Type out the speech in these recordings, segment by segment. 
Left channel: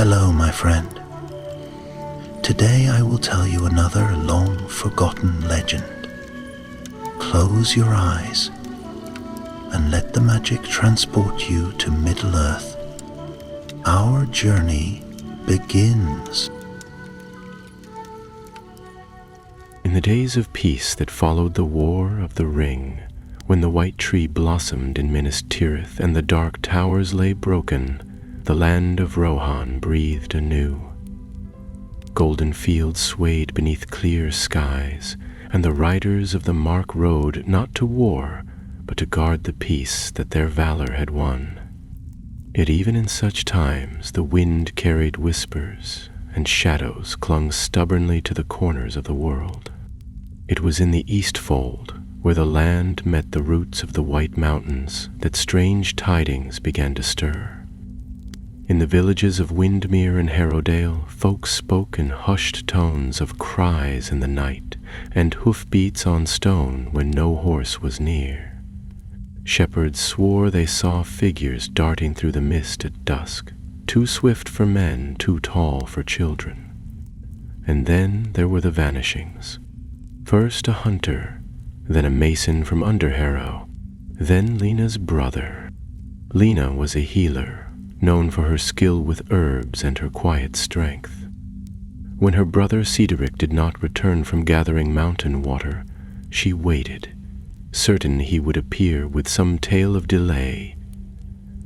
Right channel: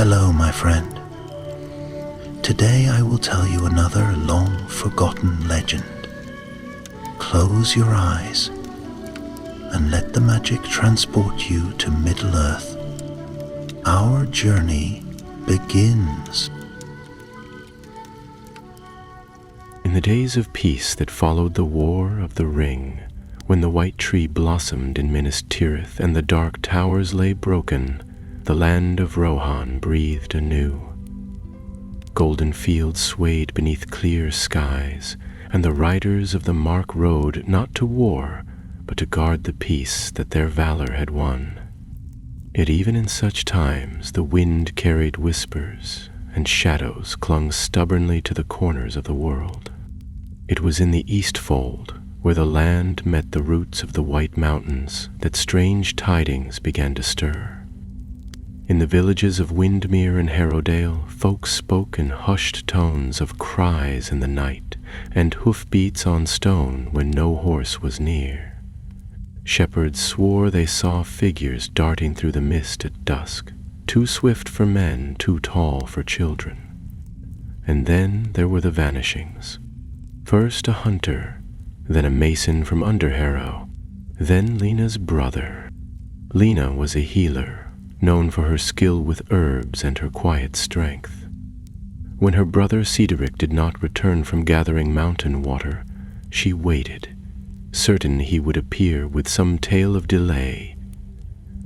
Hello, my friend. Today I will tell you another long-forgotten legend. Close your eyes and let the magic transport you to Middle-earth. Our journey begins. In the days of peace that followed the War of the Ring, when the white tree blossomed in Minas Tirith and the dark towers lay broken, the land of Rohan breathed anew. Golden fields swayed beneath clear skies, and the riders of the Mark rode not to war, but to guard the peace that their valor had won. Yet even in such times the wind carried whispers, and shadows clung stubbornly to the corners of the world. It was in the Eastfold, where the land met the roots of the White Mountains, that strange tidings began to stir. In the villages of Windmere and Harrowdale, folks spoke in hushed tones of cries in the night, and hoofbeats on stone when no horse was near. Shepherds swore they saw figures darting through the mist at dusk, too swift for men, too tall for children. And then there were the vanishings. First a hunter, then a mason from Underharrow, then Lena's brother. Lena was a healer, known for her skill with herbs and her quiet strength. When her brother Cedric did not return from gathering mountain water, she waited, certain he would appear with some tale of delay.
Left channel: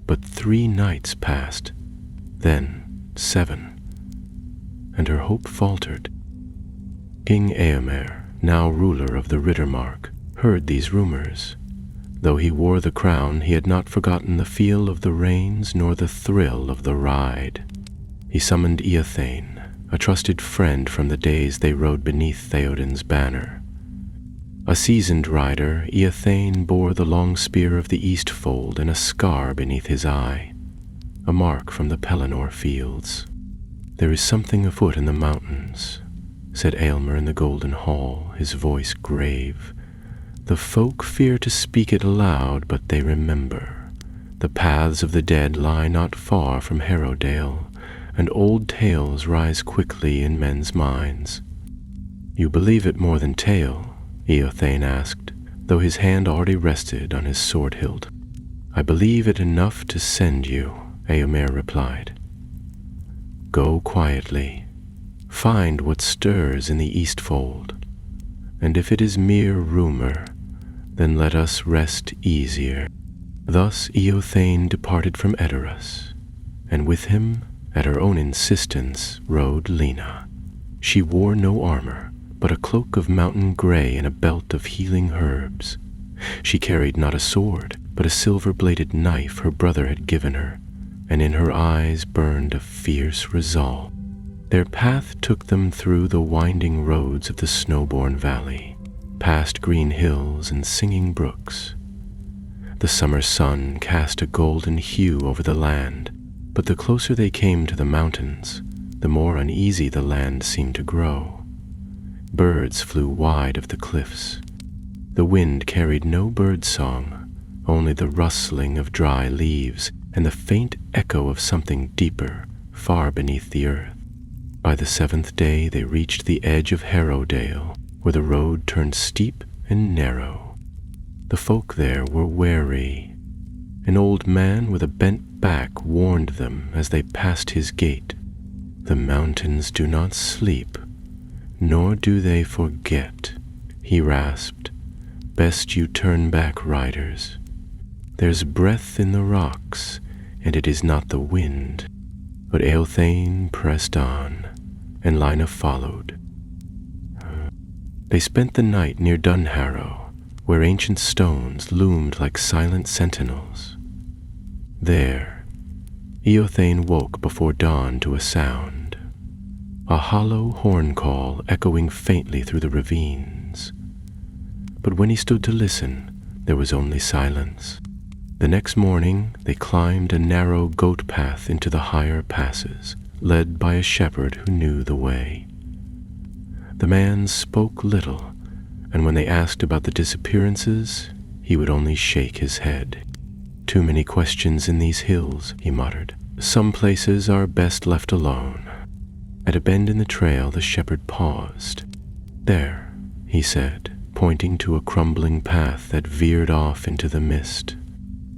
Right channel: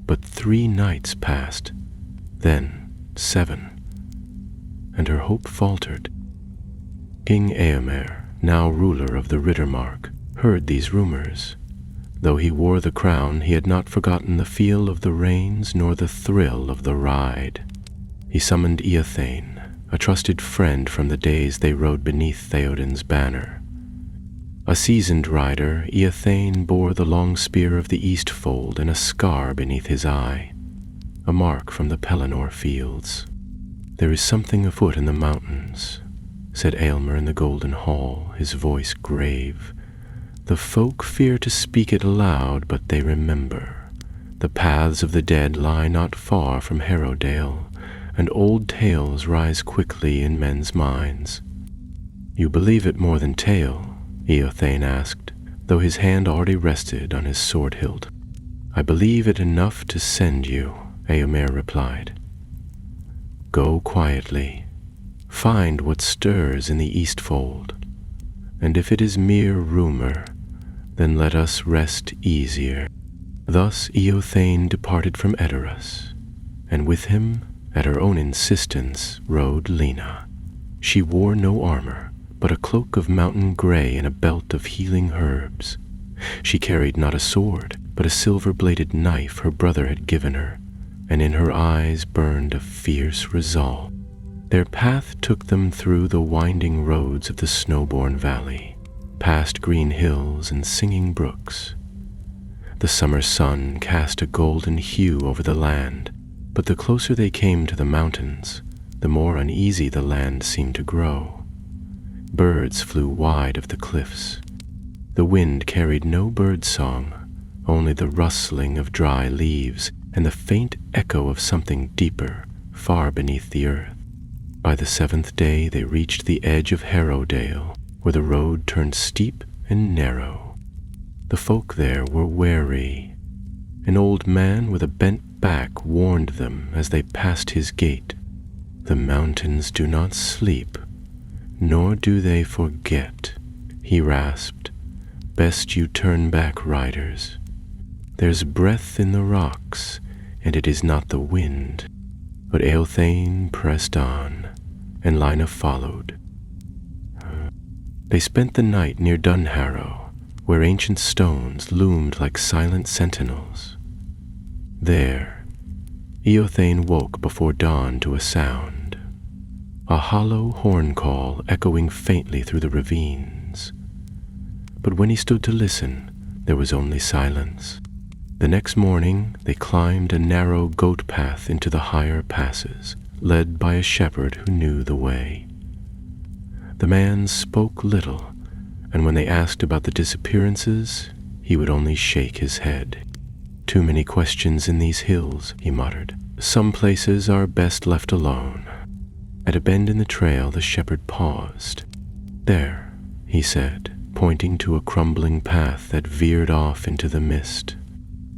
But 3 nights passed, then 7, and her hope faltered. King Eomer, now ruler of the Riddermark, heard these rumors. Though he wore the crown, he had not forgotten the feel of the reins nor the thrill of the ride. He summoned Eothane, a trusted friend from the days they rode beneath Theoden's banner. A seasoned rider, Eothane bore the long spear of the Eastfold and a scar beneath his eye, a mark from the Pelennor fields. "There is something afoot in the mountains," said Aylmer in the Golden Hall, his voice grave. "The folk fear to speak it aloud, but they remember. The paths of the dead lie not far from Harrowdale, and old tales rise quickly in men's minds." "You believe it more than tale?" Eothane asked, though his hand already rested on his sword hilt. "I believe it enough to send you," Eomer replied. "Go quietly. Find what stirs in the Eastfold, and if it is mere rumor, then let us rest easier." Thus Eothane departed from Edoras, and with him, at her own insistence, rode Lena. She wore no armor, but a cloak of mountain gray and a belt of healing herbs. She carried not a sword, but a silver-bladed knife her brother had given her, and in her eyes burned a fierce resolve. Their path took them through the winding roads of the Snowborn Valley, past green hills and singing brooks. The summer sun cast a golden hue over the land, but the closer they came to the mountains, the more uneasy the land seemed to grow. Birds flew wide of the cliffs. The wind carried no bird song, only the rustling of dry leaves and the faint echo of something deeper, far beneath the earth. By the 7th day they reached the edge of Harrowdale, where the road turned steep and narrow. The folk there were wary. An old man with a bent back warned them as they passed his gate. "The mountains do not sleep, nor do they forget," he rasped. "Best you turn back, riders. There's breath in the rocks, and it is not the wind." But Eothane pressed on, and Lina followed. They spent the night near Dunharrow, where ancient stones loomed like silent sentinels. There, Eothane woke before dawn to a sound, a hollow horn call echoing faintly through the ravines. But when he stood to listen, there was only silence. The next morning they climbed a narrow goat path into the higher passes, led by a shepherd who knew the way. The man spoke little, and when they asked about the disappearances, he would only shake his head. "Too many questions in these hills," he muttered. Some places are best left alone. At a bend in the trail, the shepherd paused. "There," he said, pointing to a crumbling path that veered off into the mist.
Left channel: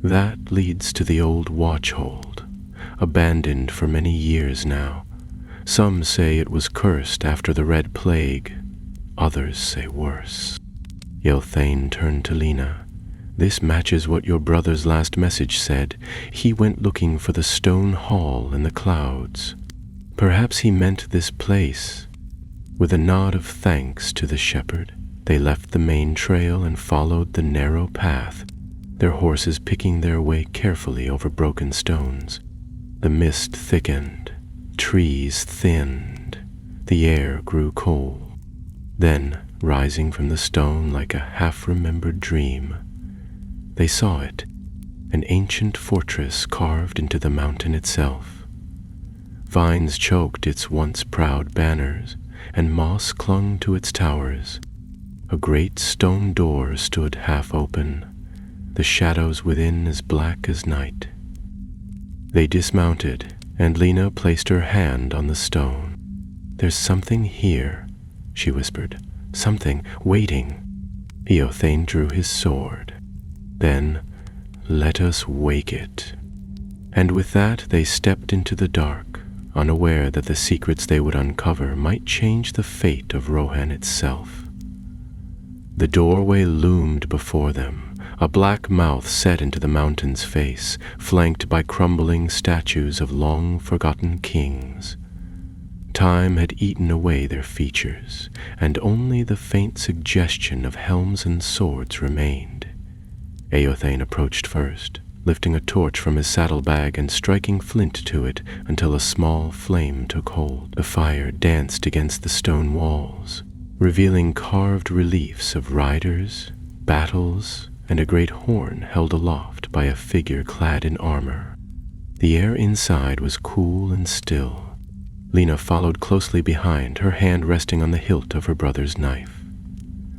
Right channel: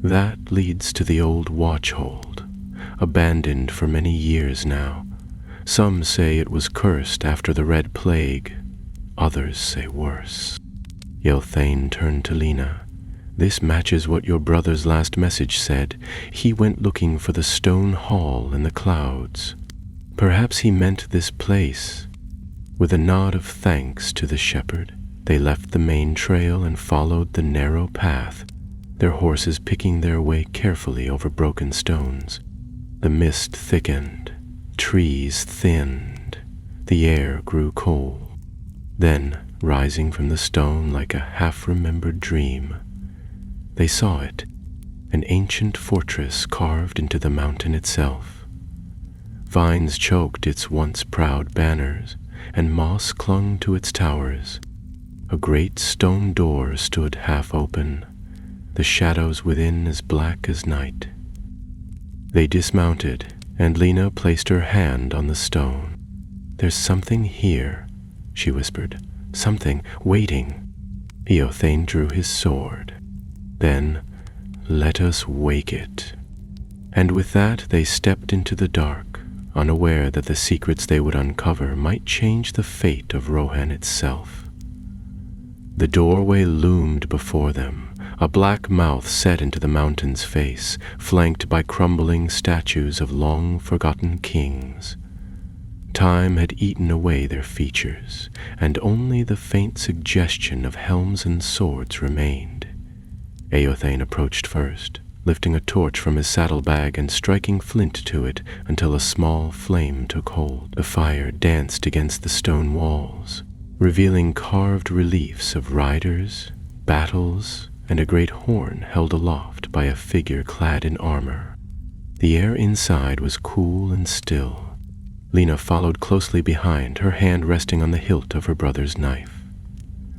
"That leads to the old watchhold, abandoned for many years now. Some say it was cursed after the Red Plague. Others say worse." Eothane turned to Lena. "This matches what your brother's last message said. He went looking for the stone hall in the clouds. Perhaps he meant this place." With a nod of thanks to the shepherd, they left the main trail and followed the narrow path, their horses picking their way carefully over broken stones. The mist thickened, trees thinned, the air grew cold. Then, rising from the stone like a half-remembered dream, they saw it, an ancient fortress carved into the mountain itself. Vines choked its once proud banners, and moss clung to its towers. A great stone door stood half open, the shadows within as black as night. They dismounted, and Lena placed her hand on the stone. "There's something here," she whispered. "Something waiting." Eothane drew his sword. "Then let us wake it." And with that they stepped into the dark, unaware that the secrets they would uncover might change the fate of Rohan itself. The doorway loomed before them, a black mouth set into the mountain's face, flanked by crumbling statues of long-forgotten kings. Time had eaten away their features, and only the faint suggestion of helms and swords remained. Eothane approached first, lifting a torch from his saddlebag and striking flint to it until a small flame took hold. The fire danced against the stone walls, revealing carved reliefs of riders, battles, and a great horn held aloft by a figure clad in armor. The air inside was cool and still. Lena followed closely behind, her hand resting on the hilt of her brother's knife.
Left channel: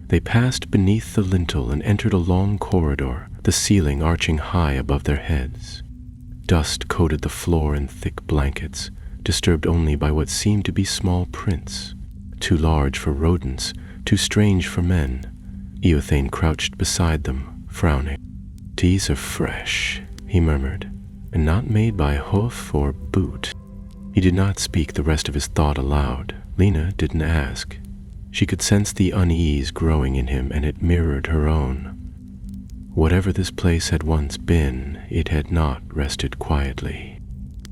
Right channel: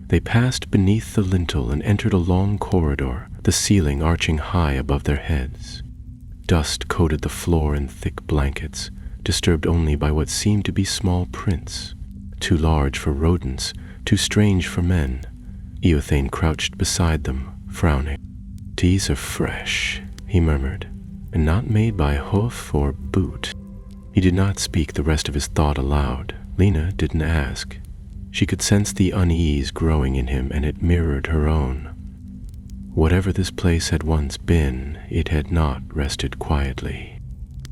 They passed beneath the lintel and entered a long corridor, the ceiling arching high above their heads. Dust coated the floor in thick blankets, disturbed only by what seemed to be small prints, too large for rodents, too strange for men. Eothane crouched beside them, frowning. "These are fresh," he murmured, "and not made by hoof or boot." He did not speak the rest of his thought aloud. Lena didn't ask. She could sense the unease growing in him, and it mirrored her own. Whatever this place had once been, it had not rested quietly.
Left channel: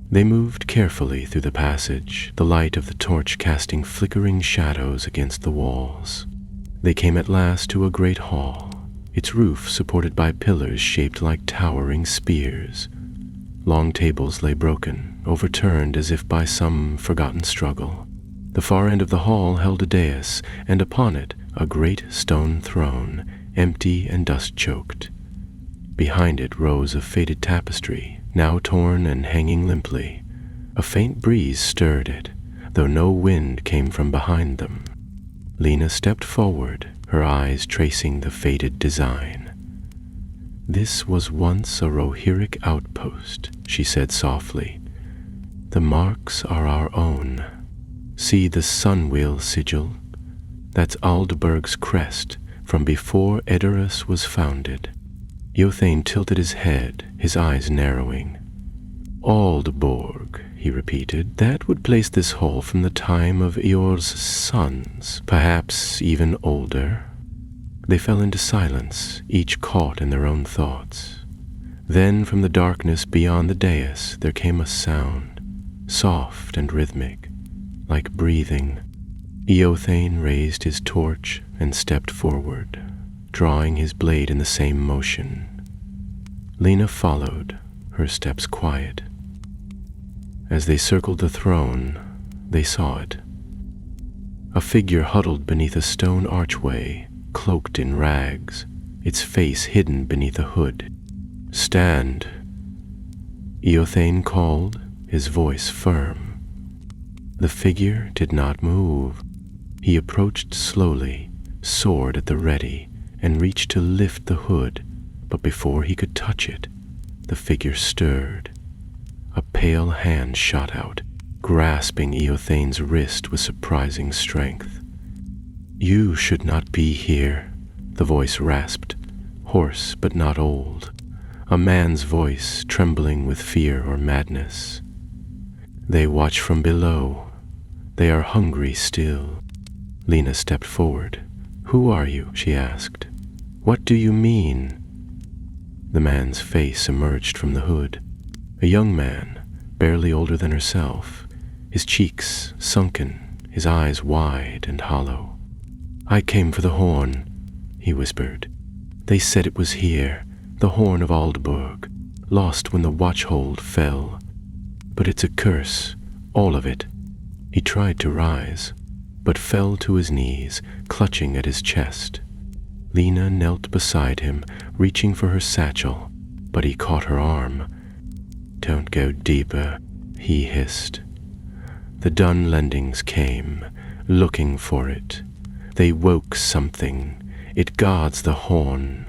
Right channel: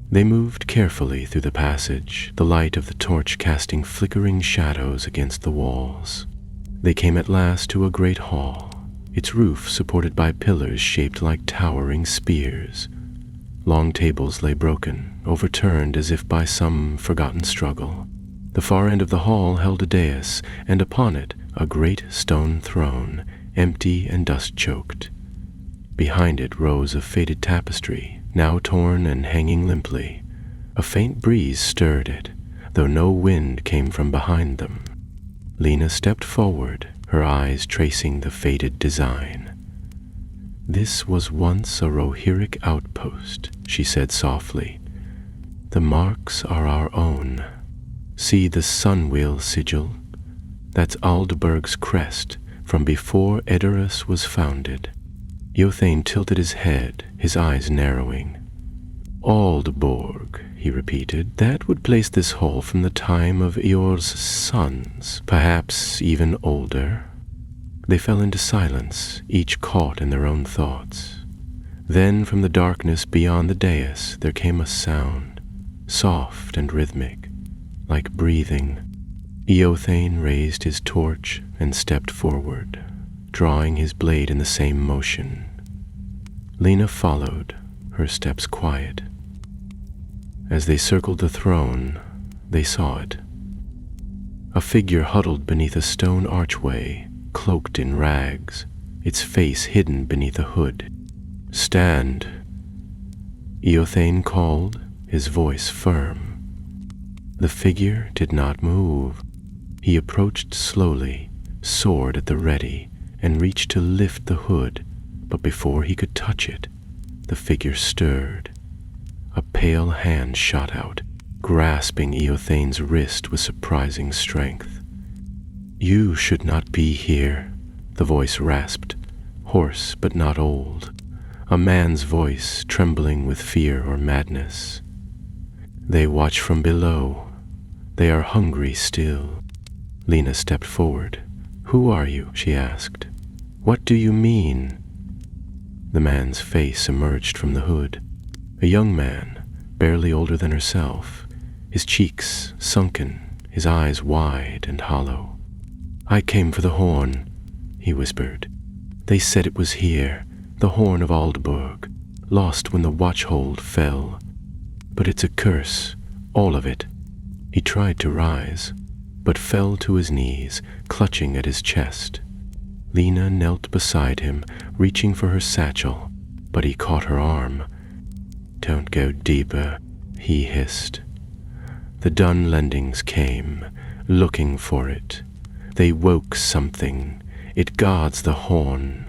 They moved carefully through the passage, the light of the torch casting flickering shadows against the walls. They came at last to a great hall, its roof supported by pillars shaped like towering spears. Long tables lay broken, overturned as if by some forgotten struggle. The far end of the hall held a dais, and upon it a great stone throne, empty and dust-choked. Behind it rose a faded tapestry, now torn and hanging limply. A faint breeze stirred it, though no wind came from behind them. Lena stepped forward, her eyes tracing the faded design. "This was once a Rohirric outpost," she said softly. "The marks are our own. See the sun-wheel sigil? That's Aldberg's crest from before Edoras was founded." Eothane tilted his head, his eyes narrowing. "Aldborg," he repeated. "That would place this hall from the time of Eor's sons, perhaps even older." They fell into silence, each caught in their own thoughts. Then from the darkness beyond the dais there came a sound, soft and rhythmic, like breathing. Eothane raised his torch and stepped forward, drawing his blade in the same motion. Lena followed, her steps quiet. As they circled the throne, they saw it. A figure huddled beneath a stone archway, cloaked in rags, its face hidden beneath a hood. "Stand," Eothane called, his voice firm. The figure did not move. He approached slowly, sword at the ready, and reached to lift the hood, but before he could touch it, the figure stirred. A pale hand shot out, grasping Eothane's wrist with surprising strength. "You should not be here," the voice rasped, hoarse but not old, a man's voice trembling with fear or madness. "They watch from below. They are hungry still." Lena stepped forward. "Who are you?" she asked. "What do you mean?" The man's face emerged from the hood. A young man, barely older than herself, his cheeks sunken, his eyes wide and hollow. "I came for the horn," he whispered. "They said it was here, the horn of Aldburg, lost when the watchhold fell. But it's a curse, all of it." He tried to rise, but fell to his knees, clutching at his chest. Lena knelt beside him, reaching for her satchel, but he caught her arm. "Don't go deeper," he hissed. The Dunlendings came, looking for it. They woke something. It guards the horn.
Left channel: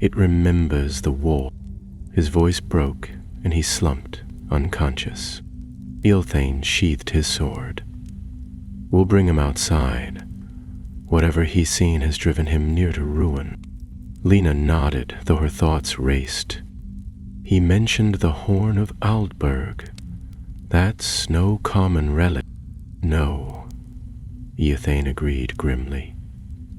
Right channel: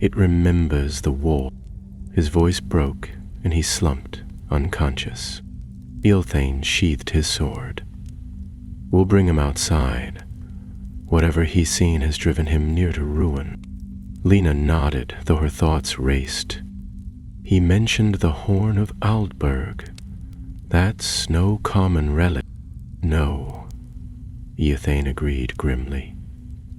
It remembers the war. His voice broke, and he slumped, unconscious. Eothane sheathed his sword. "We'll bring him outside. Whatever he's seen has driven him near to ruin." Lena nodded, though her thoughts raced. "He mentioned the horn of Aldburg. That's no common relic." "No," Eothane agreed grimly.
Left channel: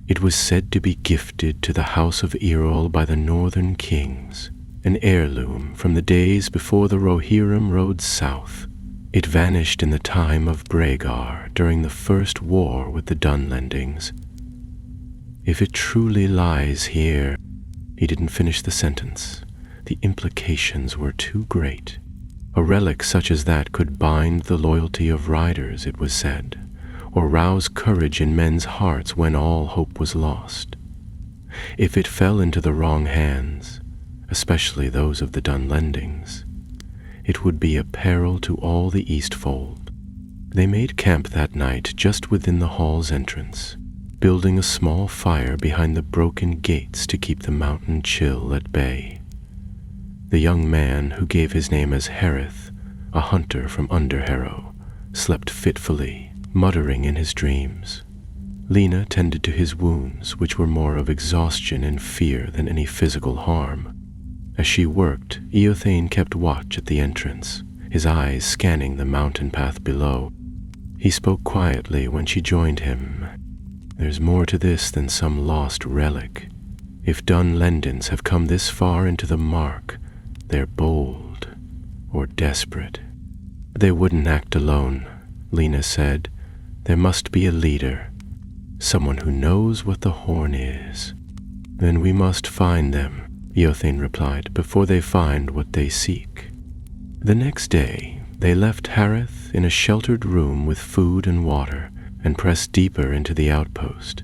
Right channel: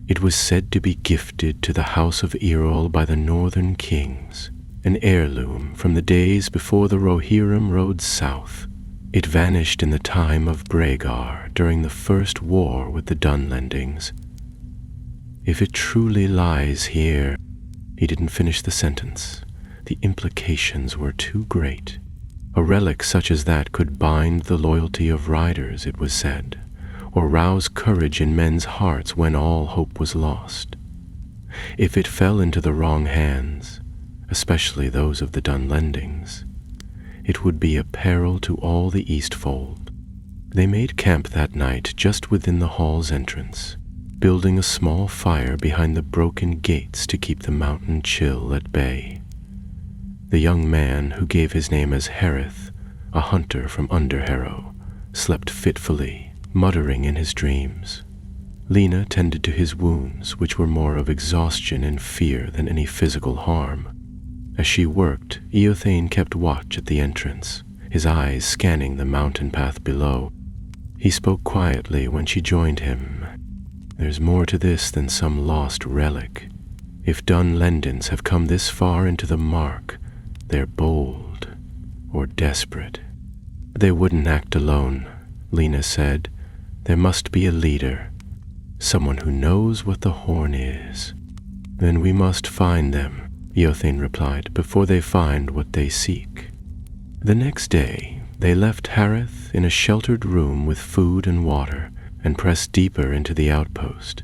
"It was said to be gifted to the House of Earl by the Northern Kings, an heirloom from the days before the Rohirrim rode south. It vanished in the time of Bregar during the first war with the Dunlendings. If it truly lies here..." He didn't finish the sentence. The implications were too great. A relic such as that could bind the loyalty of riders, it was said, or rouse courage in men's hearts when all hope was lost. If it fell into the wrong hands, especially those of the Dunlendings, it would be a peril to all the Eastfold. They made camp that night just within the hall's entrance, building a small fire behind the broken gates to keep the mountain chill at bay. The young man, who gave his name as Harith, a hunter from Underharrow, slept fitfully, muttering in his dreams. Lena tended to his wounds, which were more of exhaustion and fear than any physical harm. As she worked, Eothane kept watch at the entrance, his eyes scanning the mountain path below. He spoke quietly when she joined him. "There's more to this than some lost relic. If Dunlendings have come this far into the Mark, they're bold or desperate." "They wouldn't act alone," Lena said. "There must be a leader, someone who knows what the horn is." "Then we must find them," Eothane replied, "before they find what they seek." The next day, they left Harith in a sheltered room with food and water and pressed deeper into the outpost.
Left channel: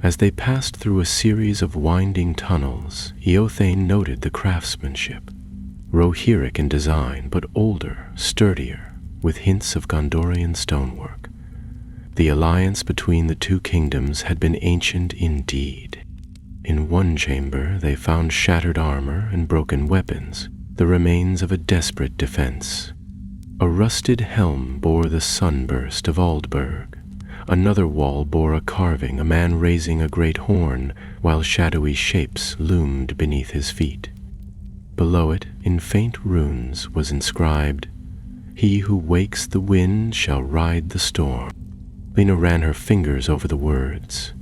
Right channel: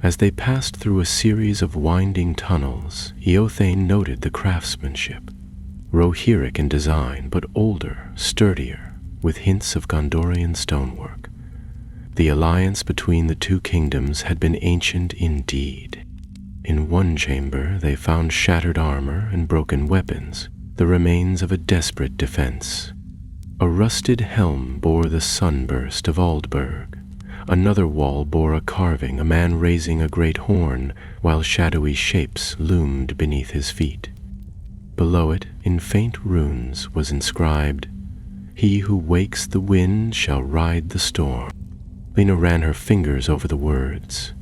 As they passed through a series of winding tunnels, Eothane noted the craftsmanship. Rohirric in design, but older, sturdier, with hints of Gondorian stonework. The alliance between the two kingdoms had been ancient indeed. In one chamber they found shattered armor and broken weapons, the remains of a desperate defense. A rusted helm bore the sunburst of Aldburg. Another wall bore a carving, a man raising a great horn, while shadowy shapes loomed beneath his feet. Below it, in faint runes, was inscribed, "He who wakes the wind shall ride the storm." Lena ran her fingers over the words.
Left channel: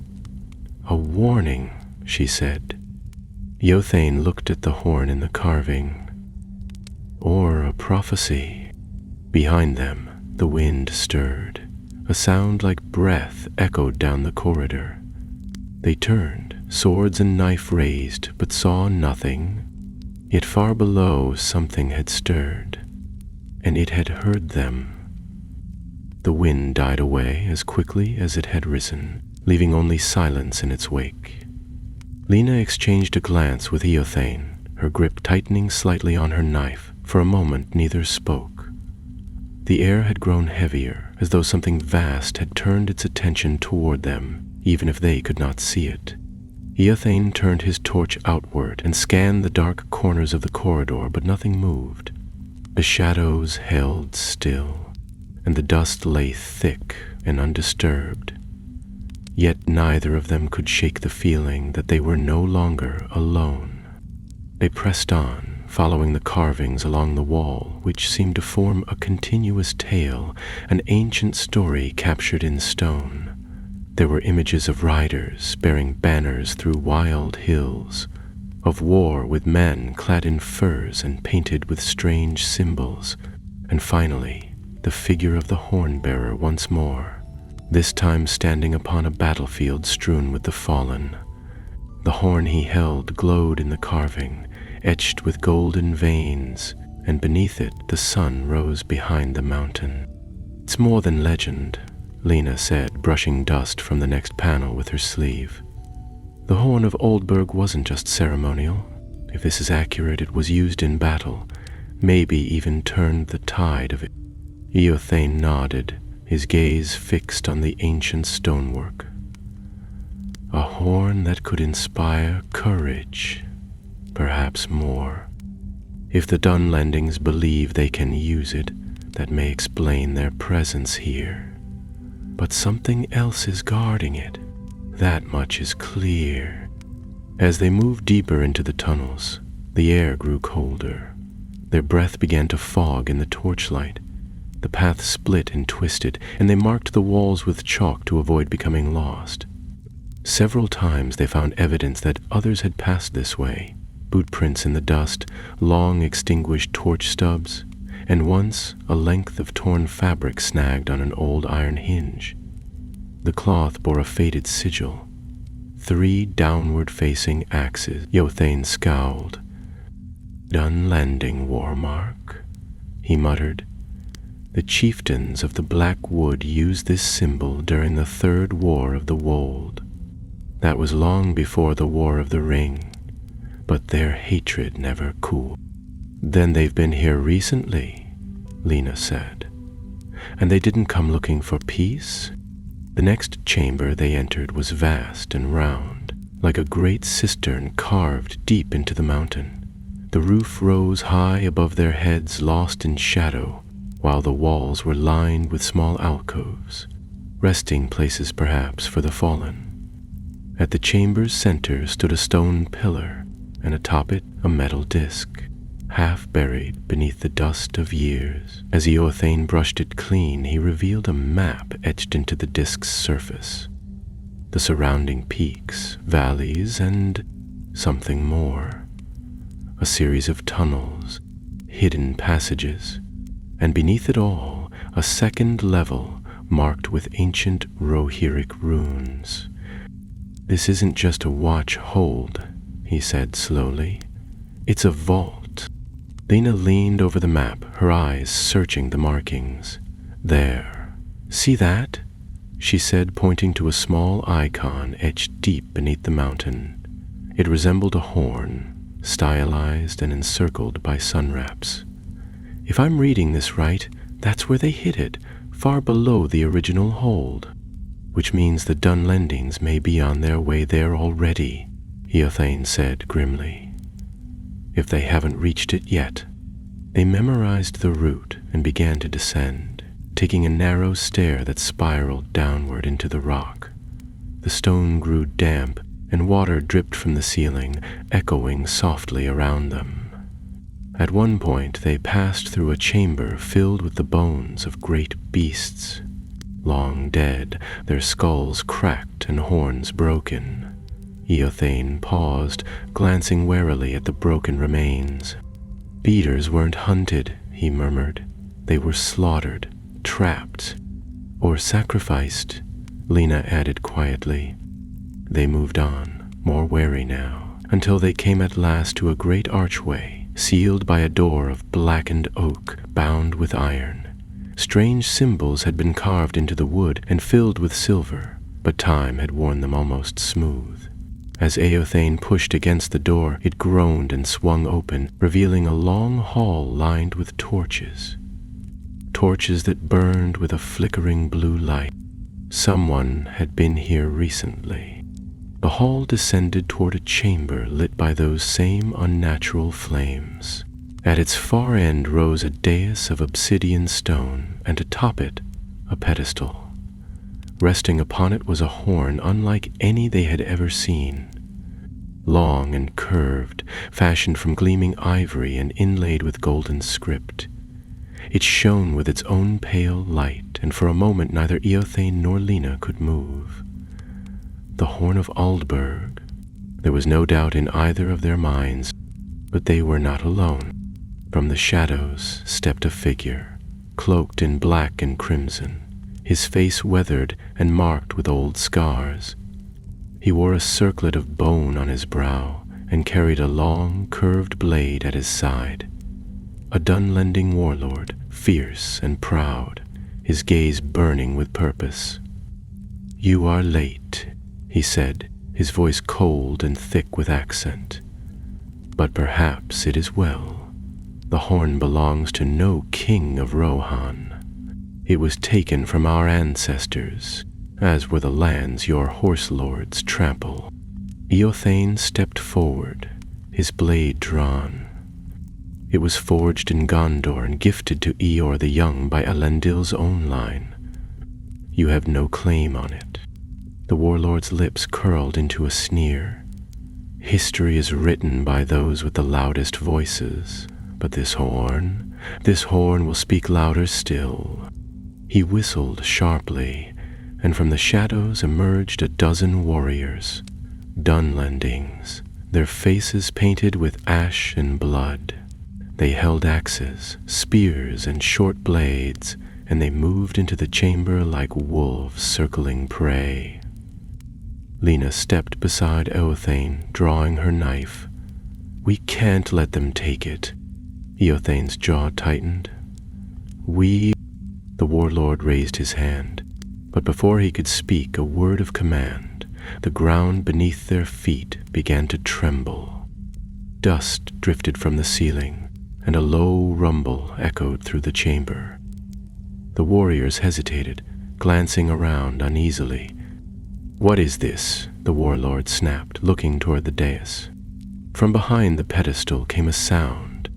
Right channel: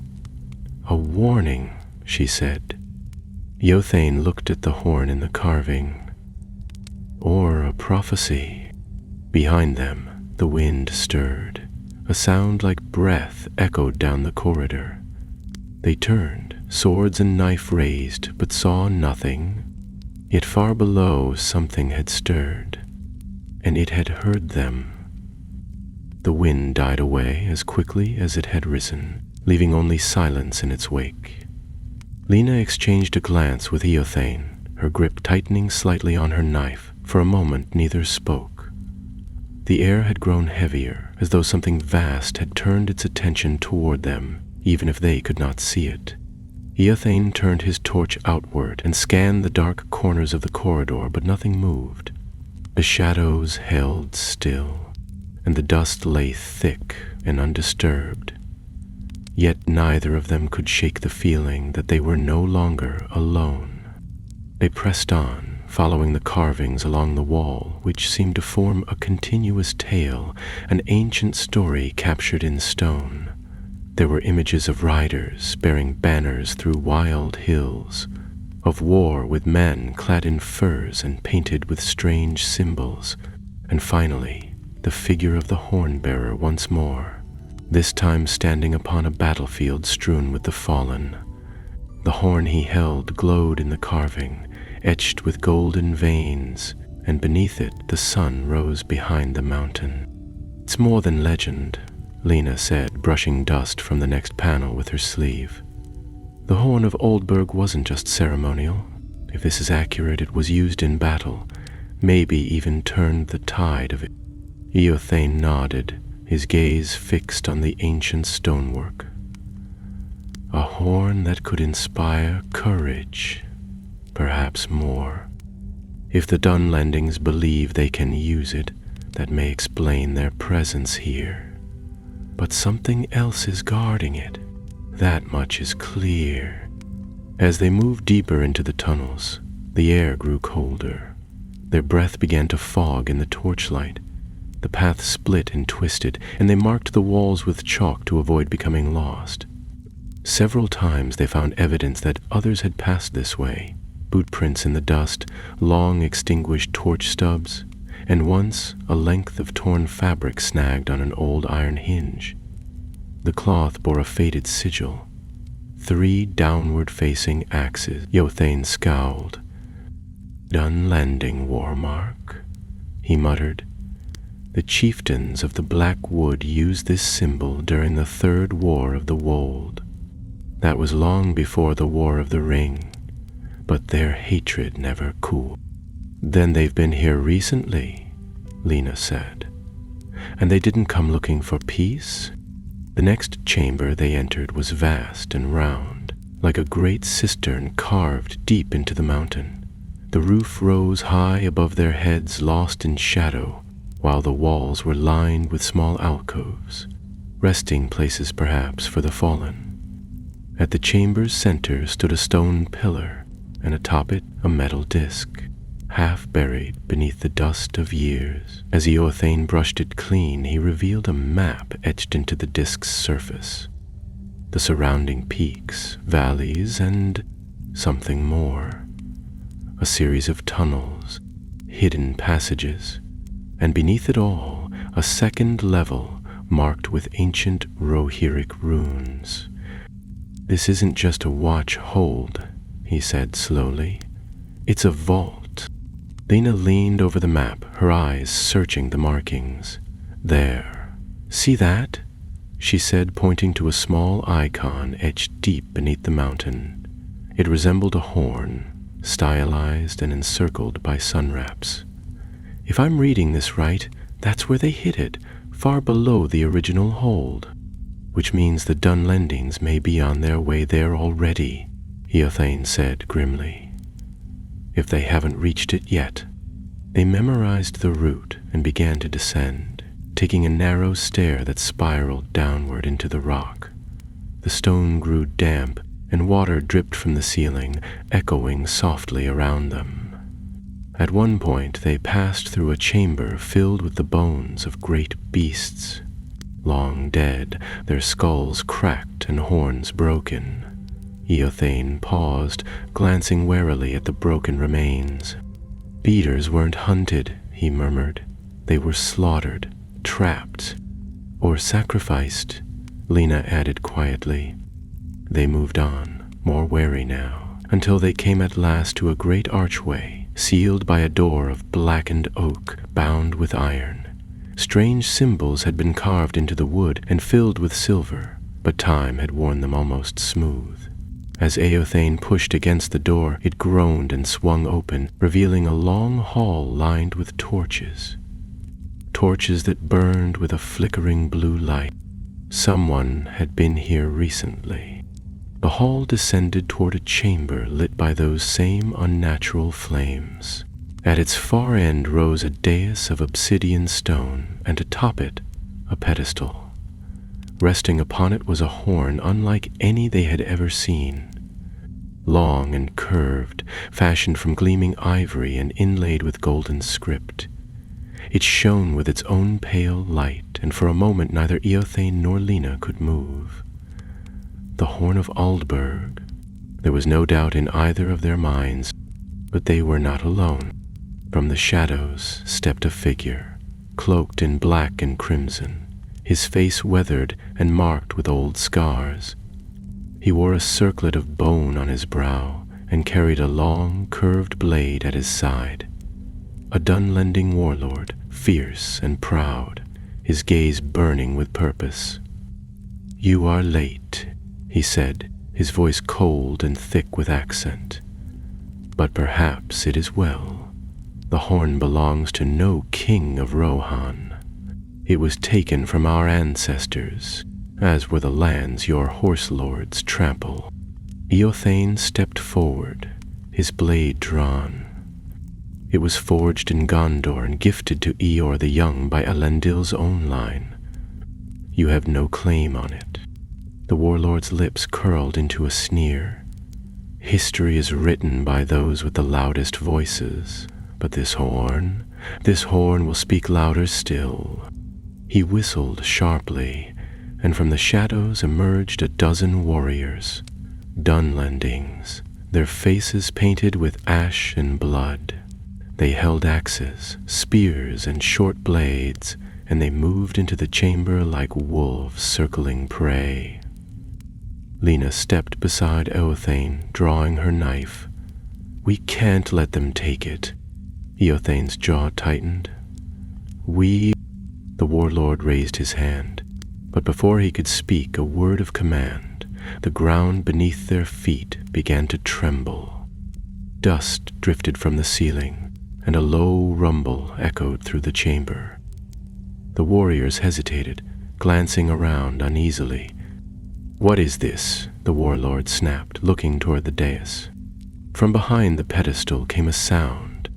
"A warning," she said. Eothane looked at the horn in the carving. "Or a prophecy." Behind them, the wind stirred. A sound like breath echoed down the corridor. They turned, swords and knife raised, but saw nothing. Yet far below something had stirred, and it had heard them. The wind died away as quickly as it had risen, leaving only silence in its wake. Lena exchanged a glance with Eothane, her grip tightening slightly on her knife. For a moment neither spoke. The air had grown heavier, as though something vast had turned its attention toward them, even if they could not see it. Eothane turned his torch outward and scanned the dark corners of the corridor, but nothing moved. The shadows held still, and the dust lay thick and undisturbed. Yet neither of them could shake the feeling that they were no longer alone. They pressed on, following the carvings along the wall, which seemed to form a continuous tale, an ancient story captured in stone. There were images of riders bearing banners through wild hills, of war with men clad in furs and painted with strange symbols, and finally, the figure of the horn-bearer once more, this time standing upon a battlefield strewn with the fallen. The horn he held glowed in the carving, etched with golden veins, and beneath it the sun rose behind the mountain. "It's more than legend," Lena said, brushing dust from the next panel with her sleeve. "The horn of Oldburg wasn't just ceremonial. If this is accurate, it was used in battle, maybe even turned the tide of it." Eothane nodded, his gaze fixed on the ancient stonework. "A horn that could inspire courage, perhaps more. If the Dunlendings believe they can use it, that may explain their presence here. But something else is guarding it. That much is clear." As they moved deeper into the tunnels, the air grew colder. Their breath began to fog in the torchlight. The path split and twisted, and they marked the walls with chalk to avoid becoming lost. Several times they found evidence that others had passed this way, boot prints in the dust, long extinguished torch stubs, and once a length of torn fabric snagged on an old iron hinge. The cloth bore a faded sigil. 3 downward-facing axes. Eothane scowled. "Dunlending war mark," he muttered. "The chieftains of the Black Wood used this symbol during the Third War of the Wold. That was long before the War of the Ring, but their hatred never cooled." "Then they've been here recently," Lena said. "And they didn't come looking for peace?" The next chamber they entered was vast and round, like a great cistern carved deep into the mountain. The roof rose high above their heads, lost in shadow, while the walls were lined with small alcoves, resting places perhaps for the fallen. At the chamber's center stood a stone pillar, and atop it a metal disc, half buried beneath the dust of years. As Eothane brushed it clean, he revealed a map etched into the disc's surface. The surrounding peaks, valleys, and something more. A series of tunnels, hidden passages, and beneath it all, a second level marked with ancient Rohirric runes. "This isn't just a watch-hold," he said slowly. "It's a vault." Lena leaned over the map, her eyes searching the markings. "There. See that?" she said, pointing to a small icon etched deep beneath the mountain. It resembled a horn, stylized and encircled by sunwraps. "If I'm reading this right, that's where they hid it, far below the original hold. Which means the Dunlendings may be on their way there already," Eothane said grimly. "If they haven't reached it yet." They memorized the route and began to descend, taking a narrow stair that spiraled downward into the rock. The stone grew damp, and water dripped from the ceiling, echoing softly around them. At one point they passed through a chamber filled with the bones of great beasts, long dead, their skulls cracked and horns broken. Eothane paused, glancing warily at the broken remains. "Beaters weren't hunted," he murmured. "They were slaughtered, trapped, or sacrificed," Lena added quietly. They moved on, more wary now, until they came at last to a great archway, sealed by a door of blackened oak, bound with iron. Strange symbols had been carved into the wood and filled with silver, but time had worn them almost smooth. As Eothane pushed against the door, it groaned and swung open, revealing a long hall lined with torches. Torches that burned with a flickering blue light. Someone had been here recently. The hall descended toward a chamber lit by those same unnatural flames. At its far end rose a dais of obsidian stone, and atop it a pedestal. Resting upon it was a horn unlike any they had ever seen. Long and curved, fashioned from gleaming ivory and inlaid with golden script. It shone with its own pale light, and for a moment neither Eothane nor Lena could move. The horn of Aldberg. There was no doubt in either of their minds, but they were not alone. From the shadows stepped a figure, cloaked in black and crimson, his face weathered and marked with old scars. He wore a circlet of bone on his brow and carried a long, curved blade at his side. A Dunlending warlord, fierce and proud, his gaze burning with purpose. "You are late," he said, his voice cold and thick with accent. "But perhaps it is well. The horn belongs to no king of Rohan. It was taken from our ancestors, as were the lands your horse lords trample." Eothane stepped forward, his blade drawn. It was forged in Gondor and gifted to Eor the Young by Elendil's own line. "You have no claim on it." The warlord's lips curled into a sneer. "History is written by those with the loudest voices, but this horn will speak louder still." He whistled sharply, and from the shadows emerged a dozen warriors, Dunlendings, their faces painted with ash and blood. They held axes, spears, and short blades, and they moved into the chamber like wolves circling prey. Lena stepped beside Eothane, drawing her knife. "We can't let them take it." Eothane's jaw tightened. The warlord raised his hand, but before he could speak a word of command, the ground beneath their feet began to tremble. Dust drifted from the ceiling, and a low rumble echoed through the chamber. The warriors hesitated, glancing around uneasily. "What is this?" the warlord snapped, looking toward the dais. From behind the pedestal came a sound,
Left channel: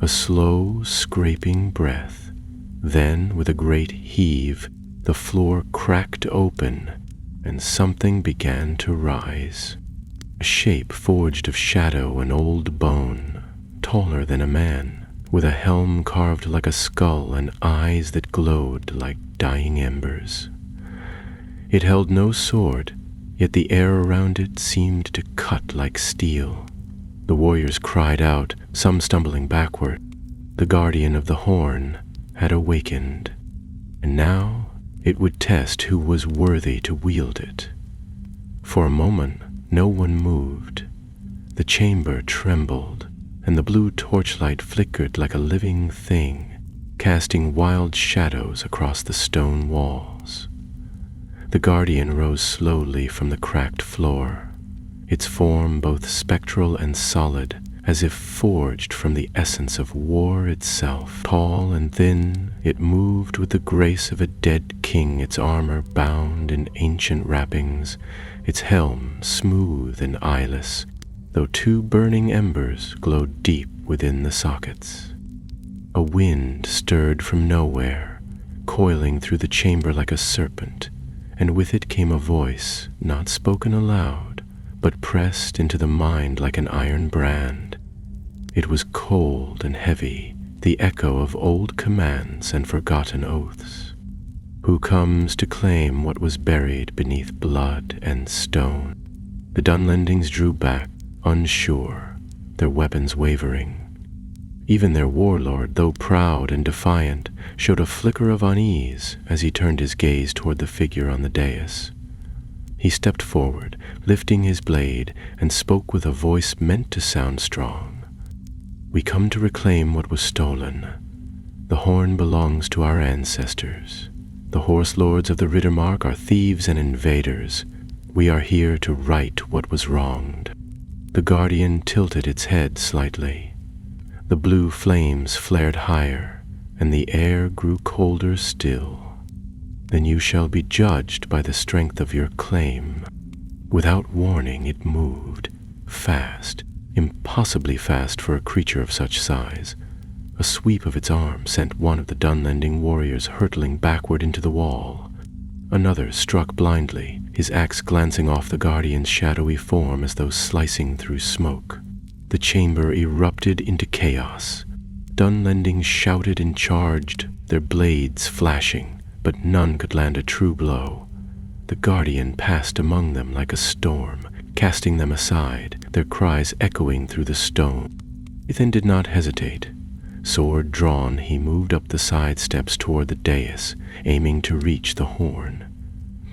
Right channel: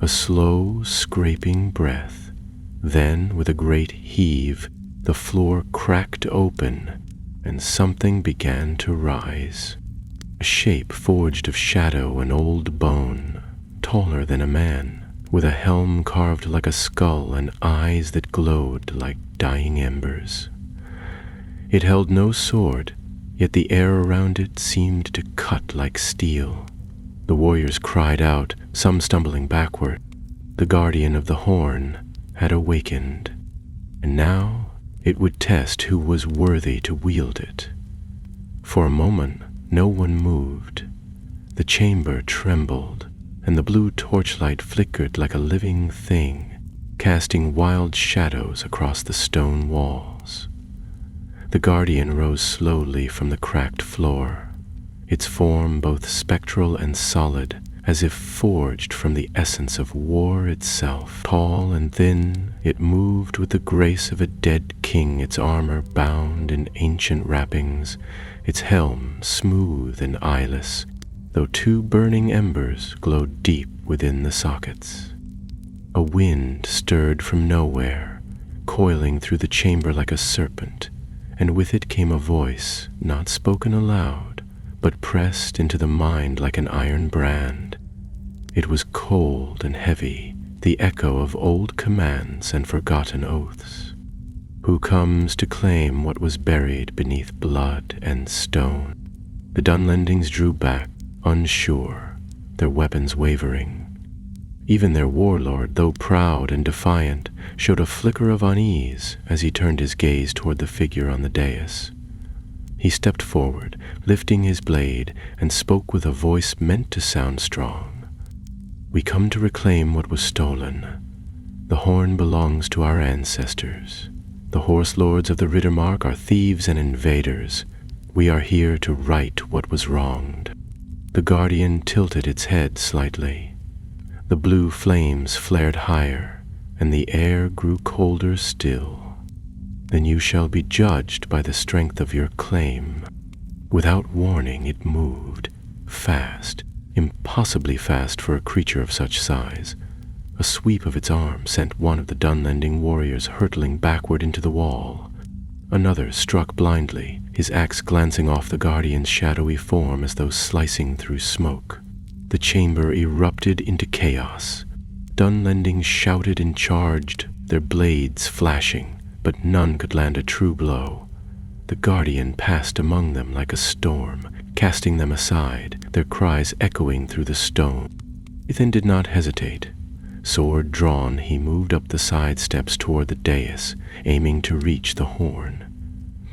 a slow, scraping breath. Then, with a great heave, the floor cracked open, and something began to rise. A shape forged of shadow and old bone, taller than a man, with a helm carved like a skull and eyes that glowed like dying embers. It held no sword, yet the air around it seemed to cut like steel. The warriors cried out, some stumbling backward. The guardian of the horn had awakened, and now it would test who was worthy to wield it. For a moment, no one moved. The chamber trembled, and the blue torchlight flickered like a living thing, casting wild shadows across the stone walls. The guardian rose slowly from the cracked floor, its form both spectral and solid, as if forged from the essence of war itself. Tall and thin, it moved with the grace of a dead king, its armor bound in ancient wrappings, its helm smooth and eyeless, though two burning embers glowed deep within the sockets. A wind stirred from nowhere, coiling through the chamber like a serpent, and with it came a voice, not spoken aloud, but pressed into the mind like an iron brand. It was cold and heavy, the echo of old commands and forgotten oaths. Who comes to claim what was buried beneath blood and stone? The Dunlendings drew back, unsure, their weapons wavering. Even their warlord, though proud and defiant, showed a flicker of unease as he turned his gaze toward the figure on the dais. He stepped forward, lifting his blade, and spoke with a voice meant to sound strong. "We come to reclaim what was stolen. The horn belongs to our ancestors. The horse lords of the Riddermark are thieves and invaders. We are here to right what was wronged." The guardian tilted its head slightly. The blue flames flared higher, and the air grew colder still. "Then you shall be judged by the strength of your claim." Without warning it moved, fast, impossibly fast for a creature of such size. A sweep of its arm sent one of the Dunlending warriors hurtling backward into the wall. Another struck blindly, his axe glancing off the guardian's shadowy form as though slicing through smoke. The chamber erupted into chaos. Dunlending shouted and charged, their blades flashing, but none could land a true blow. The guardian passed among them like a storm, casting them aside, their cries echoing through the stone. Ethan did not hesitate. Sword drawn, he moved up the side steps toward the dais, aiming to reach the horn.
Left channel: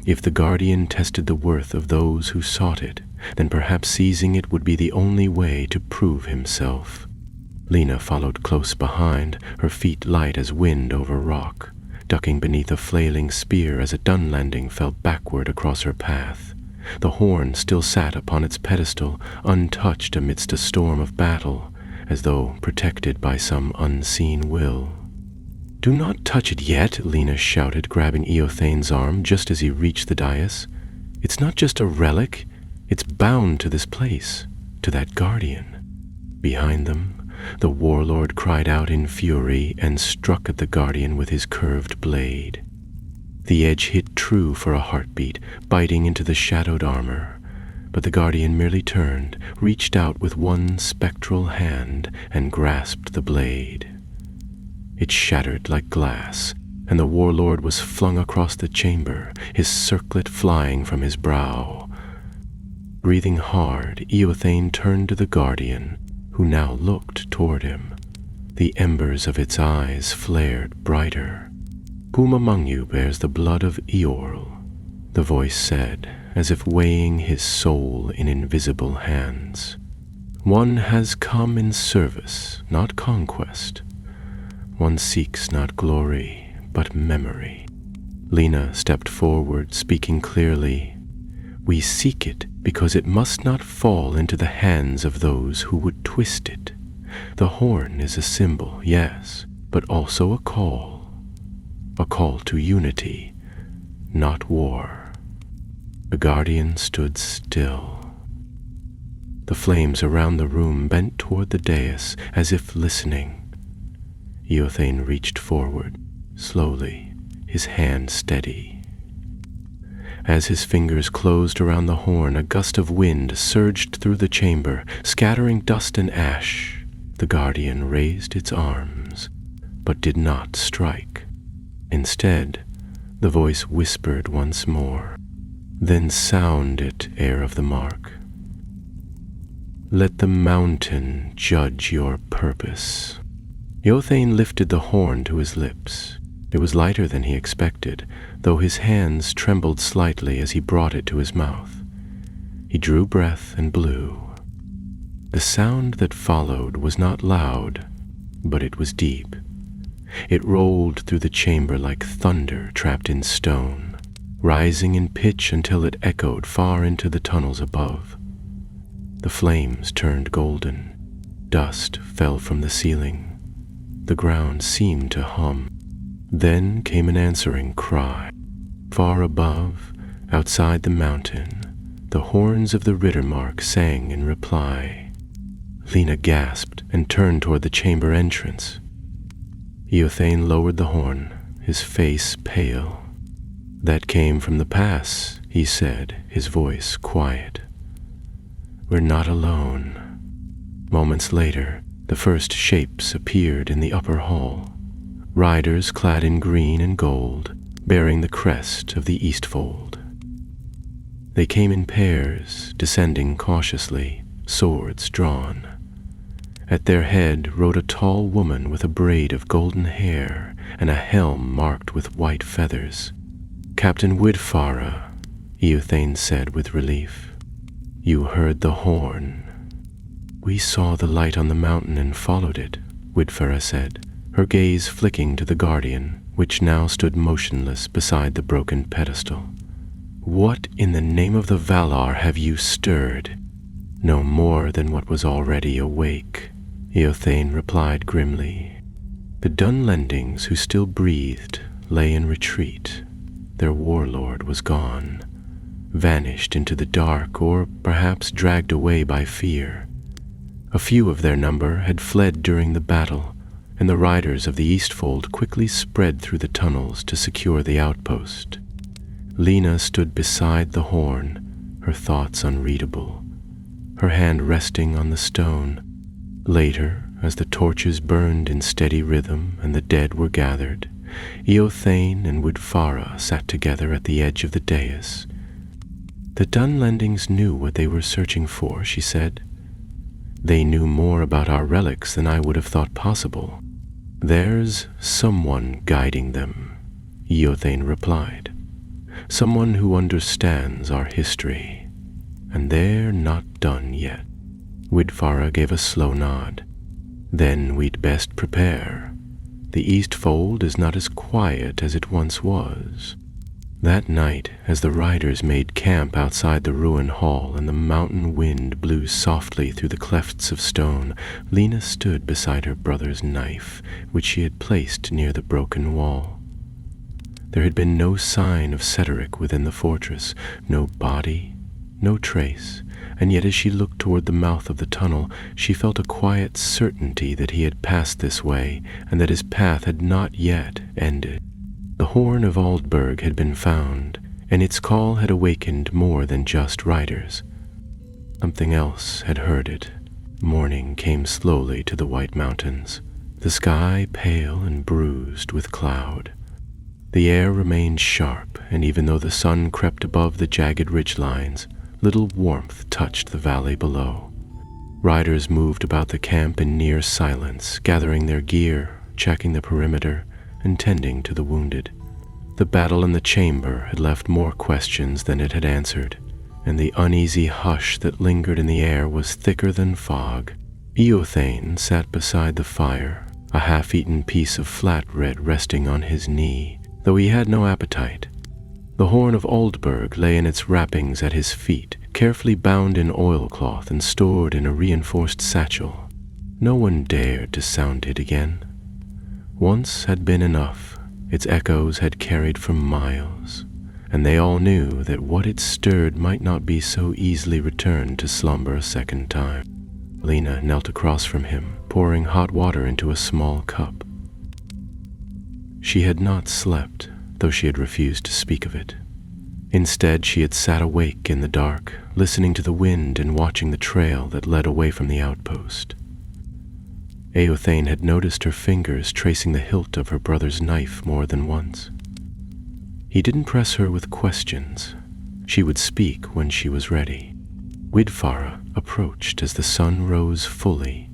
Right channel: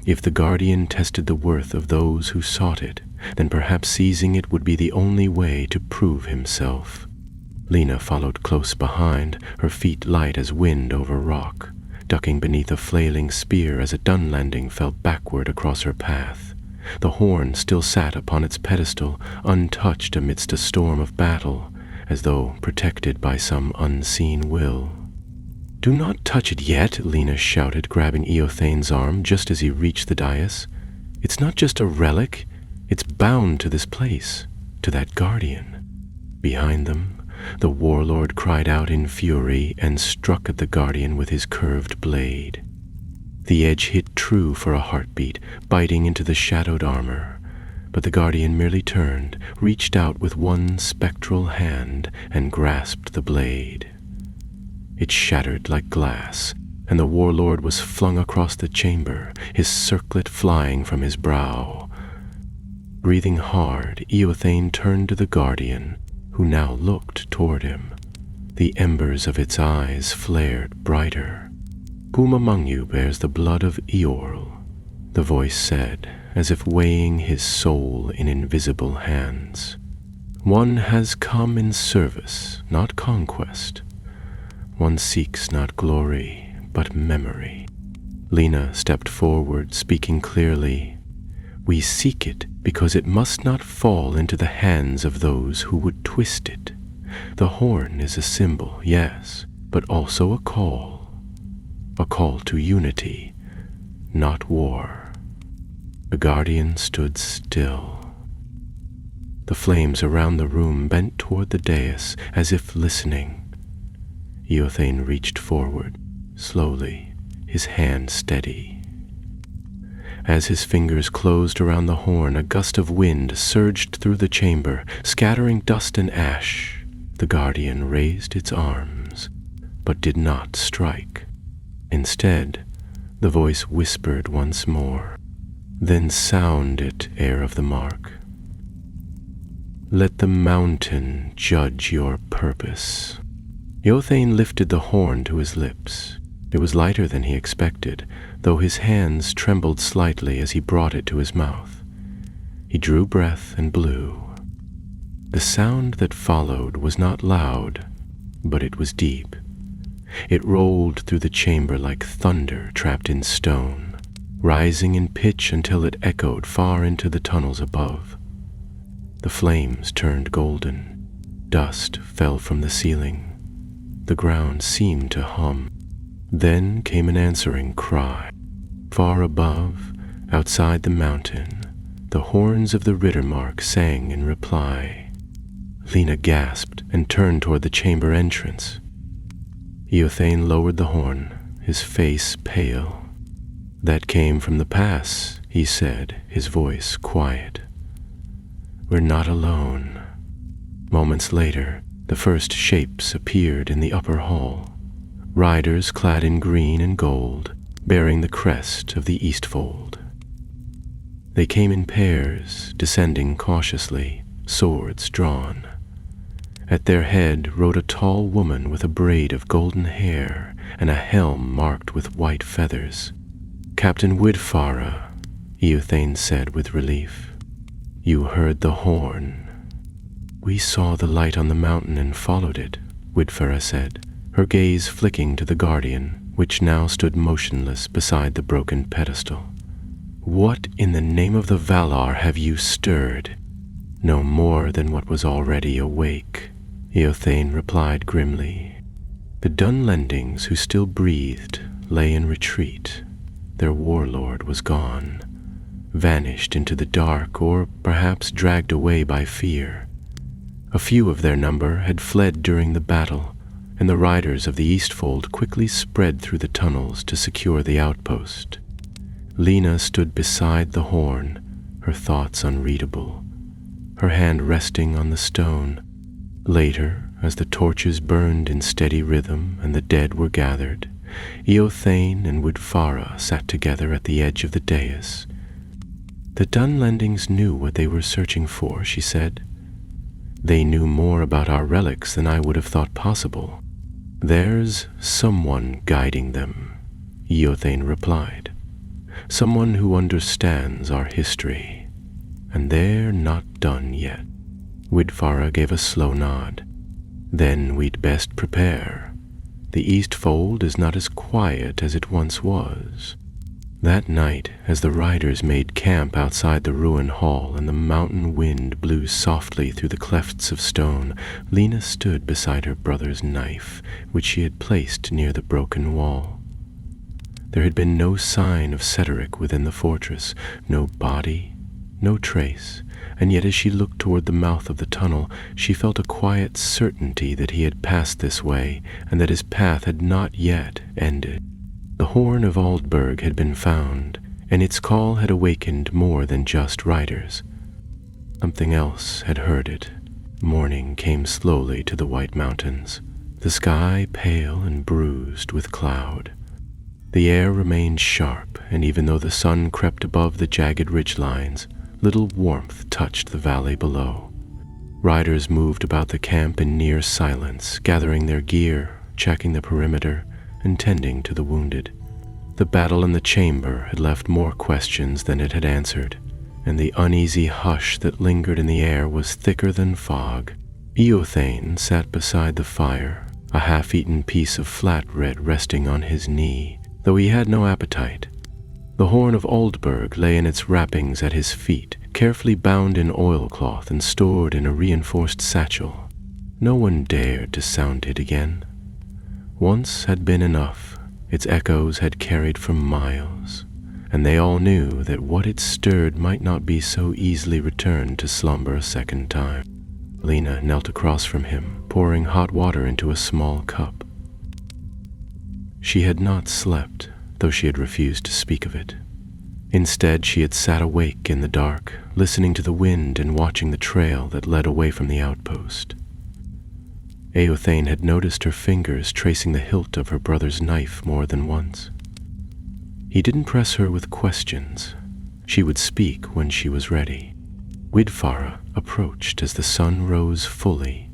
If the guardian tested the worth of those who sought it, then perhaps seizing it would be the only way to prove himself. Lena followed close behind, her feet light as wind over rock, ducking beneath a flailing spear as a Dunlending fell backward across her path. The horn still sat upon its pedestal, untouched amidst a storm of battle, as though protected by some unseen will. "Do not touch it yet," Lena shouted, grabbing Eothane's arm just as he reached the dais. "It's not just a relic, it's bound to this place, to that guardian." Behind them, the warlord cried out in fury and struck at the guardian with his curved blade. The edge hit true for a heartbeat, biting into the shadowed armor, but the guardian merely turned, reached out with one spectral hand, and grasped the blade. It shattered like glass, and the warlord was flung across the chamber, his circlet flying from his brow. Breathing hard, Eothane turned to the guardian, who now looked toward him. The embers of its eyes flared brighter. "Whom among you bears the blood of Eorl?" the voice said, as if weighing his soul in invisible hands. "One has come in service, not conquest. One seeks not glory, but memory." Lena stepped forward, speaking clearly. "We seek it because it must not fall into the hands of those who would twist it. The horn is a symbol, yes, but also a call to unity, not war." The guardian stood still. The flames around the room bent toward the dais as if listening. Eothane reached forward, slowly, his hand steady. As his fingers closed around the horn, a gust of wind surged through the chamber, scattering dust and ash. The guardian raised its arms, but did not strike. Instead, the voice whispered once more, "Then sound it, heir of the mark. Let the mountain judge your purpose." Eothane lifted the horn to his lips. It was lighter than he expected, though his hands trembled slightly as he brought it to his mouth. He drew breath and blew. The sound that followed was not loud, but it was deep. It rolled through the chamber like thunder trapped in stone, rising in pitch until it echoed far into the tunnels above. The flames turned golden. Dust fell from the ceiling. The ground seemed to hum. Then came an answering cry. Far above, outside the mountain, the horns of the Rittermark sang in reply. Lena gasped and turned toward the chamber entrance. Eothane lowered the horn, his face pale. "That came from the pass," he said, his voice quiet. "We're not alone." Moments later, the first shapes appeared in the upper hall, riders clad in green and gold, bearing the crest of the Eastfold. They came in pairs, descending cautiously, swords drawn. At their head rode a tall woman with a braid of golden hair and a helm marked with white feathers. "Captain Widfara," Eothane said with relief. "You heard the horn." "We saw the light on the mountain and followed it," Widfara said, her gaze flicking to the guardian, which now stood motionless beside the broken pedestal. "What in the name of the Valar have you stirred?" "No more than what was already awake," Eothane replied grimly. The Dunlendings who still breathed lay in retreat. Their warlord was gone, vanished into the dark, or perhaps dragged away by fear. A few of their number had fled during the battle, and the riders of the Eastfold quickly spread through the tunnels to secure the outpost. Lena stood beside the horn, her thoughts unreadable, her hand resting on the stone. Later, as the torches burned in steady rhythm and the dead were gathered, Eothane and Woodfara sat together at the edge of the dais. The Dunlendings knew what they were searching for, she said. They knew more about our relics than I would have thought possible. There's someone guiding them, Eothane replied. Someone who understands our history. And they're not done yet. Woodfara gave a slow nod. Then we'd best prepare. The Eastfold is not as quiet as it once was. That night, as the riders made camp outside the ruin hall and the mountain wind blew softly through the clefts of stone, Lena stood beside her brother's knife, which she had placed near the broken wall. There had been no sign of Cedric within the fortress, no body, no trace, and yet as she looked toward the mouth of the tunnel, she felt a quiet certainty that he had passed this way and that his path had not yet ended. The horn of Aldburg had been found, and its call had awakened more than just riders. Something else had heard it. Morning came slowly to the White Mountains, the sky pale and bruised with cloud. The air remained sharp, and even though the sun crept above the jagged ridgelines, little warmth touched the valley below. Riders moved about the camp in near silence, gathering their gear, checking the perimeter, and tending to the wounded. The battle in the chamber had left more questions than it had answered, and the uneasy hush that lingered in the air was thicker than fog. Eothane sat beside the fire, a half-eaten piece of flatbread resting on his knee, though he had no appetite. The horn of Aldburg lay in its wrappings at his feet, carefully bound in oilcloth and stored in a reinforced satchel. No one dared to sound it again. Once had been enough. Its echoes had carried for miles, and they all knew that what it stirred might not be so easily returned to slumber a second time. Lena knelt across from him, pouring hot water into a small cup. She had not slept, though she had refused to speak of it. Instead, she had sat awake in the dark, listening to the wind and watching the trail that led away from the outpost. Eothane had noticed her fingers tracing the hilt of her brother's knife more than once. He didn't press her with questions. She would speak when she was ready. Woodfara approached as the sun rose fully,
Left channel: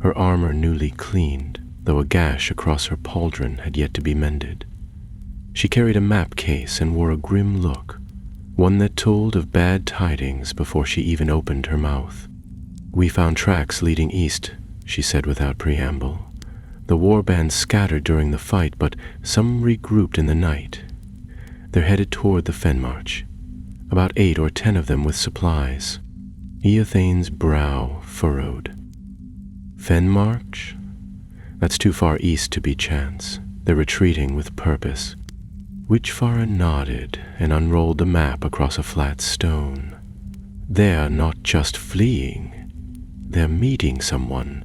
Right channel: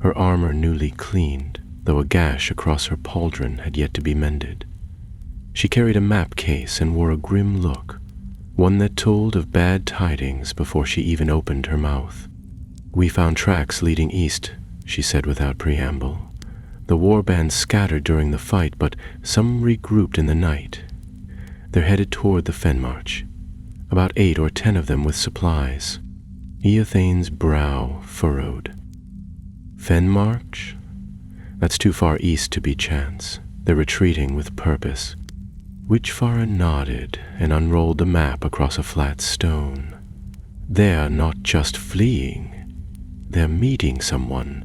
her armor newly cleaned, though a gash across her pauldron had yet to be mended. She carried a map case and wore a grim look, one that told of bad tidings before she even opened her mouth. "We found tracks leading east," she said without preamble. "The warband scattered during the fight, but some regrouped in the night. They're headed toward the Fenmarch, about 8 or 10 of them with supplies." Eothane's brow furrowed. "Fenmarch? That's too far east to be chance. They're retreating with purpose." Woodfara nodded and unrolled the map across a flat stone. "They're not just fleeing. They're meeting someone.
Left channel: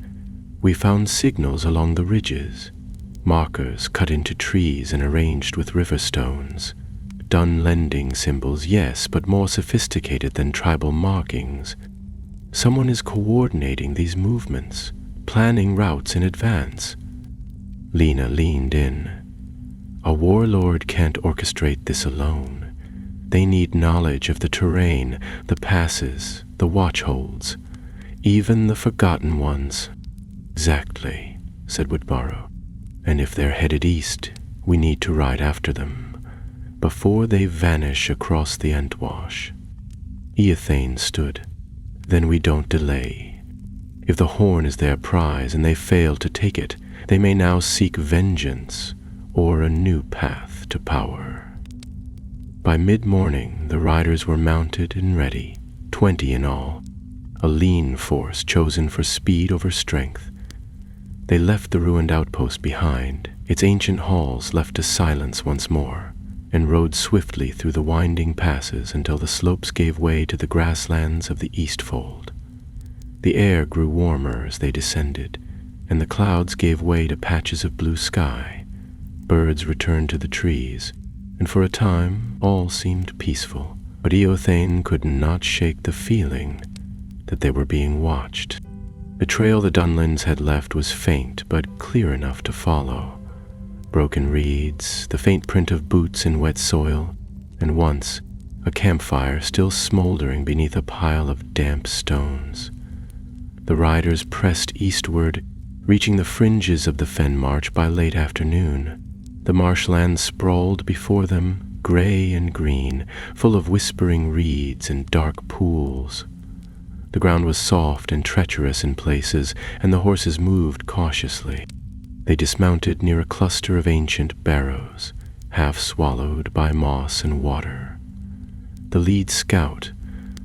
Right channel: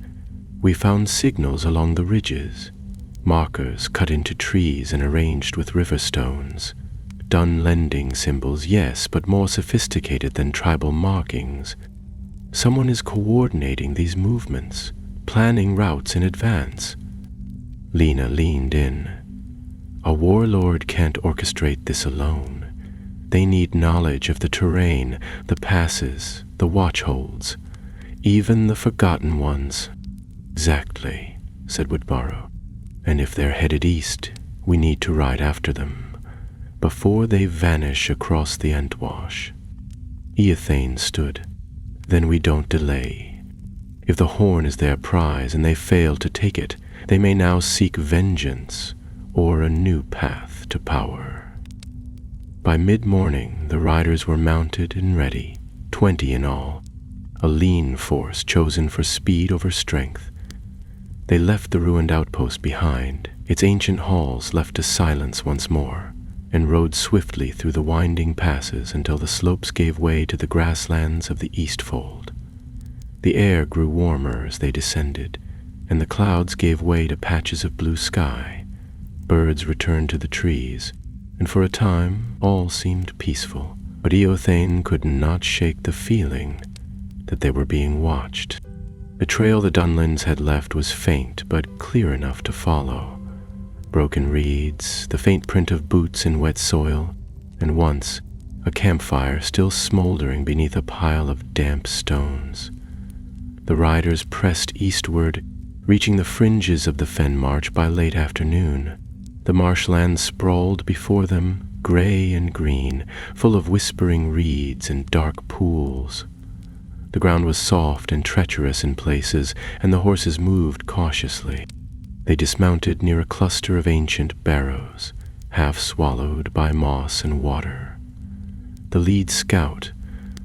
We found signals along the ridges, markers cut into trees and arranged with river stones. Dunlending symbols, yes, but more sophisticated than tribal markings. Someone is coordinating these movements, planning routes in advance." Lena leaned in. "A warlord can't orchestrate this alone. They need knowledge of the terrain, the passes, the watchholds, even the forgotten ones." "Exactly," said Woodfara. "And if they're headed east, we need to ride after them, before they vanish across the Entwash." Eothane stood. "Then we don't delay. If the horn is their prize and they fail to take it, they may now seek vengeance or a new path to power." By mid-morning, the riders were mounted and ready, 20 in all, a lean force chosen for speed over strength. They left the ruined outpost behind, its ancient halls left to silence once more, and rode swiftly through the winding passes until the slopes gave way to the grasslands of the Eastfold. The air grew warmer as they descended, and the clouds gave way to patches of blue sky. Birds returned to the trees, and for a time all seemed peaceful. But Eothane could not shake the feeling that they were being watched. The trail the Dunlins had left was faint but clear enough to follow. Broken reeds, the faint print of boots in wet soil, and once a campfire still smoldering beneath a pile of damp stones. The riders pressed eastward, reaching the fringes of the fen march by late afternoon. The marshland sprawled before them, gray and green, full of whispering reeds and dark pools. The ground was soft and treacherous in places, and the horses moved cautiously. They dismounted near a cluster of ancient barrows, half swallowed by moss and water. The lead scout,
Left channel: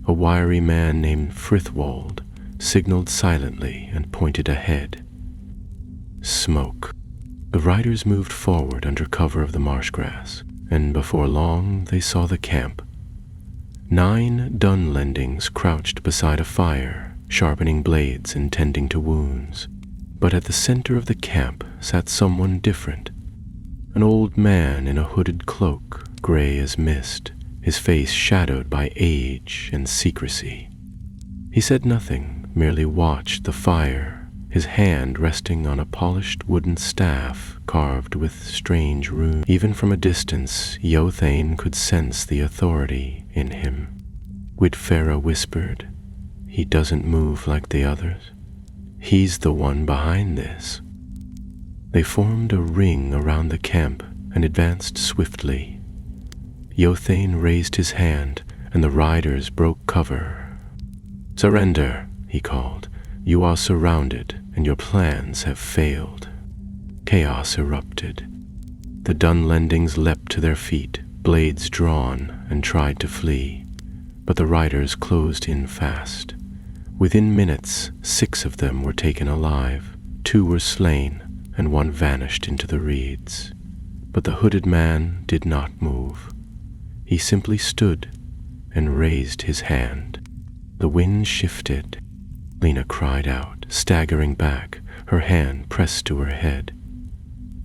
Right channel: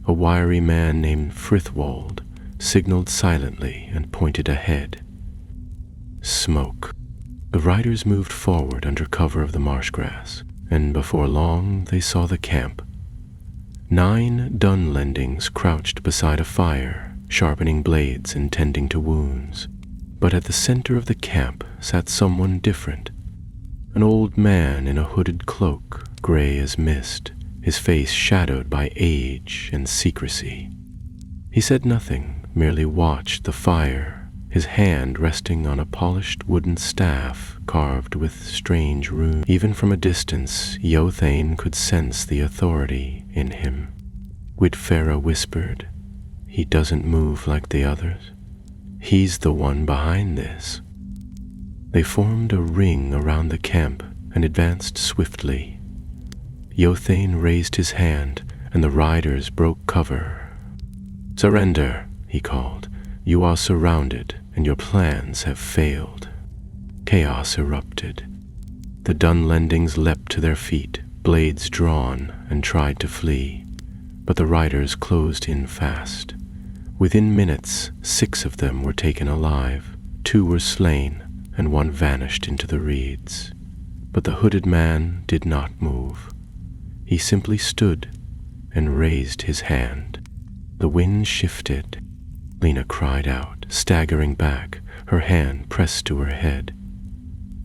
a wiry man named Frithwold, signaled silently and pointed ahead. Smoke. The riders moved forward under cover of the marsh grass, and before long they saw the camp. 9 Dunlendings crouched beside a fire, sharpening blades and tending to wounds. But at the center of the camp sat someone different. An old man in a hooded cloak, gray as mist, his face shadowed by age and secrecy. He said nothing, merely watched the fire, his hand resting on a polished wooden staff carved with strange runes. Even from a distance, Eothane could sense the authority in him. Whitfera whispered, "He doesn't move like the others. He's the one behind this." They formed a ring around the camp and advanced swiftly. Eothane raised his hand, and the riders broke cover. "Surrender," he called. "You are surrounded, and your plans have failed." Chaos erupted. The Dunlendings leapt to their feet, blades drawn, and tried to flee. But the riders closed in fast. Within minutes, 6 of them were taken alive. 2 were slain, and 1 vanished into the reeds. But the hooded man did not move. He simply stood and raised his hand. The wind shifted. Lena cried out, staggering back, her hand pressed to her head.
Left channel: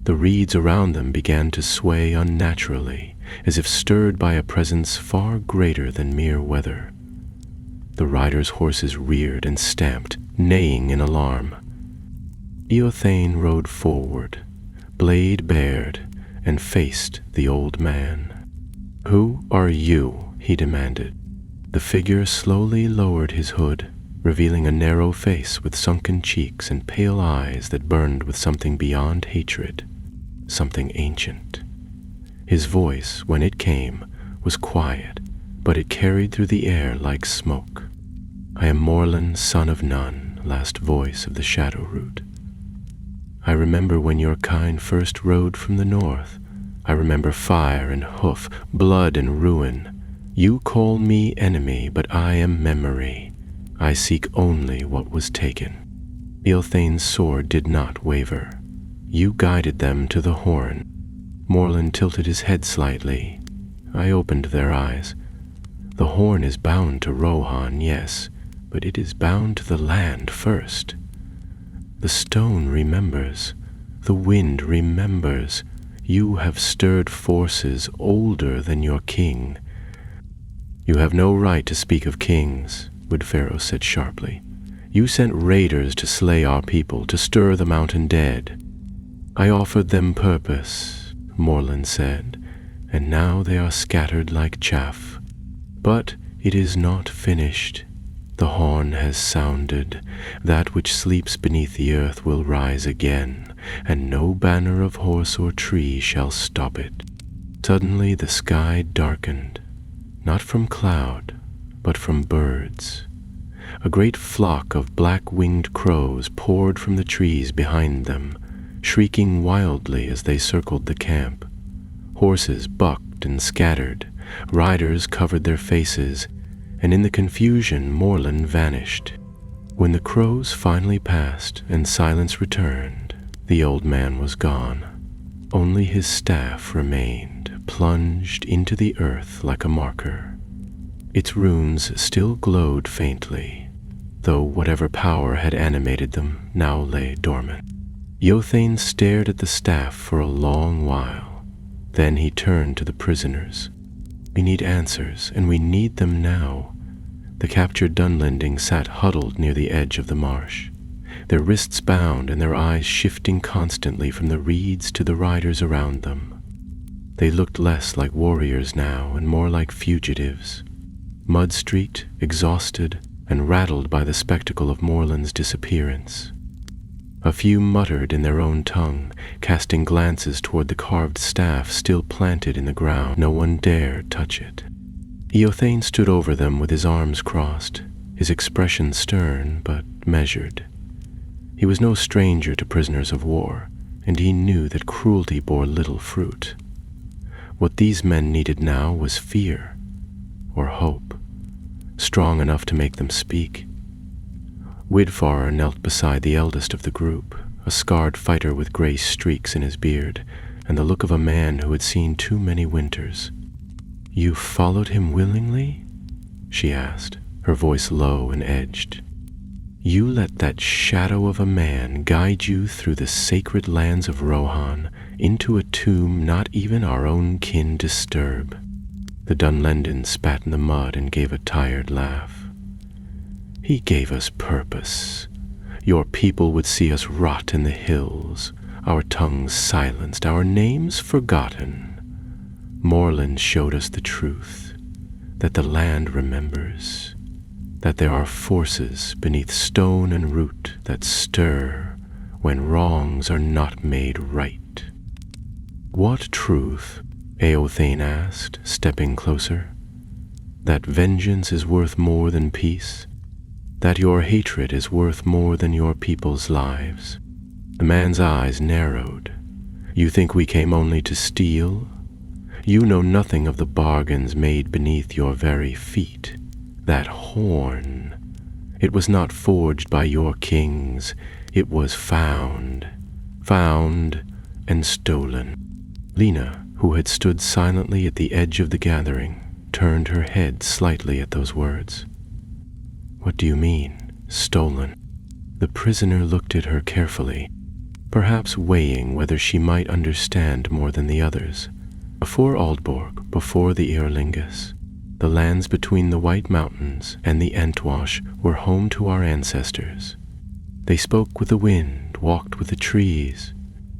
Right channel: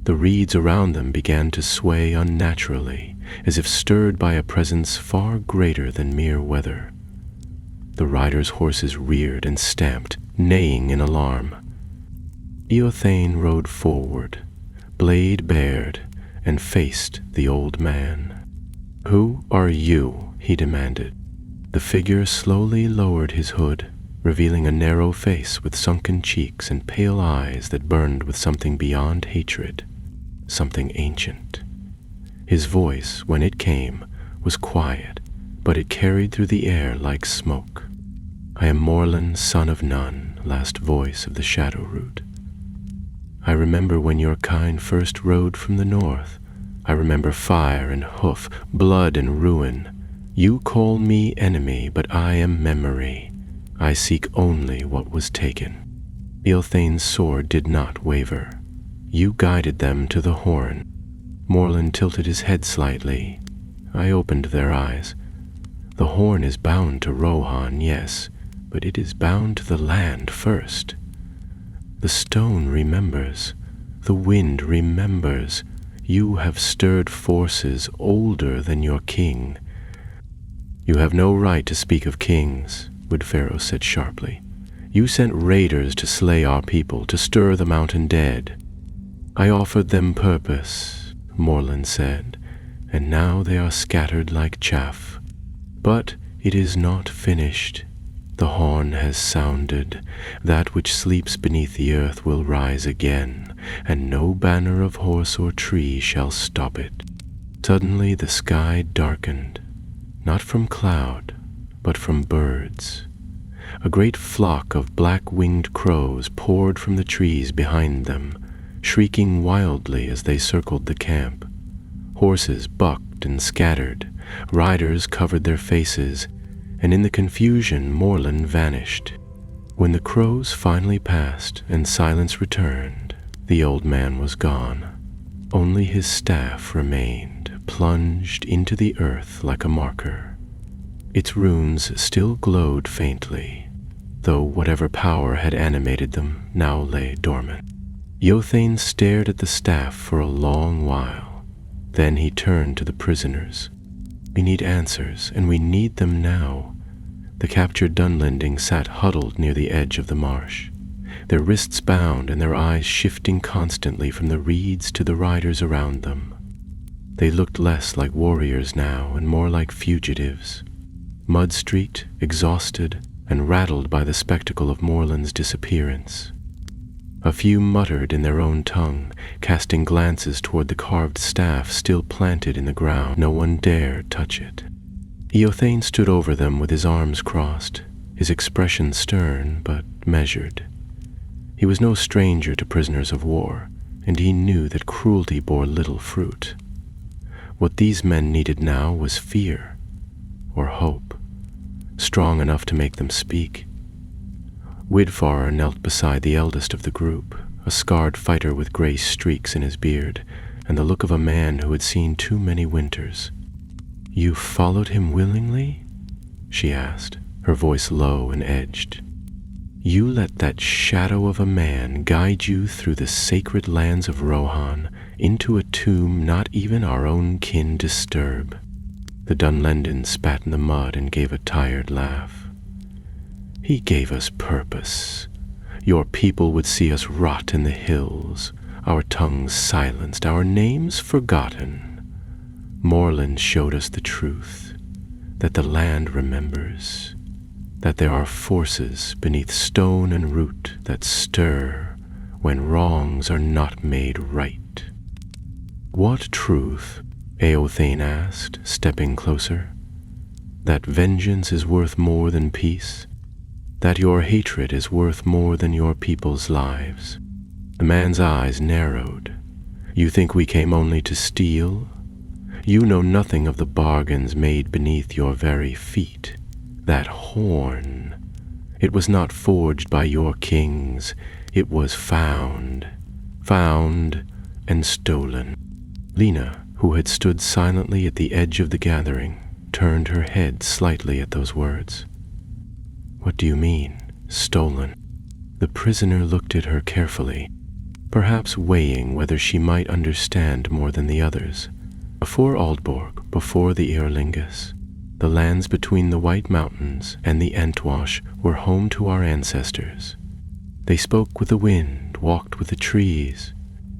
The reeds around them began to sway unnaturally, as if stirred by a presence far greater than mere weather. The riders' horses reared and stamped, neighing in alarm. Eothane rode forward, blade bared, and faced the old man. "Who are you?" he demanded. The figure slowly lowered his hood, revealing a narrow face with sunken cheeks and pale eyes that burned with something beyond hatred, something ancient. His voice, when it came, was quiet, but it carried through the air like smoke. "I am Morlun, son of none, last voice of the Shadow Root. I remember when your kind first rode from the north. I remember fire and hoof, blood and ruin. You call me enemy, but I am memory. I seek only what was taken." Eothane's sword did not waver. "You guided them to the horn." Morlun tilted his head slightly. I opened their eyes. "The horn is bound to Rohan, yes, but it is bound to the land first. The stone remembers. The wind remembers. You have stirred forces older than your king." "You have no right to speak of kings," Woodfarrow said sharply. "You sent raiders to slay our people, to stir the mountain dead." "I offered them purpose," Morlun said, "and now they are scattered like chaff. But it is not finished. The horn has sounded. That which sleeps beneath the earth will rise again, and no banner of horse or tree shall stop it." Suddenly the sky darkened, not from cloud, but from birds. A great flock of black-winged crows poured from the trees behind them, shrieking wildly as they circled the camp. Horses bucked and scattered, riders covered their faces, and in the confusion Morlun vanished. When the crows finally passed and silence returned, the old man was gone. Only his staff remained, plunged into the earth like a marker. Its runes still glowed faintly. though whatever power had animated them now lay dormant. Eothane stared at the staff for a long while. Then he turned to the prisoners. "We need answers, and we need them now." The captured Dunlending sat huddled near the edge of the marsh, their wrists bound and their eyes shifting constantly from the reeds to the riders around them. They looked less like warriors now and more like fugitives, mud-streaked, exhausted, and rattled by the spectacle of Morland's disappearance. A few muttered in their own tongue, casting glances toward the carved staff still planted in the ground. No one dared touch it. Eothane stood over them with his arms crossed, his expression stern but measured. He was no stranger to prisoners of war, and he knew that cruelty bore little fruit. What these men needed now was fear, or hope, strong enough to make them speak. Widfarer knelt beside the eldest of the group, a scarred fighter with gray streaks in his beard, and the look of a man who had seen too many winters. "You followed him willingly?" she asked, her voice low and edged. "You let that shadow of a man guide you through the sacred lands of Rohan into a tomb not even our own kin disturb." The Dunlendin spat in the mud and gave a tired laugh. "He gave us purpose. Your people would see us rot in the hills, our tongues silenced, our names forgotten. Morland showed us the truth, that the land remembers, that there are forces beneath stone and root that stir when wrongs are not made right." "What truth?" Eothane asked, stepping closer. "That vengeance is worth more than peace? That your hatred is worth more than your people's lives?" The man's eyes narrowed. "You think we came only to steal? You know nothing of the bargains made beneath your very feet. That horn, it was not forged by your kings, it was found and stolen." Lena, who had stood silently at the edge of the gathering, turned her head slightly at those words. "What do you mean, stolen?" The prisoner looked at her carefully, perhaps weighing whether she might understand more than the others. Before Aldborg, before the Eorlingus, the lands between the White Mountains and the Entwash were home to our ancestors. They spoke with the wind, walked with the trees,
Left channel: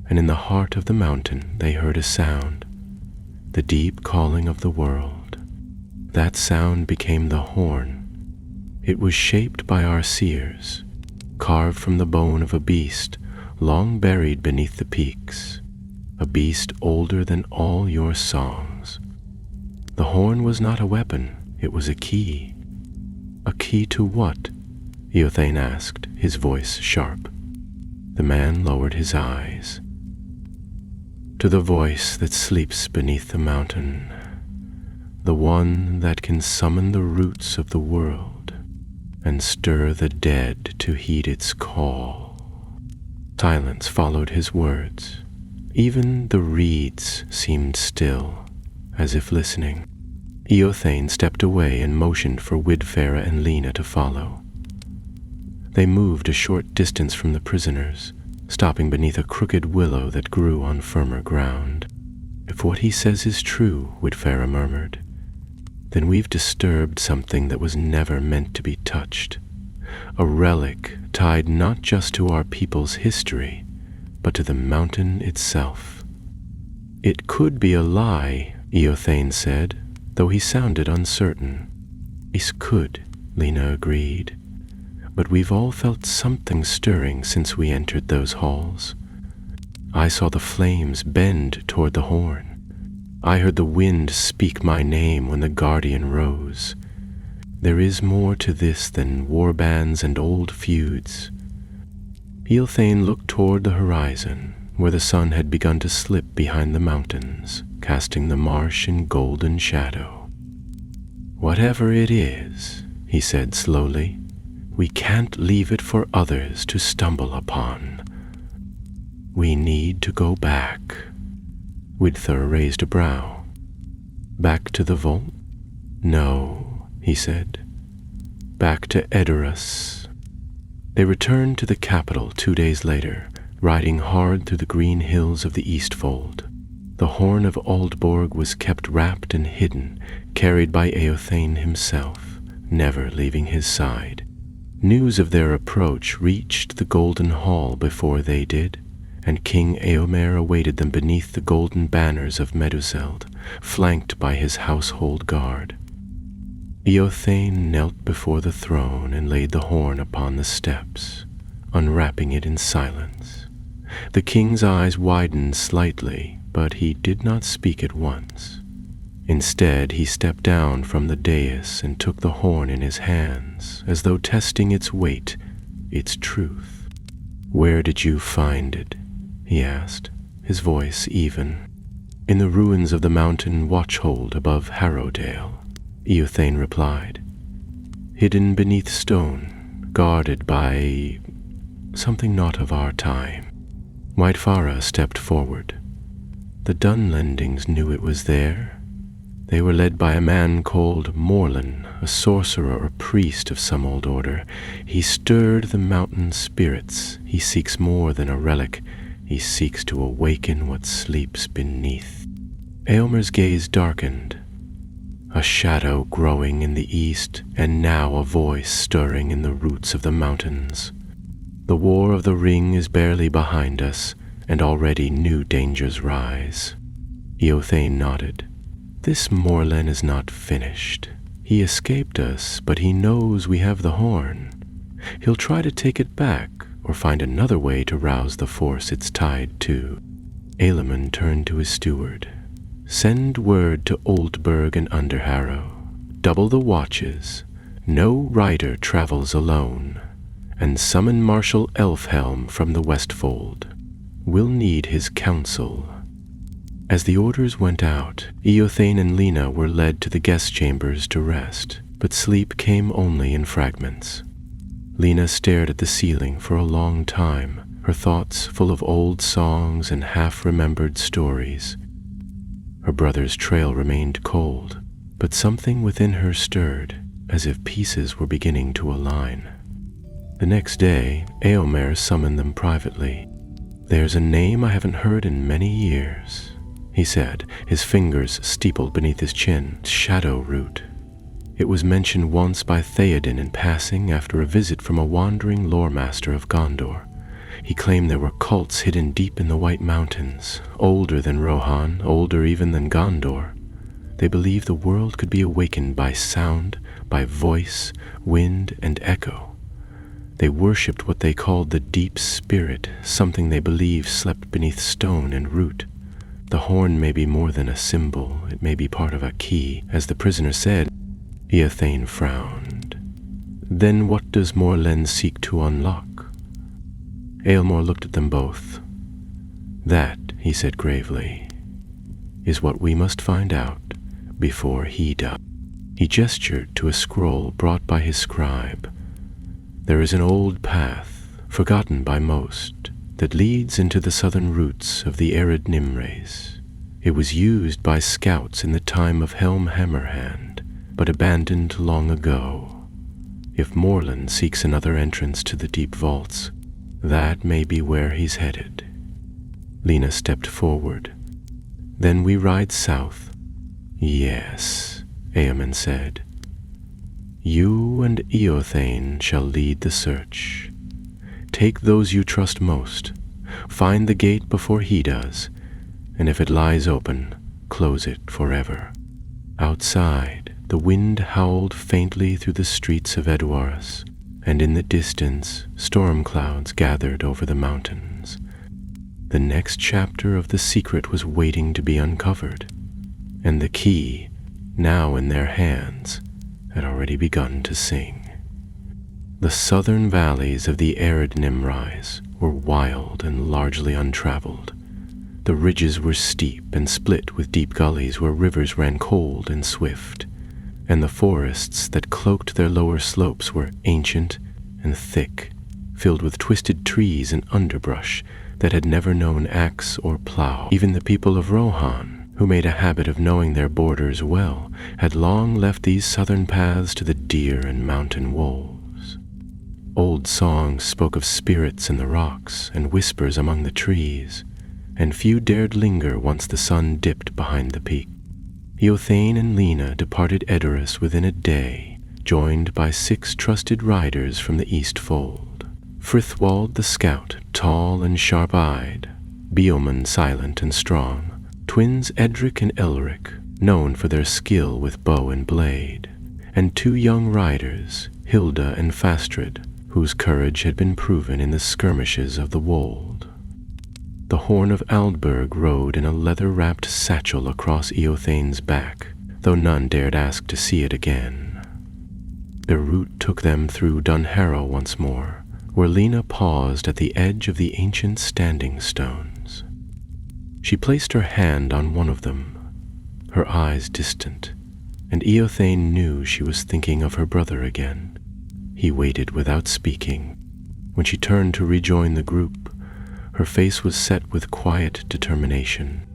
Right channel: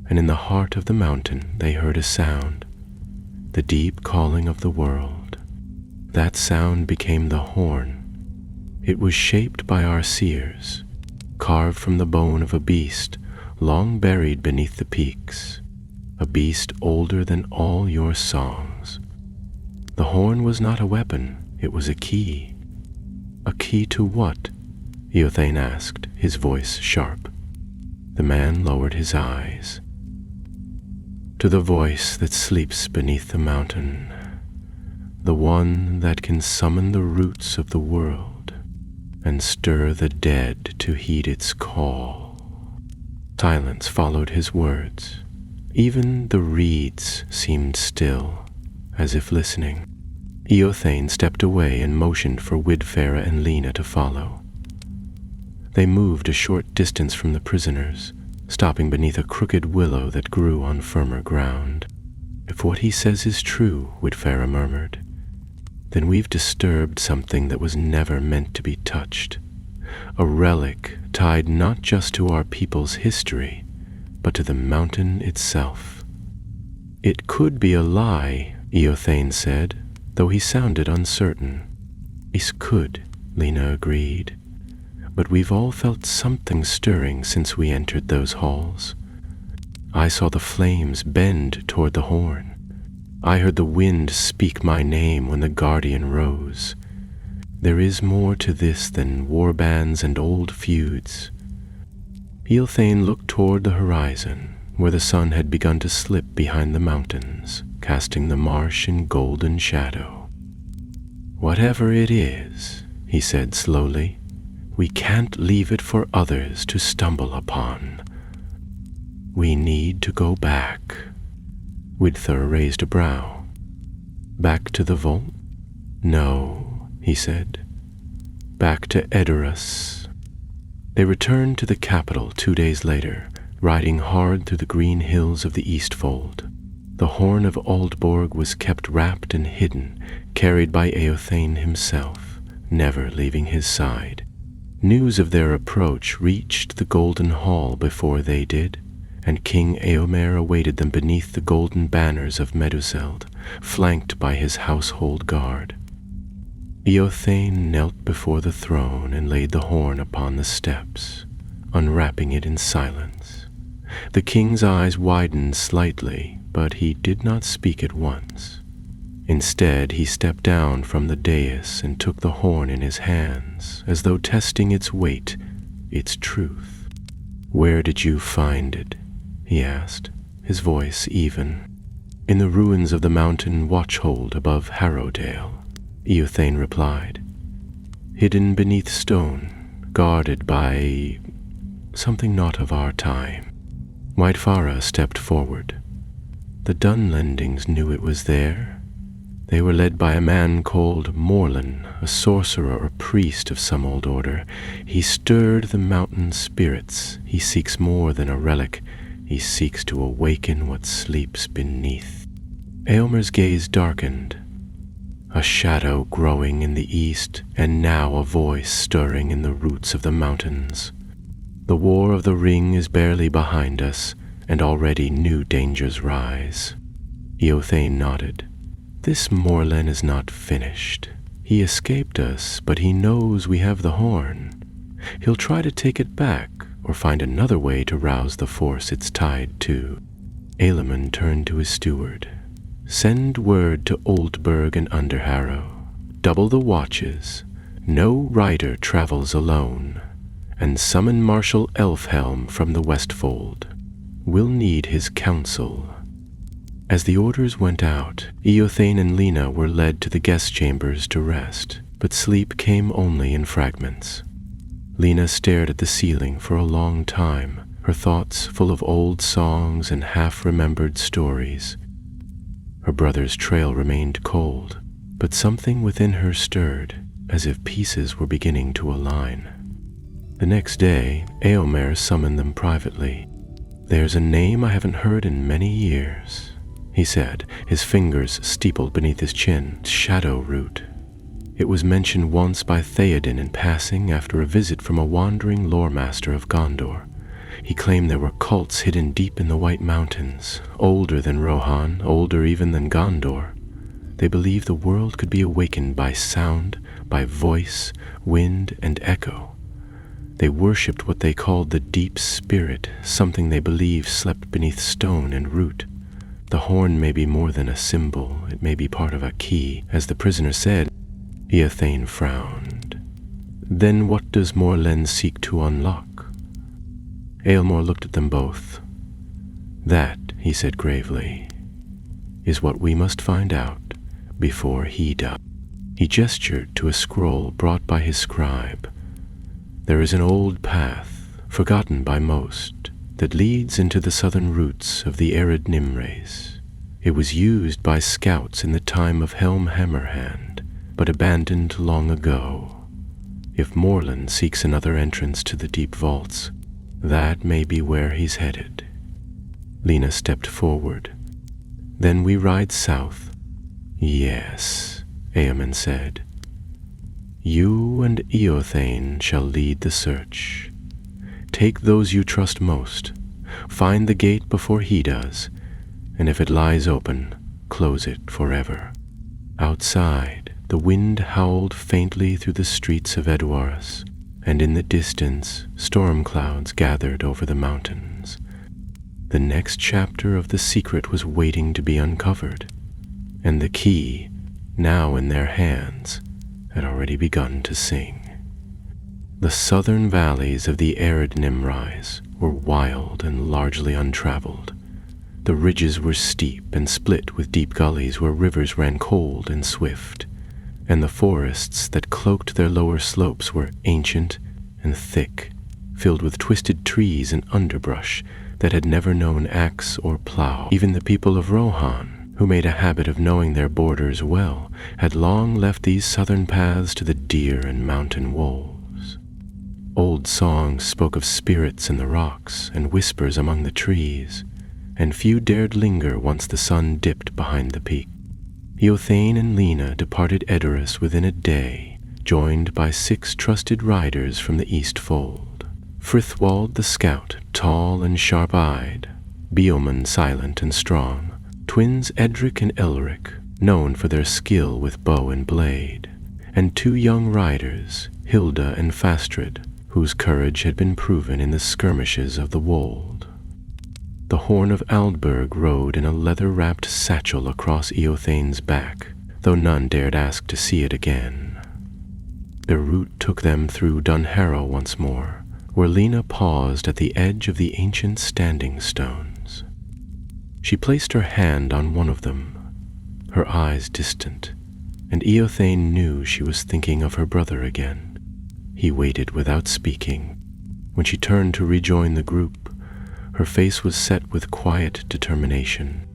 and in the heart of the mountain they heard a sound, the deep calling of the world. That sound became the horn. It was shaped by our seers, carved from the bone of a beast long buried beneath the peaks, a beast older than all your songs. The horn was not a weapon, it was a key. "A key to what?" Eothane asked, his voice sharp. The man lowered his eyes. "To the voice that sleeps beneath the mountain, the one that can summon the roots of the world and stir the dead to heed its call." Silence followed his words. Even the reeds seemed still, as if listening. Eothane stepped away and motioned for Widfera and Lena to follow. They moved a short distance from the prisoners, stopping beneath a crooked willow that grew on firmer ground. "If what he says is true," Widfera murmured, "then we've disturbed something that was never meant to be touched. A relic tied not just to our people's history, but to the mountain itself." "It could be a lie," Eothane said, though he sounded uncertain. "It could," Lena agreed. "But we've all felt something stirring since we entered those halls. I saw the flames bend toward the horn. I heard the wind speak my name when the guardian rose. There is more to this than warbands and old feuds." Eothane looked toward the horizon, where the sun had begun to slip behind the mountains, casting the marsh in golden shadow. "Whatever it is," he said slowly, "we can't leave it for others to stumble upon. We need to go back." Widther raised a brow. "Back to the vault?" "No," he said. "Back to Edoras, They returned to the capital 2 days later, riding hard through the green hills of the Eastfold. The horn of Aldborg was kept wrapped and hidden, carried by Eothane himself, never leaving his side. News of their approach reached the Golden Hall before they did, and King Eomer awaited them beneath the golden banners of Meduseld, flanked by his household guard. Eothane knelt before the throne and laid the horn upon the steps, unwrapping it in silence. The king's eyes widened slightly, but he did not speak at once. Instead, he stepped down from the dais and took the horn in his hands, as though testing its weight, its truth. "Where did you find it?" he asked, his voice even. "In the ruins of the mountain watchhold above Harrowdale," Eothane replied. "Hidden beneath stone, guarded by something not of our time." Whitefara stepped forward. "The Dunlendings knew it was there. They were led by a man called Morlin, a sorcerer or priest of some old order. He stirred the mountain spirits. He seeks more than a relic. He seeks to awaken what sleeps beneath." Eomer's gaze darkened. A shadow growing in the east, and now a voice stirring in the roots of the mountains. "The War of the Ring is barely behind us, and already new dangers rise." Eothane nodded. "This Morlin is not finished. He escaped us, but he knows we have the horn. He'll try to take it back, or find another way to rouse the force it's tied to." Elamon turned to his steward. "Send word to Oldburg and Underharrow. Double the watches. No rider travels alone. And summon Marshal Elfhelm from the Westfold. We'll need his counsel." As the orders went out, Eothane and Lena were led to the guest chambers to rest, but sleep came only in fragments. Lena stared at the ceiling for a long time, her thoughts full of old songs and half-remembered stories. Her brother's trail remained cold, but something within her stirred, as if pieces were beginning to align. The next day, Eomer summoned them privately. "There's a name I haven't heard in many years," he said, his fingers steepled beneath his chin. "Shadowroot. It was mentioned once by Theoden in passing after a visit from a wandering lore-master of Gondor. He claimed there were cults hidden deep in the White Mountains, older than Rohan, older even than Gondor. They believed the world could be awakened by sound, by voice, wind, and echo. They worshipped what they called the Deep Spirit, something they believed slept beneath stone and root. The horn may be more than a symbol, it may be part of a key, as the prisoner said." Eothane frowned. "Then what does Morlen seek to unlock?" Eomer looked at them both. "That," he said gravely, "is what we must find out before he does." He gestured to a scroll brought by his scribe. "There is an old path, forgotten by most, that leads into the southern roots of the arid Nimrace. It was used by scouts in the time of Helm Hammerhand, but abandoned long ago. If Morlen seeks another entrance to the deep vaults, that may be where he's headed." Lena stepped forward. "Then we ride south." "Yes," Eamon said. "You and Eothane shall lead the search. Take those you trust most. Find the gate before he does, and if it lies open, close it forever." Outside, the wind howled faintly through the streets of Edwarus, and in the distance, storm clouds gathered over the mountains. The next chapter of the secret was waiting to be uncovered, and the key, now in their hands, had already begun to sing. The southern valleys of the arid Nimrace were wild and largely untraveled. The ridges were steep and split with deep gullies where rivers ran cold and swift, and the forests that cloaked their lower slopes were ancient and thick, filled with twisted trees and underbrush that had never known axe or plow. Even the people of Rohan, who made a habit of knowing their borders well, had long left these southern paths to the deer and mountain wolves. Old songs spoke of spirits in the rocks and whispers among the trees, and few dared linger once the sun dipped behind the peak. Eothane and Lena departed Edoras within a day, joined by 6 trusted riders from the East Fold. Frithwald the scout, tall and sharp-eyed, Beoman silent and strong, twins Edric and Elric, known for their skill with bow and blade, and 2 young riders, Hilda and Fastrid, whose courage had been proven in the skirmishes of the Wold. The Horn of Aldburg rode in a leather-wrapped satchel across Eothane's back, though none dared ask to see it again. Their route took them through Dunharrow once more, where Lena paused at the edge of the ancient standing stones. She placed her hand on one of them, her eyes distant, and Eothane knew she was thinking of her brother again. He waited without speaking. When she turned to rejoin the group, her face was set with quiet determination.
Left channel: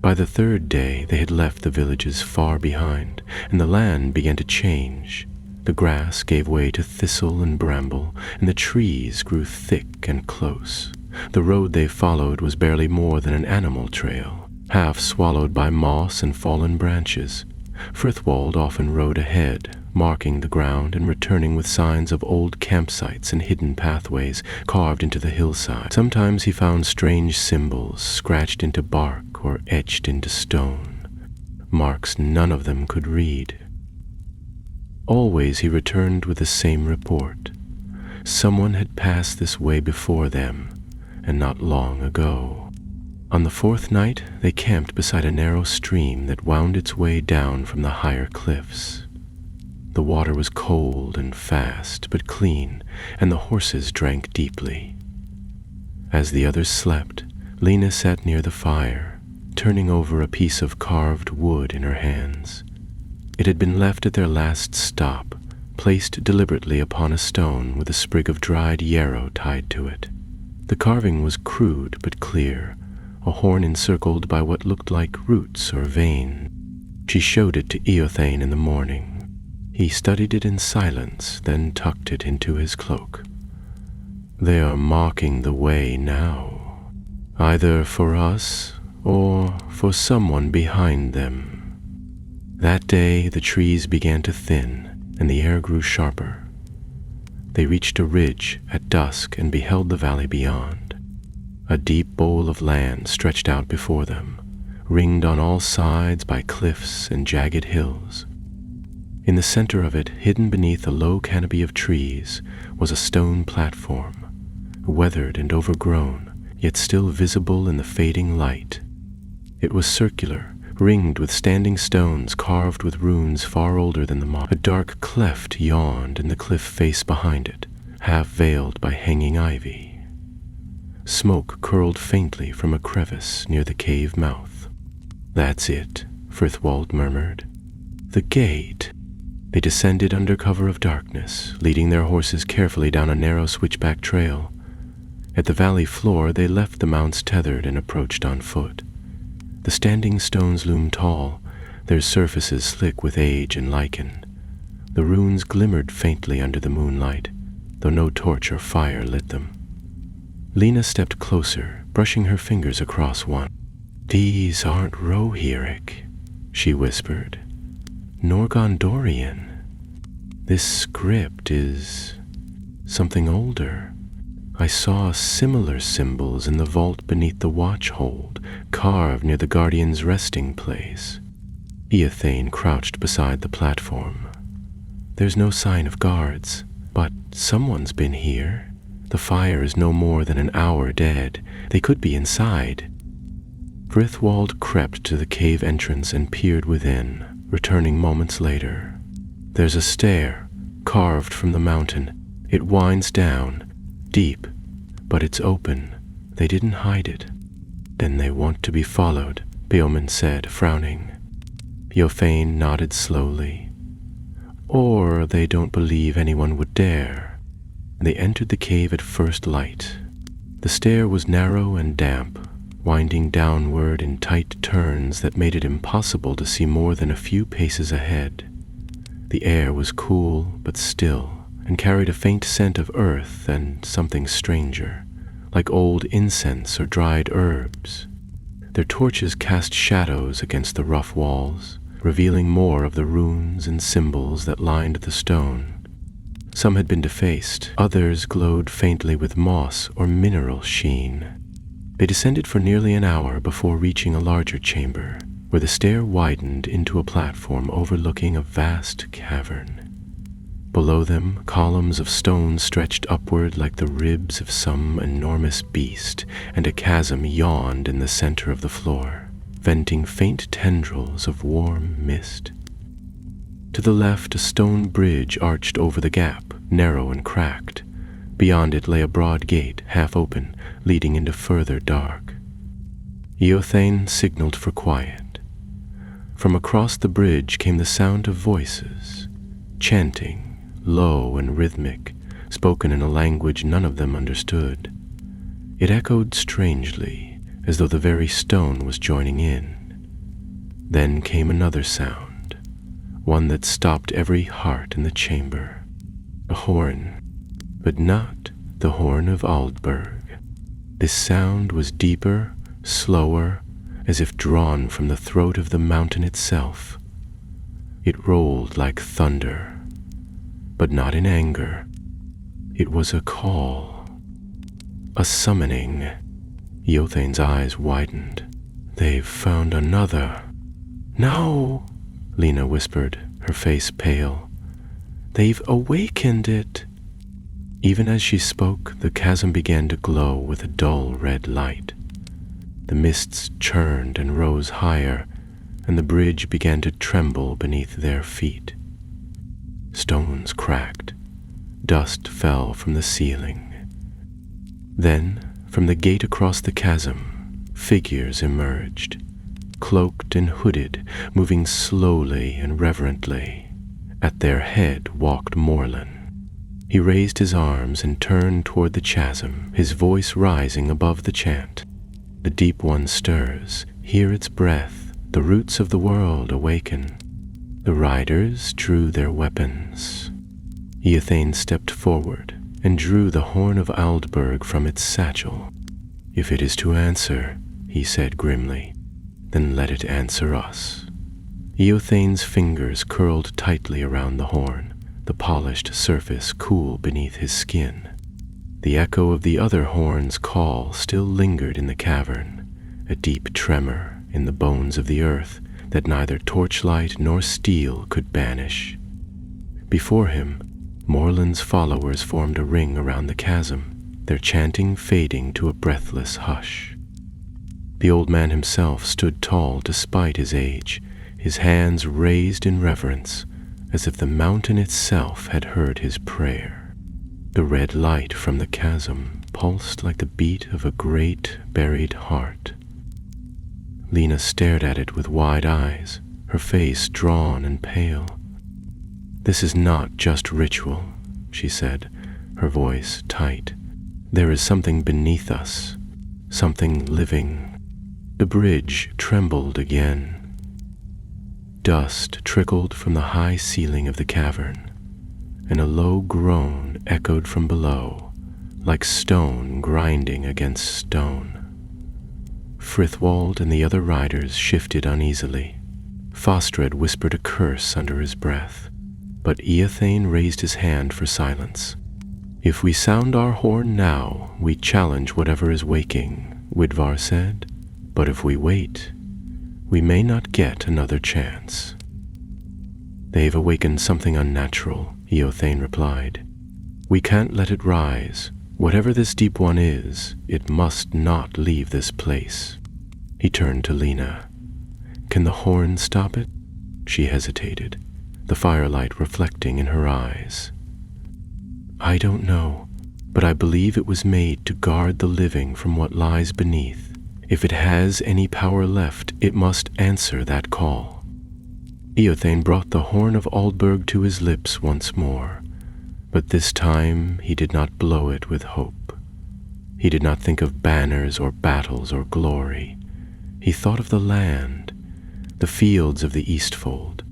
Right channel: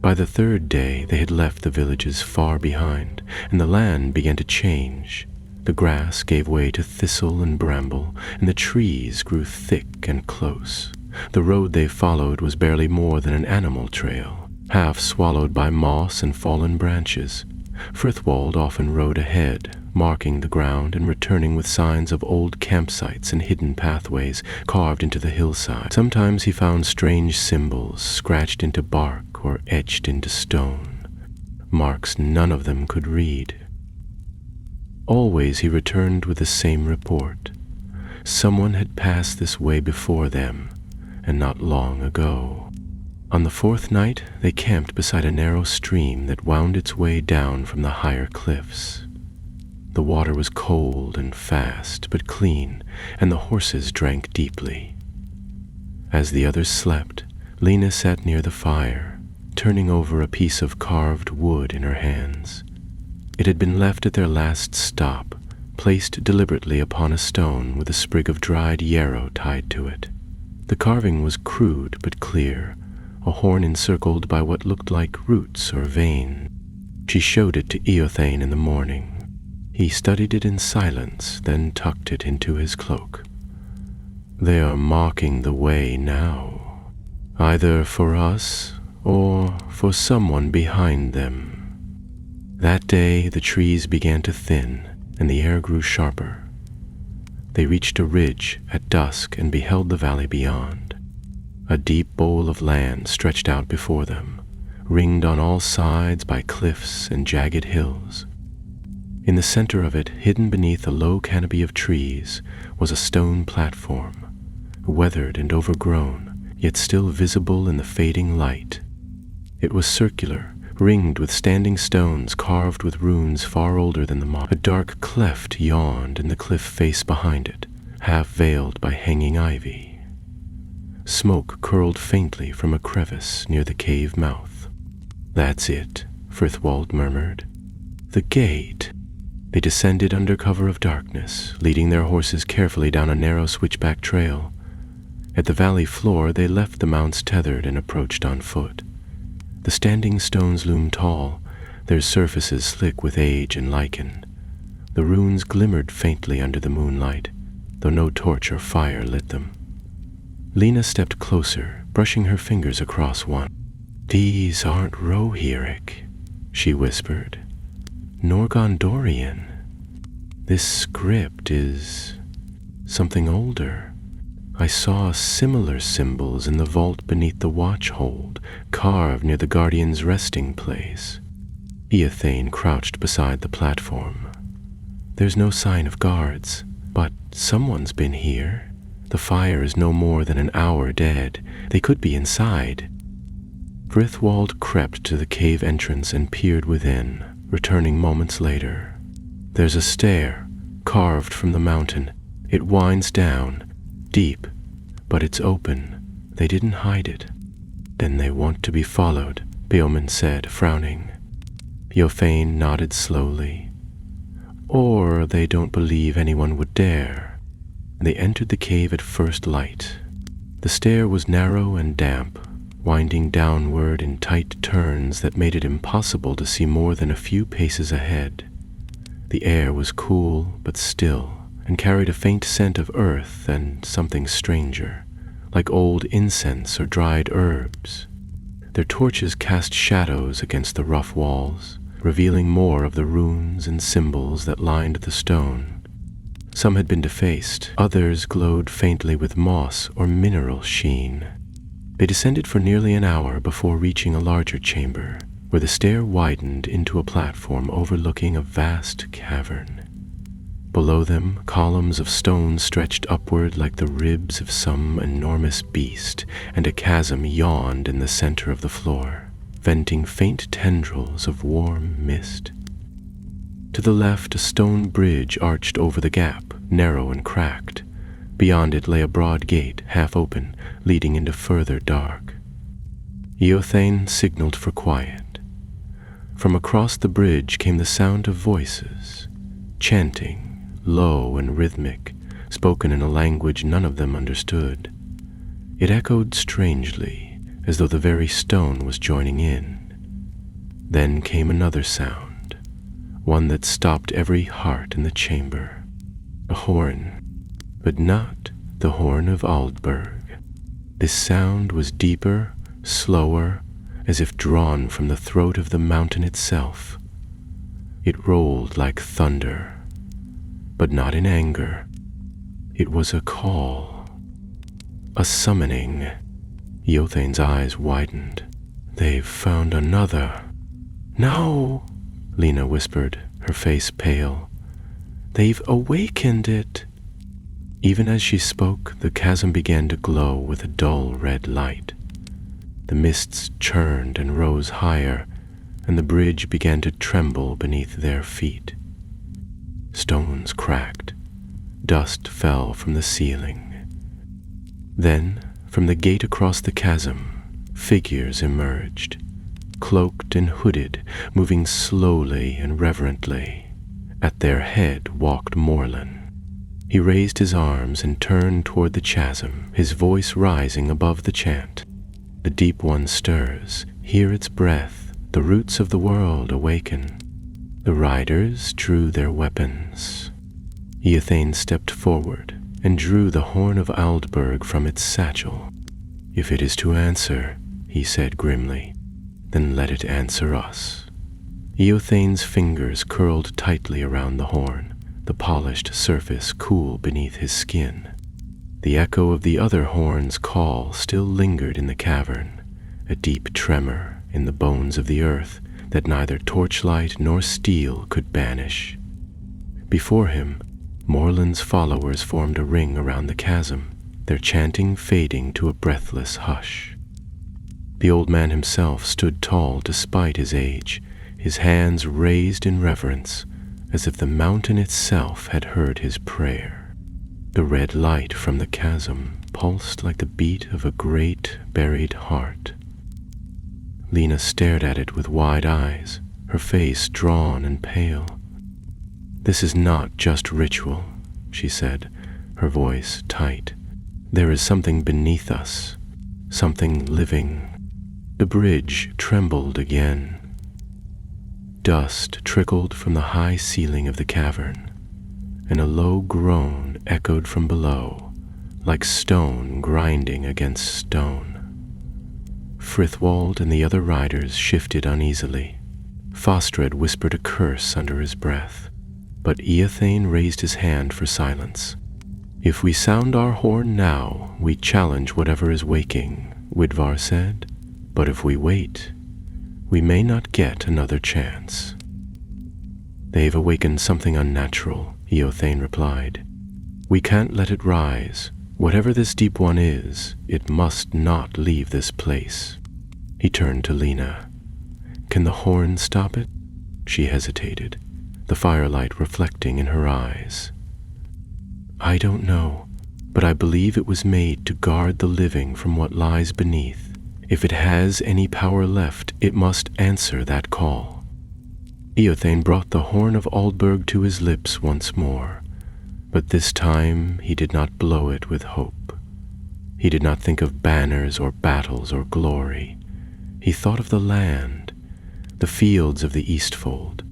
By the 3rd day they had left the villages far behind, and the land began to change. The grass gave way to thistle and bramble, and the trees grew thick and close. The road they followed was barely more than an animal trail, half swallowed by moss and fallen branches. Frithwald often rode ahead, marking the ground and returning with signs of old campsites and hidden pathways carved into the hillside. Sometimes he found strange symbols scratched into bark or etched into stone, marks none of them could read. Always he returned with the same report. Someone had passed this way before them, and not long ago. On the 4th night, they camped beside a narrow stream that wound its way down from the higher cliffs. The water was cold and fast, but clean, and the horses drank deeply. As the others slept, Lena sat near the fire, turning over a piece of carved wood in her hands. It had been left at their last stop, placed deliberately upon a stone with a sprig of dried yarrow tied to it. The carving was crude but clear, a horn encircled by what looked like roots or veins. She showed it to Eothane in the morning. He studied it in silence, then tucked it into his cloak. "They are marking the way now, either for us or for someone behind them." That day the trees began to thin, and the air grew sharper. They reached a ridge at dusk and beheld the valley beyond. A deep bowl of land stretched out before them, ringed on all sides by cliffs and jagged hills. In the center of it, hidden beneath a low canopy of trees, was a stone platform, weathered and overgrown, yet still visible in the fading light. It was circular, ringed with standing stones carved with runes far older than the moss. A dark cleft yawned in the cliff face behind it, half veiled by hanging ivy. Smoke curled faintly from a crevice near the cave mouth. "That's it," Frithwald murmured. "The gate." They descended under cover of darkness, leading their horses carefully down a narrow switchback trail. At the valley floor, they left the mounts tethered and approached on foot. The standing stones loomed tall, their surfaces slick with age and lichen. The runes glimmered faintly under the moonlight, though no torch or fire lit them. Lena stepped closer, brushing her fingers across one. "These aren't Rohirric," she whispered, "nor Gondorian. This script is something older. I saw similar symbols in the vault beneath the watchhold, carved near the Guardian's resting place." Eothane crouched beside the platform. "There's no sign of guards, but someone's been here. The fire is no more than an hour dead. They could be inside." Frithwald crept to the cave entrance and peered within, returning moments later. "There's a stair, carved from the mountain. It winds down, deep, but it's open. They didn't hide it." "Then they want to be followed," Beoman said, frowning. Eothane nodded slowly. "Or they don't believe anyone would dare." They entered the cave at first light. The stair was narrow and damp, winding downward in tight turns that made it impossible to see more than a few paces ahead. The air was cool but still, and carried a faint scent of earth and something stranger, like old incense or dried herbs. Their torches cast shadows against the rough walls, revealing more of the runes and symbols that lined the stone. Some had been defaced, others glowed faintly with moss or mineral sheen. They descended for nearly an hour before reaching a larger chamber, where the stair widened into a platform overlooking a vast cavern. Below them, columns of stone stretched upward like the ribs of some enormous beast, and a chasm yawned in the center of the floor, venting faint tendrils of warm mist. To the left, a stone bridge arched over the gap, narrow and cracked. Beyond it lay a broad gate, half open, leading into further dark. Eothane signaled for quiet. From across the bridge came the sound of voices, chanting, low and rhythmic, spoken in a language none of them understood. It echoed strangely, as though the very stone was joining in. Then came another sound, one that stopped every heart in the chamber. A horn, but not the horn of Aldburg. This sound was deeper, slower, as if drawn from the throat of the mountain itself. It rolled like thunder, but not in anger. It was a call, a summoning. Eothane's eyes widened. "They've found another." "No," Lena whispered, her face pale. "They've awakened it." Even as she spoke, the chasm began to glow with a dull red light. The mists churned and rose higher, and the bridge began to tremble beneath their feet. Stones cracked. Dust fell from the ceiling. Then, from the gate across the chasm, figures emerged, cloaked and hooded, moving slowly and reverently. At their head walked Morlun. He raised his arms and turned toward the chasm, his voice rising above the chant. "The deep one stirs, hear its breath, the roots of the world awaken." The riders drew their weapons. Eothane stepped forward and drew the horn of Aldburg from its satchel. "If it is to answer," he said grimly, "then let it answer us." Eothane's fingers curled tightly around the horn, the polished surface cool beneath his skin. The echo of the other horn's call still lingered in the cavern, a deep tremor in the bones of the earth that neither torchlight nor steel could banish. Before him, Morlun's followers formed a ring around the chasm, their chanting fading to a breathless hush. The old man himself stood tall despite his age, his hands raised in reverence, as if the mountain itself had heard his prayer. The red light from the chasm pulsed like the beat of a great buried heart. Lena stared at it with wide eyes, her face drawn and pale. "This is not just ritual," she said, her voice tight. "There is something beneath us, something living." The bridge trembled again. Dust trickled from the high ceiling of the cavern, and a low groan echoed from below, like stone grinding against stone. Frithwald and the other riders shifted uneasily. Fostred whispered a curse under his breath, but Eothane raised his hand for silence. "If we sound our horn now, we challenge whatever is waking," Widvar said. "But if we wait, we may not get another chance." "They've awakened something unnatural," Eothane replied. "We can't let it rise. Whatever this deep one is, it must not leave this place." He turned to Lena. "Can the horn stop it?" She hesitated, the firelight reflecting in her eyes. "I don't know, but I believe it was made to guard the living from what lies beneath. If it has any power left, it must answer that call." Eothane brought the horn of Aldburg to his lips once more, but this time he did not blow it with hope. He did not think of banners or battles or glory. He thought of the land, the fields of the Eastfold,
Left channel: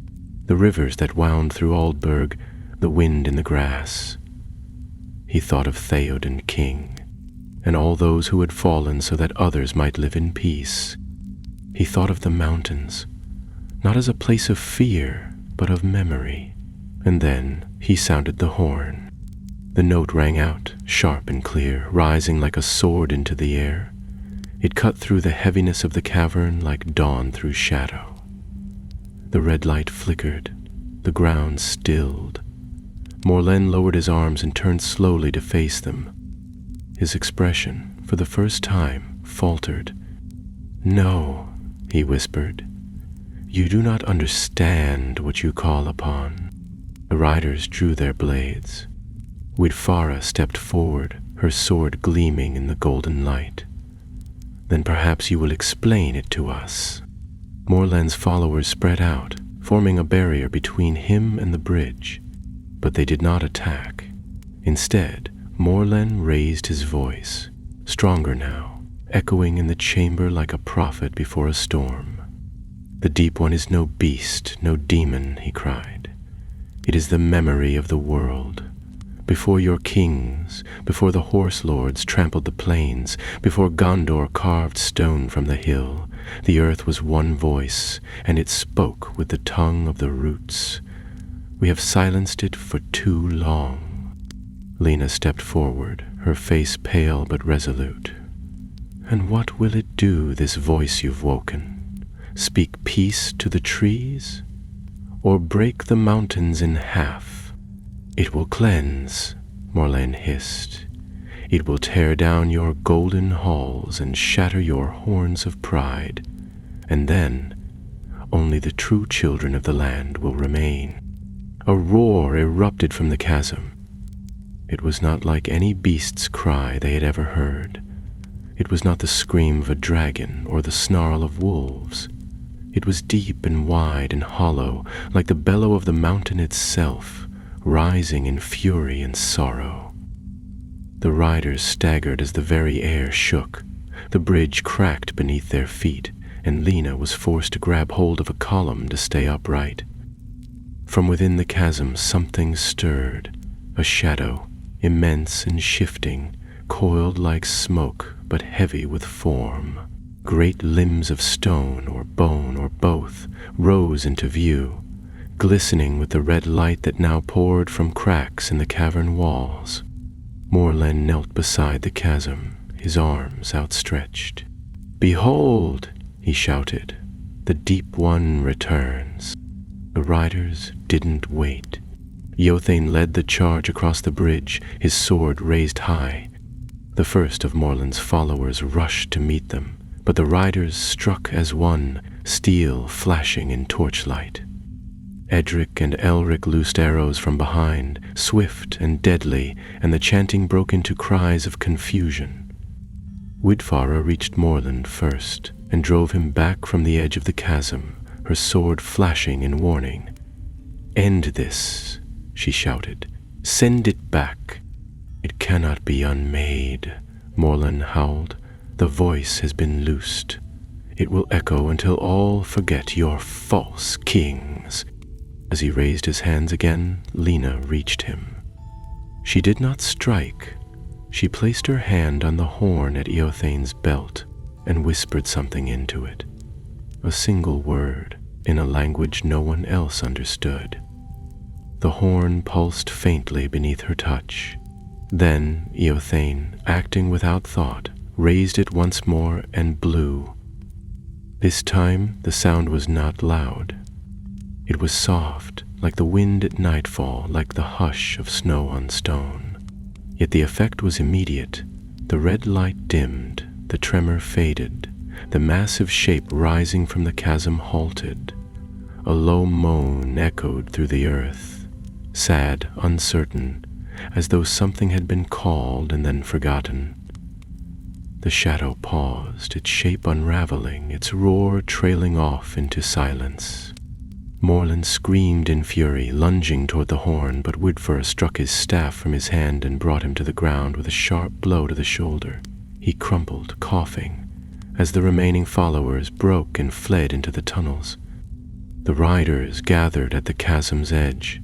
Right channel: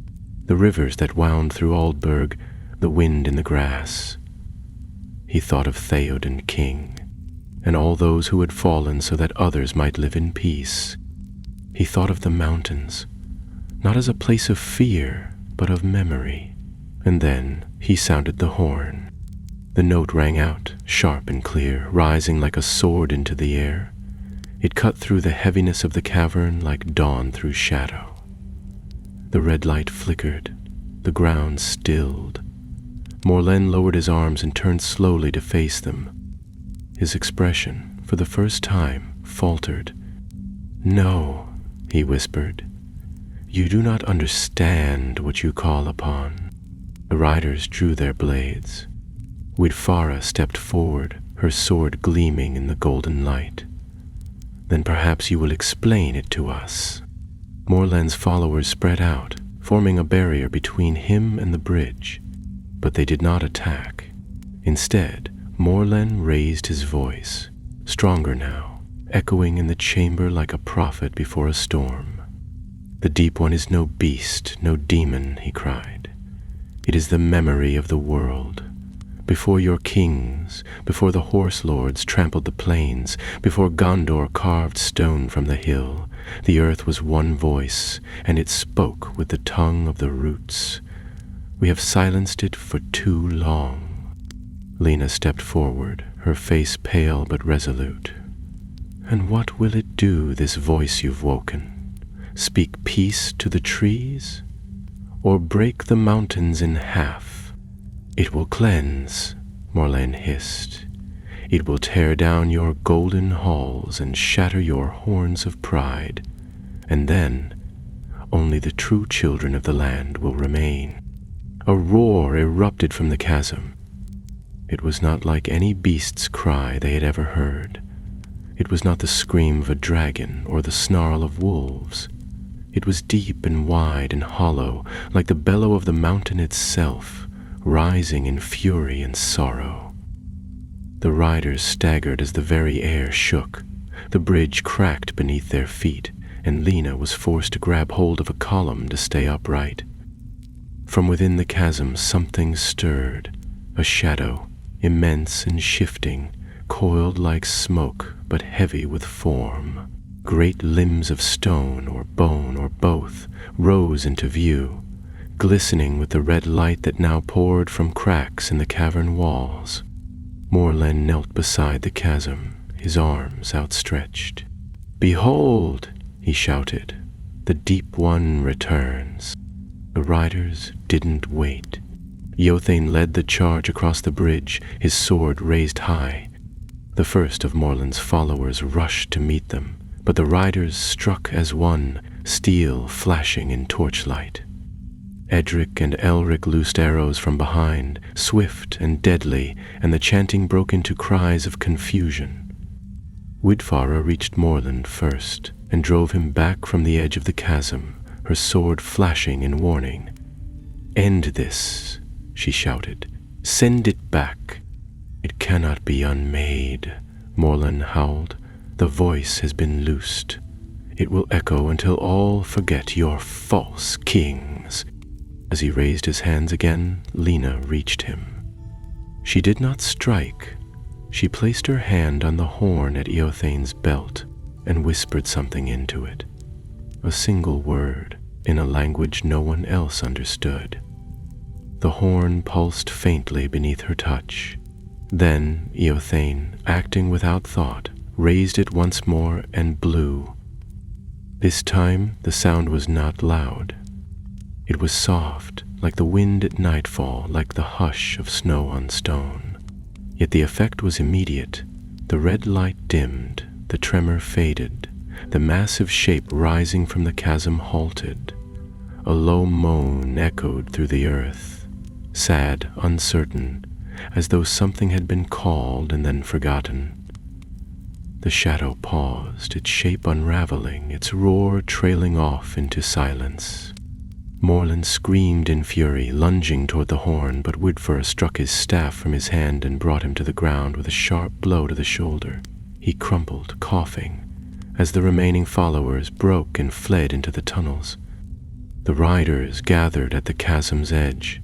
the rivers that wound through Aldburg, the wind in the grass, he thought of Theoden King, and all those who had fallen so that others might live in peace. He thought of the mountains, not as a place of fear, but of memory. And then he sounded the horn. The note rang out, sharp and clear, rising like a sword into the air. It cut through the heaviness of the cavern like dawn through shadow. The red light flickered, the ground stilled. Morlen lowered his arms and turned slowly to face them. His expression, for the first time, faltered. "No," he whispered. "You do not understand what you call upon." The riders drew their blades. Widfara stepped forward, her sword gleaming in the golden light. "Then perhaps you will explain it to us." Morlen's followers spread out, forming a barrier between him and the bridge. But they did not attack. Instead, Morlen raised his voice, stronger now, echoing in the chamber like a prophet before a storm. "The Deep One is no beast, no demon," he cried. "It is the memory of the world. Before your kings, before the horse lords trampled the plains, before Gondor carved stone from the hill, the earth was one voice, and it spoke with the tongue of the roots. We have silenced it for too long." Lena stepped forward, her face pale but resolute. "And what will it do, this voice you've woken? Speak peace to the trees? Or break the mountains in half?" "It will cleanse," Morlen hissed. "It will tear down your golden halls and shatter your horns of pride. And then only the true children of the land will remain." A roar erupted from the chasm. It was not like any beast's cry they had ever heard. It was not the scream of a dragon or the snarl of wolves. It was deep and wide and hollow, like the bellow of the mountain itself, rising in fury and sorrow. The riders staggered as the very air shook. The bridge cracked beneath their feet, and Lena was forced to grab hold of a column to stay upright. From within the chasm something stirred, a shadow, immense and shifting, coiled like smoke but heavy with form. Great limbs of stone or bone or both rose into view, glistening with the red light that now poured from cracks in the cavern walls. Morlen knelt beside the chasm, his arms outstretched. "Behold," he shouted, "the Deep One returns." The riders didn't wait. Eothane led the charge across the bridge, his sword raised high. The first of Morlen's followers rushed to meet them, but the riders struck as one, steel flashing in torchlight. Edric and Elric loosed arrows from behind, swift and deadly, and the chanting broke into cries of confusion. Widfara reached Morlen first, and drove him back from the edge of the chasm, her sword flashing in warning. "End this," she shouted. "Send it back." "It cannot be unmade," Morlen howled. "The voice has been loosed. It will echo until all forget your false kings." As he raised his hands again, Lena reached him. She did not strike. She placed her hand on the horn at Eothane's belt and whispered something into it. A single word, in a language no one else understood. The horn pulsed faintly beneath her touch. Then Eothane, acting without thought, raised it once more and blew. This time the sound was not loud. It was soft, like the wind at nightfall, like the hush of snow on stone. Yet the effect was immediate. The red light dimmed, the tremor faded, the massive shape rising from the chasm halted. A low moan echoed through the earth, sad, uncertain, as though something had been called and then forgotten. The shadow paused, its shape unraveling, its roar trailing off into silence. Morlen screamed in fury, lunging toward the horn, but Widfara struck his staff from his hand and brought him to the ground with a sharp blow to the shoulder. He crumpled, coughing, as the remaining followers broke and fled into the tunnels. The riders gathered at the chasm's edge.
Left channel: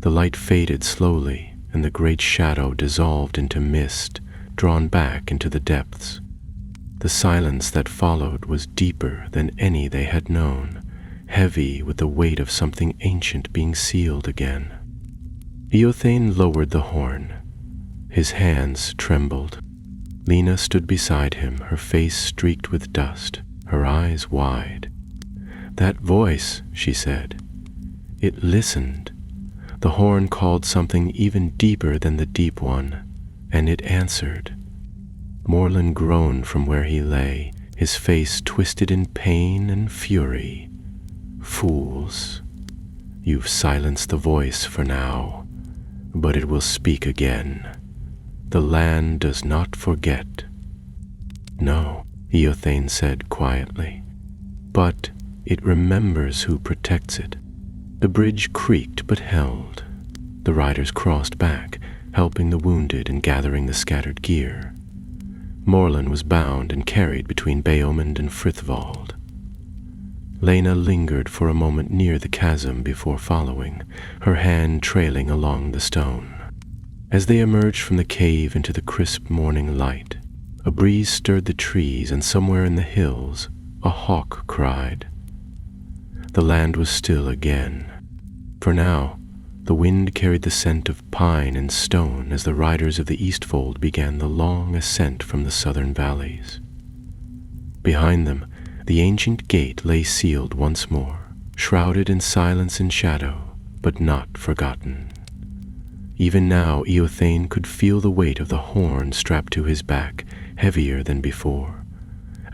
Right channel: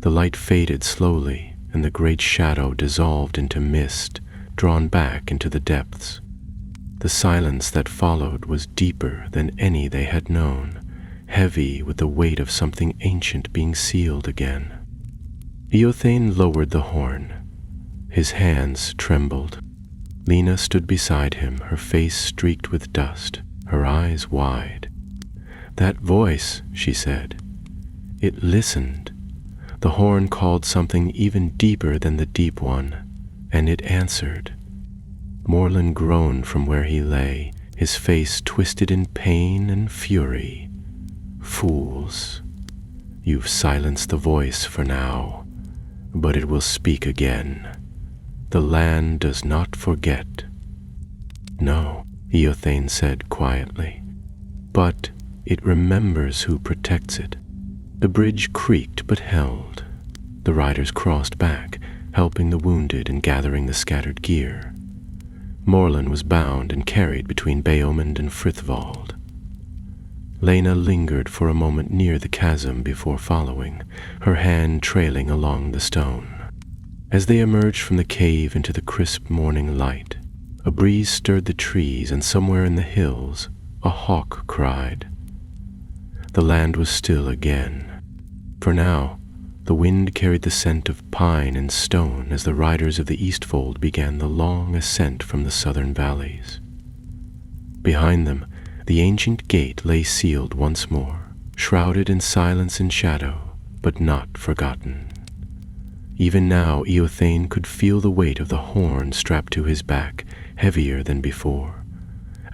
The light faded slowly, and the great shadow dissolved into mist, drawn back into the depths. The silence that followed was deeper than any they had known, heavy with the weight of something ancient being sealed again. Eothane lowered the horn. His hands trembled. Lena stood beside him, her face streaked with dust, her eyes wide. "That voice," she said. "It listened. The horn called something even deeper than the deep one, and it answered." Morlun groaned from where he lay, his face twisted in pain and fury. "Fools, you've silenced the voice for now, but it will speak again. The land does not forget." "No," Eothane said quietly, "but it remembers who protects it." The bridge creaked but held. The riders crossed back, helping the wounded and gathering the scattered gear. Morlun was bound and carried between Beomund and Frithvald. Lena lingered for a moment near the chasm before following, her hand trailing along the stone. As they emerged from the cave into the crisp morning light, a breeze stirred the trees, and somewhere in the hills a hawk cried. The land was still again. For now, the wind carried the scent of pine and stone as the riders of the Eastfold began the long ascent from the southern valleys. Behind them, the ancient gate lay sealed once more, shrouded in silence and shadow, but not forgotten. Even now, Eothane could feel the weight of the horn strapped to his back, heavier than before,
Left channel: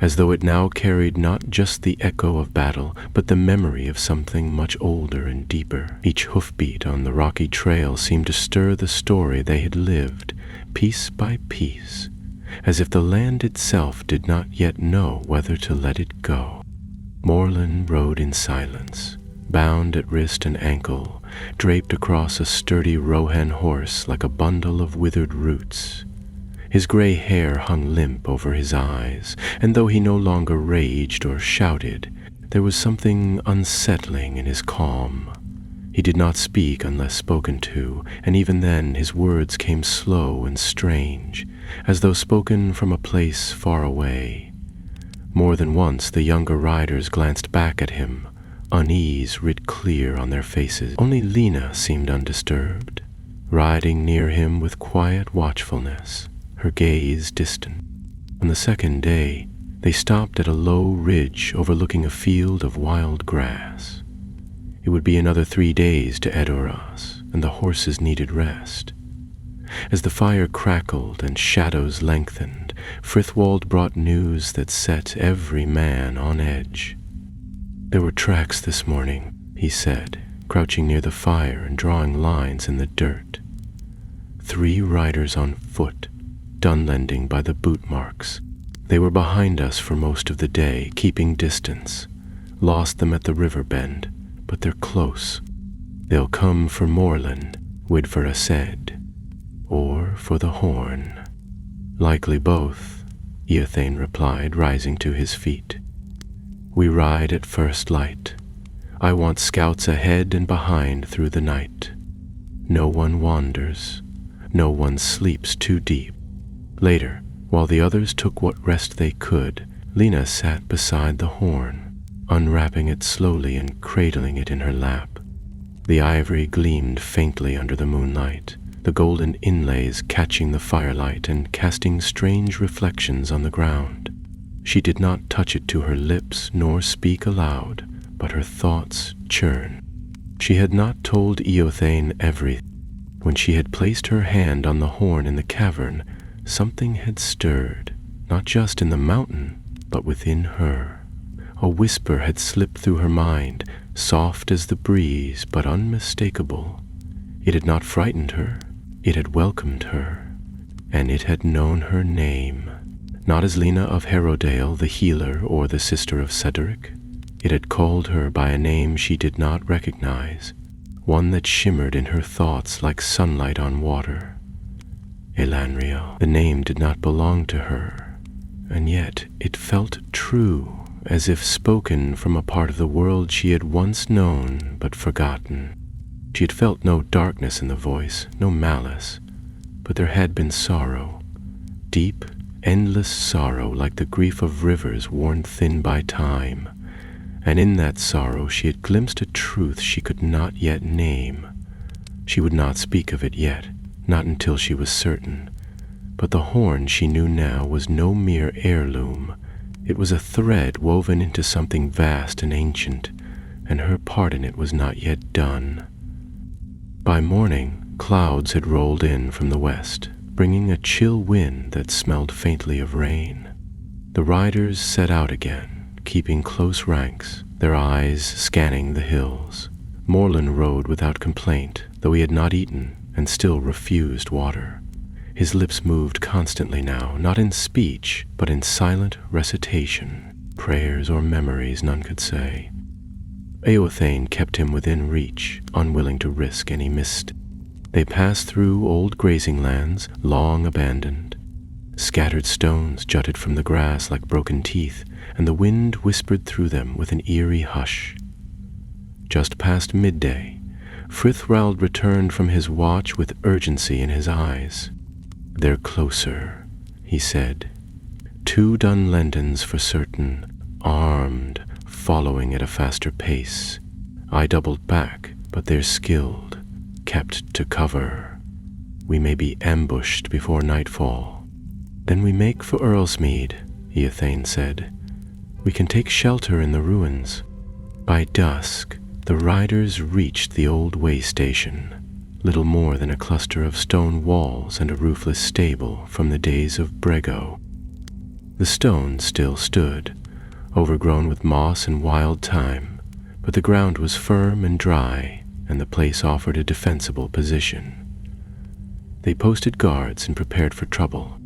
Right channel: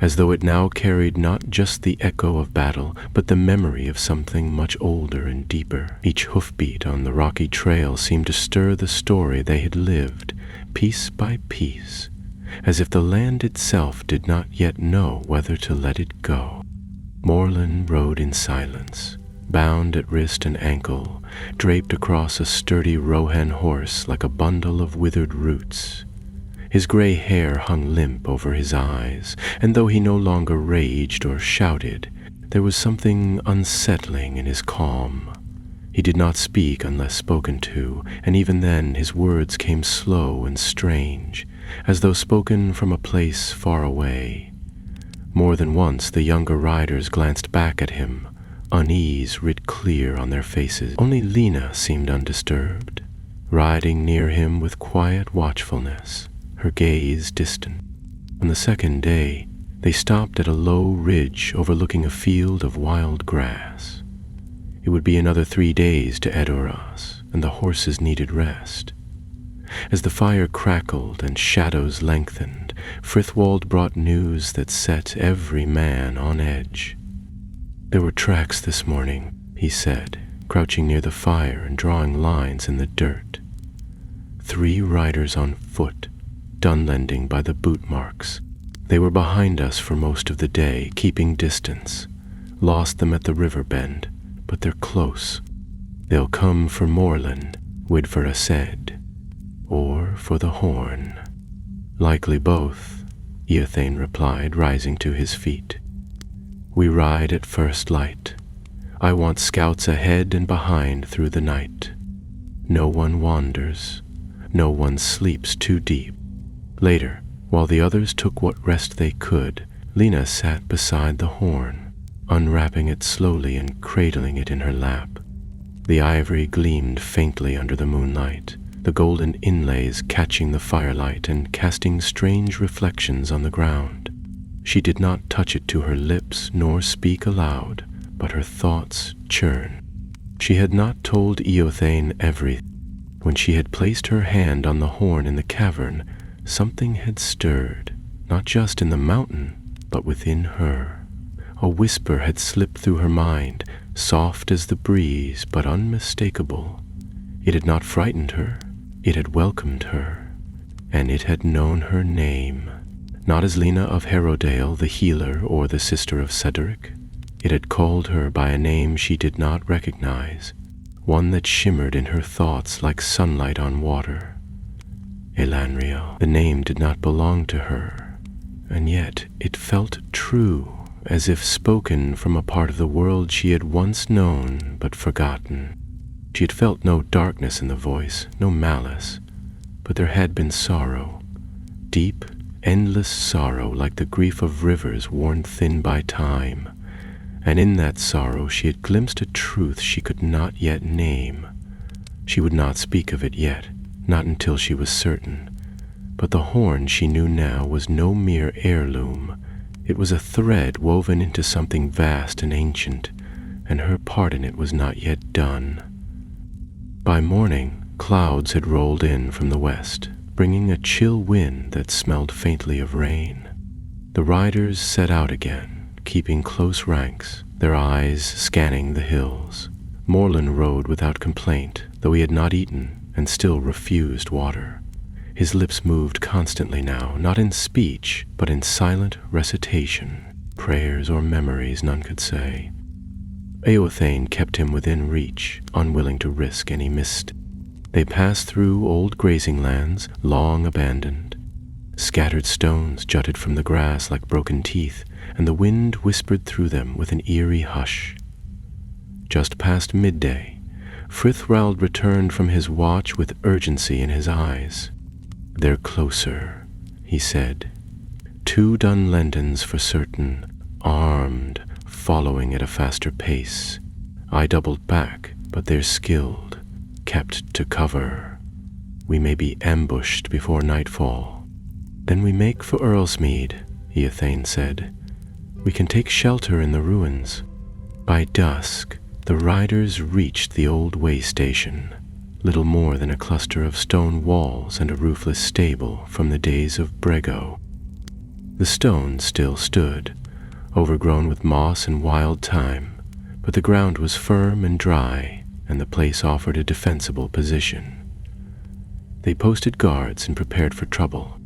as though it now carried not just the echo of battle, but the memory of something much older and deeper. Each hoofbeat on the rocky trail seemed to stir the story they had lived, piece by piece, as if the land itself did not yet know whether to let it go. Morlun rode in silence, bound at wrist and ankle, draped across a sturdy Rohan horse like a bundle of withered roots. His gray hair hung limp over his eyes, and though he no longer raged or shouted, there was something unsettling in his calm. He did not speak unless spoken to, and even then his words came slow and strange, as though spoken from a place far away. More than once the younger riders glanced back at him, unease writ clear on their faces. Only Lena seemed undisturbed, riding near him with quiet watchfulness, her gaze distant. On the second day, they stopped at a low ridge overlooking a field of wild grass. It would be another 3 days to Edoras, and the horses needed rest. As the fire crackled and shadows lengthened, Frithwald brought news that set every man on edge. "There were tracks this morning," he said, crouching near the fire and drawing lines in the dirt. 3 riders on foot, dunlending by the boot marks. They were behind us for most of the day, keeping distance. Lost them at the river bend, but they're close. They'll come for Morlun, Widvera said, or for the horn. "Likely both," Eothane replied, rising to his feet. "We ride at first light. I want scouts ahead and behind through the night. No one wanders. No one sleeps too deep." Later, while the others took what rest they could, Lena sat beside the horn, unwrapping it slowly and cradling it in her lap. The ivory gleamed faintly under the moonlight, the golden inlays catching the firelight and casting strange reflections on the ground. She did not touch it to her lips nor speak aloud, but her thoughts churned. She had not told Eothane everything. When she had placed her hand on the horn in the cavern, something had stirred, not just in the mountain, but within her. A whisper had slipped through her mind, soft as the breeze, but unmistakable. It had not frightened her, it had welcomed her, and it had known her name. Not as Lena of Harrowdale, the healer, or the sister of Cedric. It had called her by a name she did not recognize, one that shimmered in her thoughts like sunlight on water. Elanriel. The name did not belong to her, and yet it felt true, as if spoken from a part of the world she had once known but forgotten. She had felt no darkness in the voice, no malice, but there had been sorrow, deep, endless sorrow like the grief of rivers worn thin by time, and in that sorrow she had glimpsed a truth she could not yet name. She would not speak of it yet, not until she was certain, but the horn she knew now was no mere heirloom. It was a thread woven into something vast and ancient, and her part in it was not yet done. By morning, clouds had rolled in from the west, bringing a chill wind that smelled faintly of rain. The riders set out again, keeping close ranks, their eyes scanning the hills. Morlun rode without complaint, though he had not eaten and still refused water. His lips moved constantly now, not in speech, but in silent recitation, prayers or memories none could say. Eothane kept him within reach, unwilling to risk any misstep. They passed through old grazing lands, long abandoned. Scattered stones jutted from the grass like broken teeth, and the wind whispered through them with an eerie hush. Just past midday, Frithwald returned from his watch with urgency in his eyes. "They're closer," he said. "2 Dunlendans for certain, armed, following at a faster pace. I doubled back, but they're skilled, kept to cover. We may be ambushed before nightfall. Then we make for Earlsmead," Eothane said. "We can take shelter in the ruins." By dusk, the riders reached the old way station, little more than a cluster of stone walls and a roofless stable from the days of Brego. The stone still stood, overgrown with moss and wild thyme, but the ground was firm and dry, and the place offered a defensible position. They posted guards and prepared for trouble.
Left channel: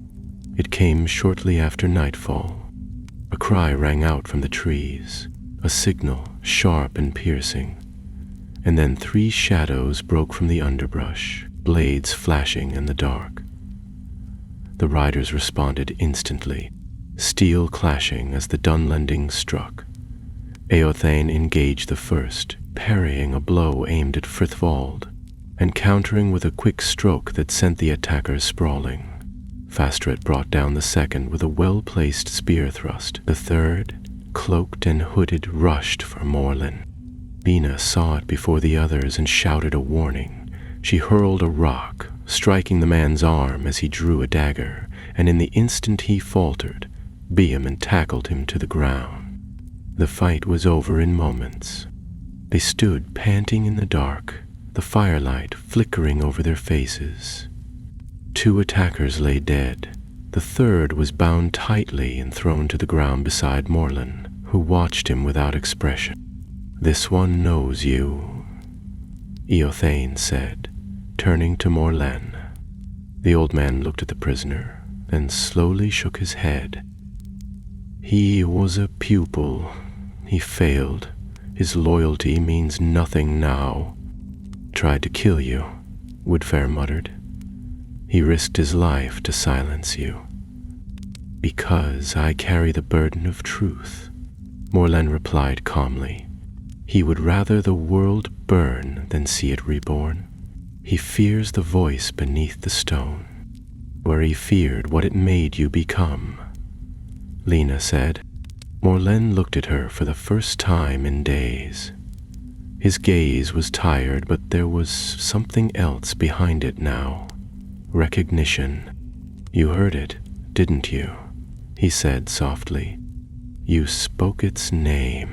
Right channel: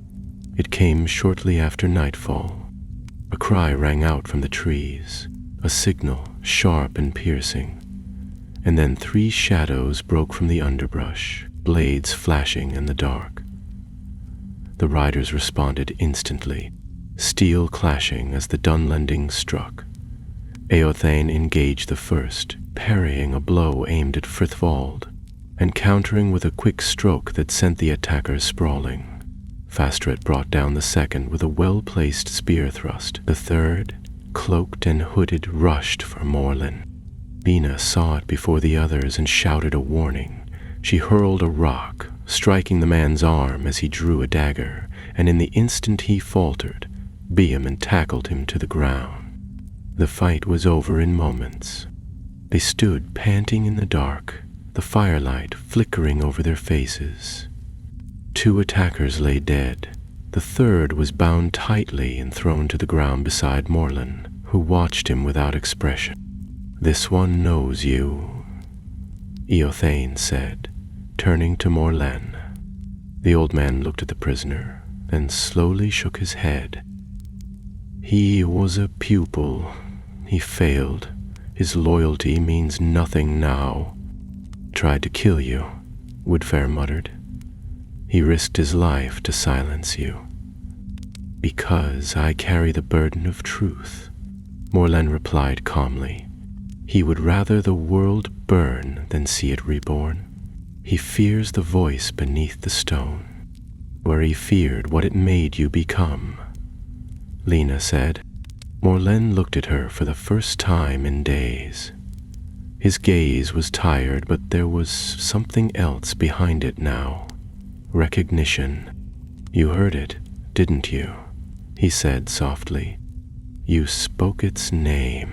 It came shortly after nightfall. A cry rang out from the trees, a signal sharp and piercing, and then 3 shadows broke from the underbrush, blades flashing in the dark. The riders responded instantly, steel clashing as the Dunlending struck. Eothane engaged the first, parrying a blow aimed at Frithwald, and countering with a quick stroke that sent the attacker sprawling. Fastret brought down the second with a well-placed spear thrust. The third, cloaked and hooded, rushed for Morlun. Lena saw it before the others and shouted a warning. She hurled a rock, striking the man's arm as he drew a dagger, and in the instant he faltered, Beam tackled him to the ground. The fight was over in moments. They stood panting in the dark, the firelight flickering over their faces. 2 attackers lay dead. The third was bound tightly and thrown to the ground beside Morlun, who watched him without expression. "This one knows you," Eothane said, turning to Morlun. The old man looked at the prisoner, then slowly shook his head. "He was a pupil. He failed. His loyalty means nothing now." "Tried to kill you," Woodfare muttered. "He risked his life to silence you." "Because I carry the burden of truth," Morlun replied calmly. "He would rather the world burn than see it reborn. He fears the voice beneath the stone, where he feared what it made you become," Lena said. Morlun looked at her for the first time in days. His gaze was tired, but there was something else behind it now. Recognition. "You heard it, didn't you?" he said softly. "You spoke its name."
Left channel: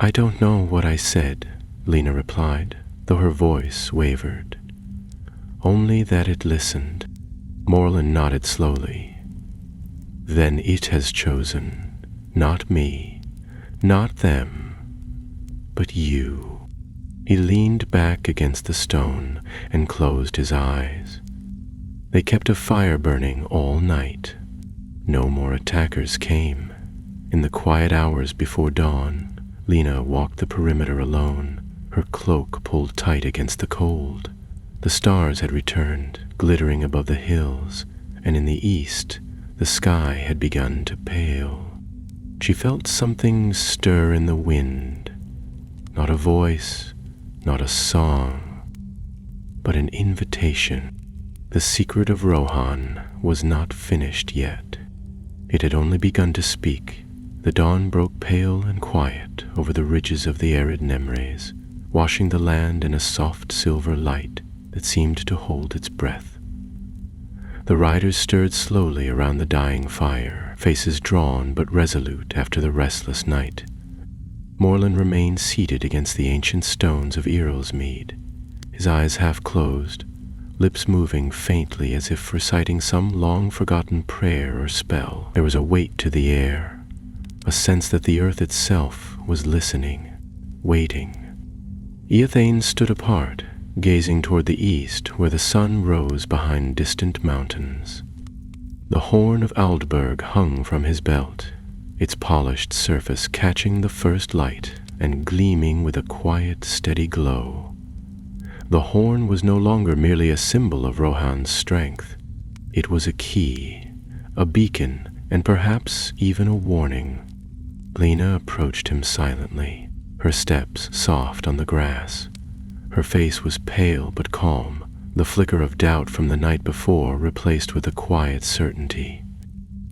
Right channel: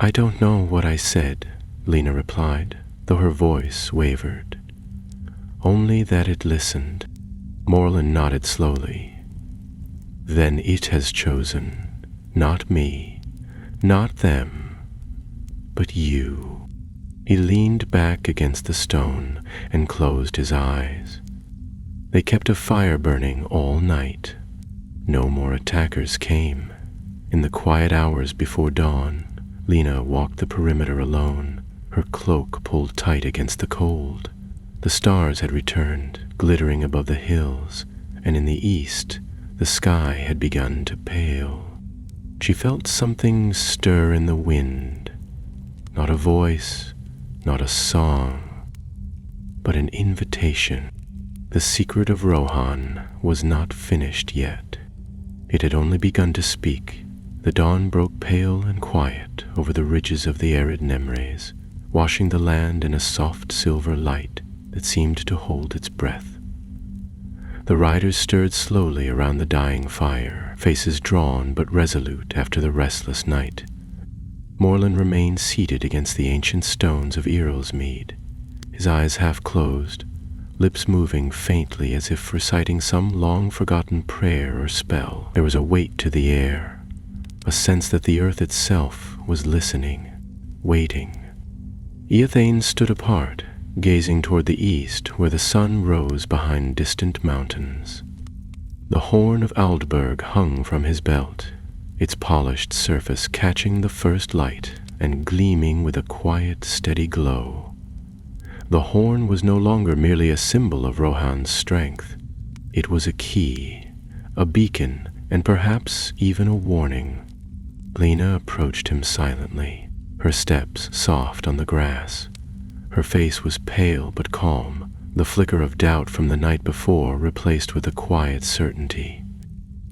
"I don't know what I said," Lena replied, though her voice wavered. "Only that it listened." Morlun nodded slowly. "Then it has chosen, not me, not them, but you." He leaned back against the stone and closed his eyes. They kept a fire burning all night. No more attackers came. In the quiet hours before dawn, Lena walked the perimeter alone, her cloak pulled tight against the cold. The stars had returned, glittering above the hills, and in the east, the sky had begun to pale. She felt something stir in the wind. Not a voice, not a song, but an invitation. The secret of Rohan was not finished yet. It had only begun to speak. The dawn broke pale and quiet over the ridges of the arid Nemres, washing the land in a soft silver light that seemed to hold its breath. The riders stirred slowly around the dying fire, faces drawn but resolute after the restless night. Morland remained seated against the ancient stones of Earlsmead, his eyes half closed, lips moving faintly as if reciting some long-forgotten prayer or spell. There was a weight to the air, a sense that the earth itself was listening, waiting. Eothane stood apart, gazing toward the east where the sun rose behind distant mountains. The horn of Aldburg hung from his belt, its polished surface catching the first light and gleaming with a quiet, steady glow. The horn was no longer merely a symbol of Rohan's strength. It was a key, a beacon, and perhaps even a warning. Lena approached him silently, her steps soft on the grass. Her face was pale but calm, the flicker of doubt from the night before replaced with a quiet certainty.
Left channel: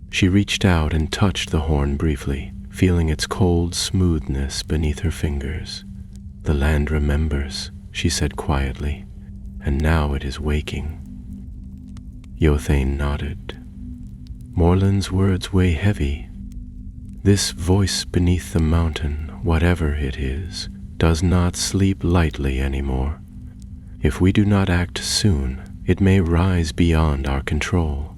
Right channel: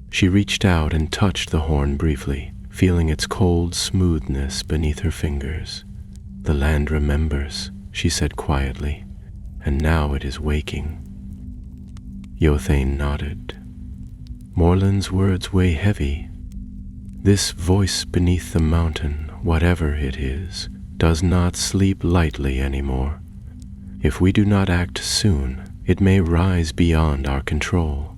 She reached out and touched the horn briefly, feeling its cold smoothness beneath her fingers. "The land remembers," she said quietly, "and now it is waking." Eothane nodded. Morland's words weigh heavy. This voice beneath the mountain, whatever it is, does not sleep lightly anymore. If we do not act soon, it may rise beyond our control.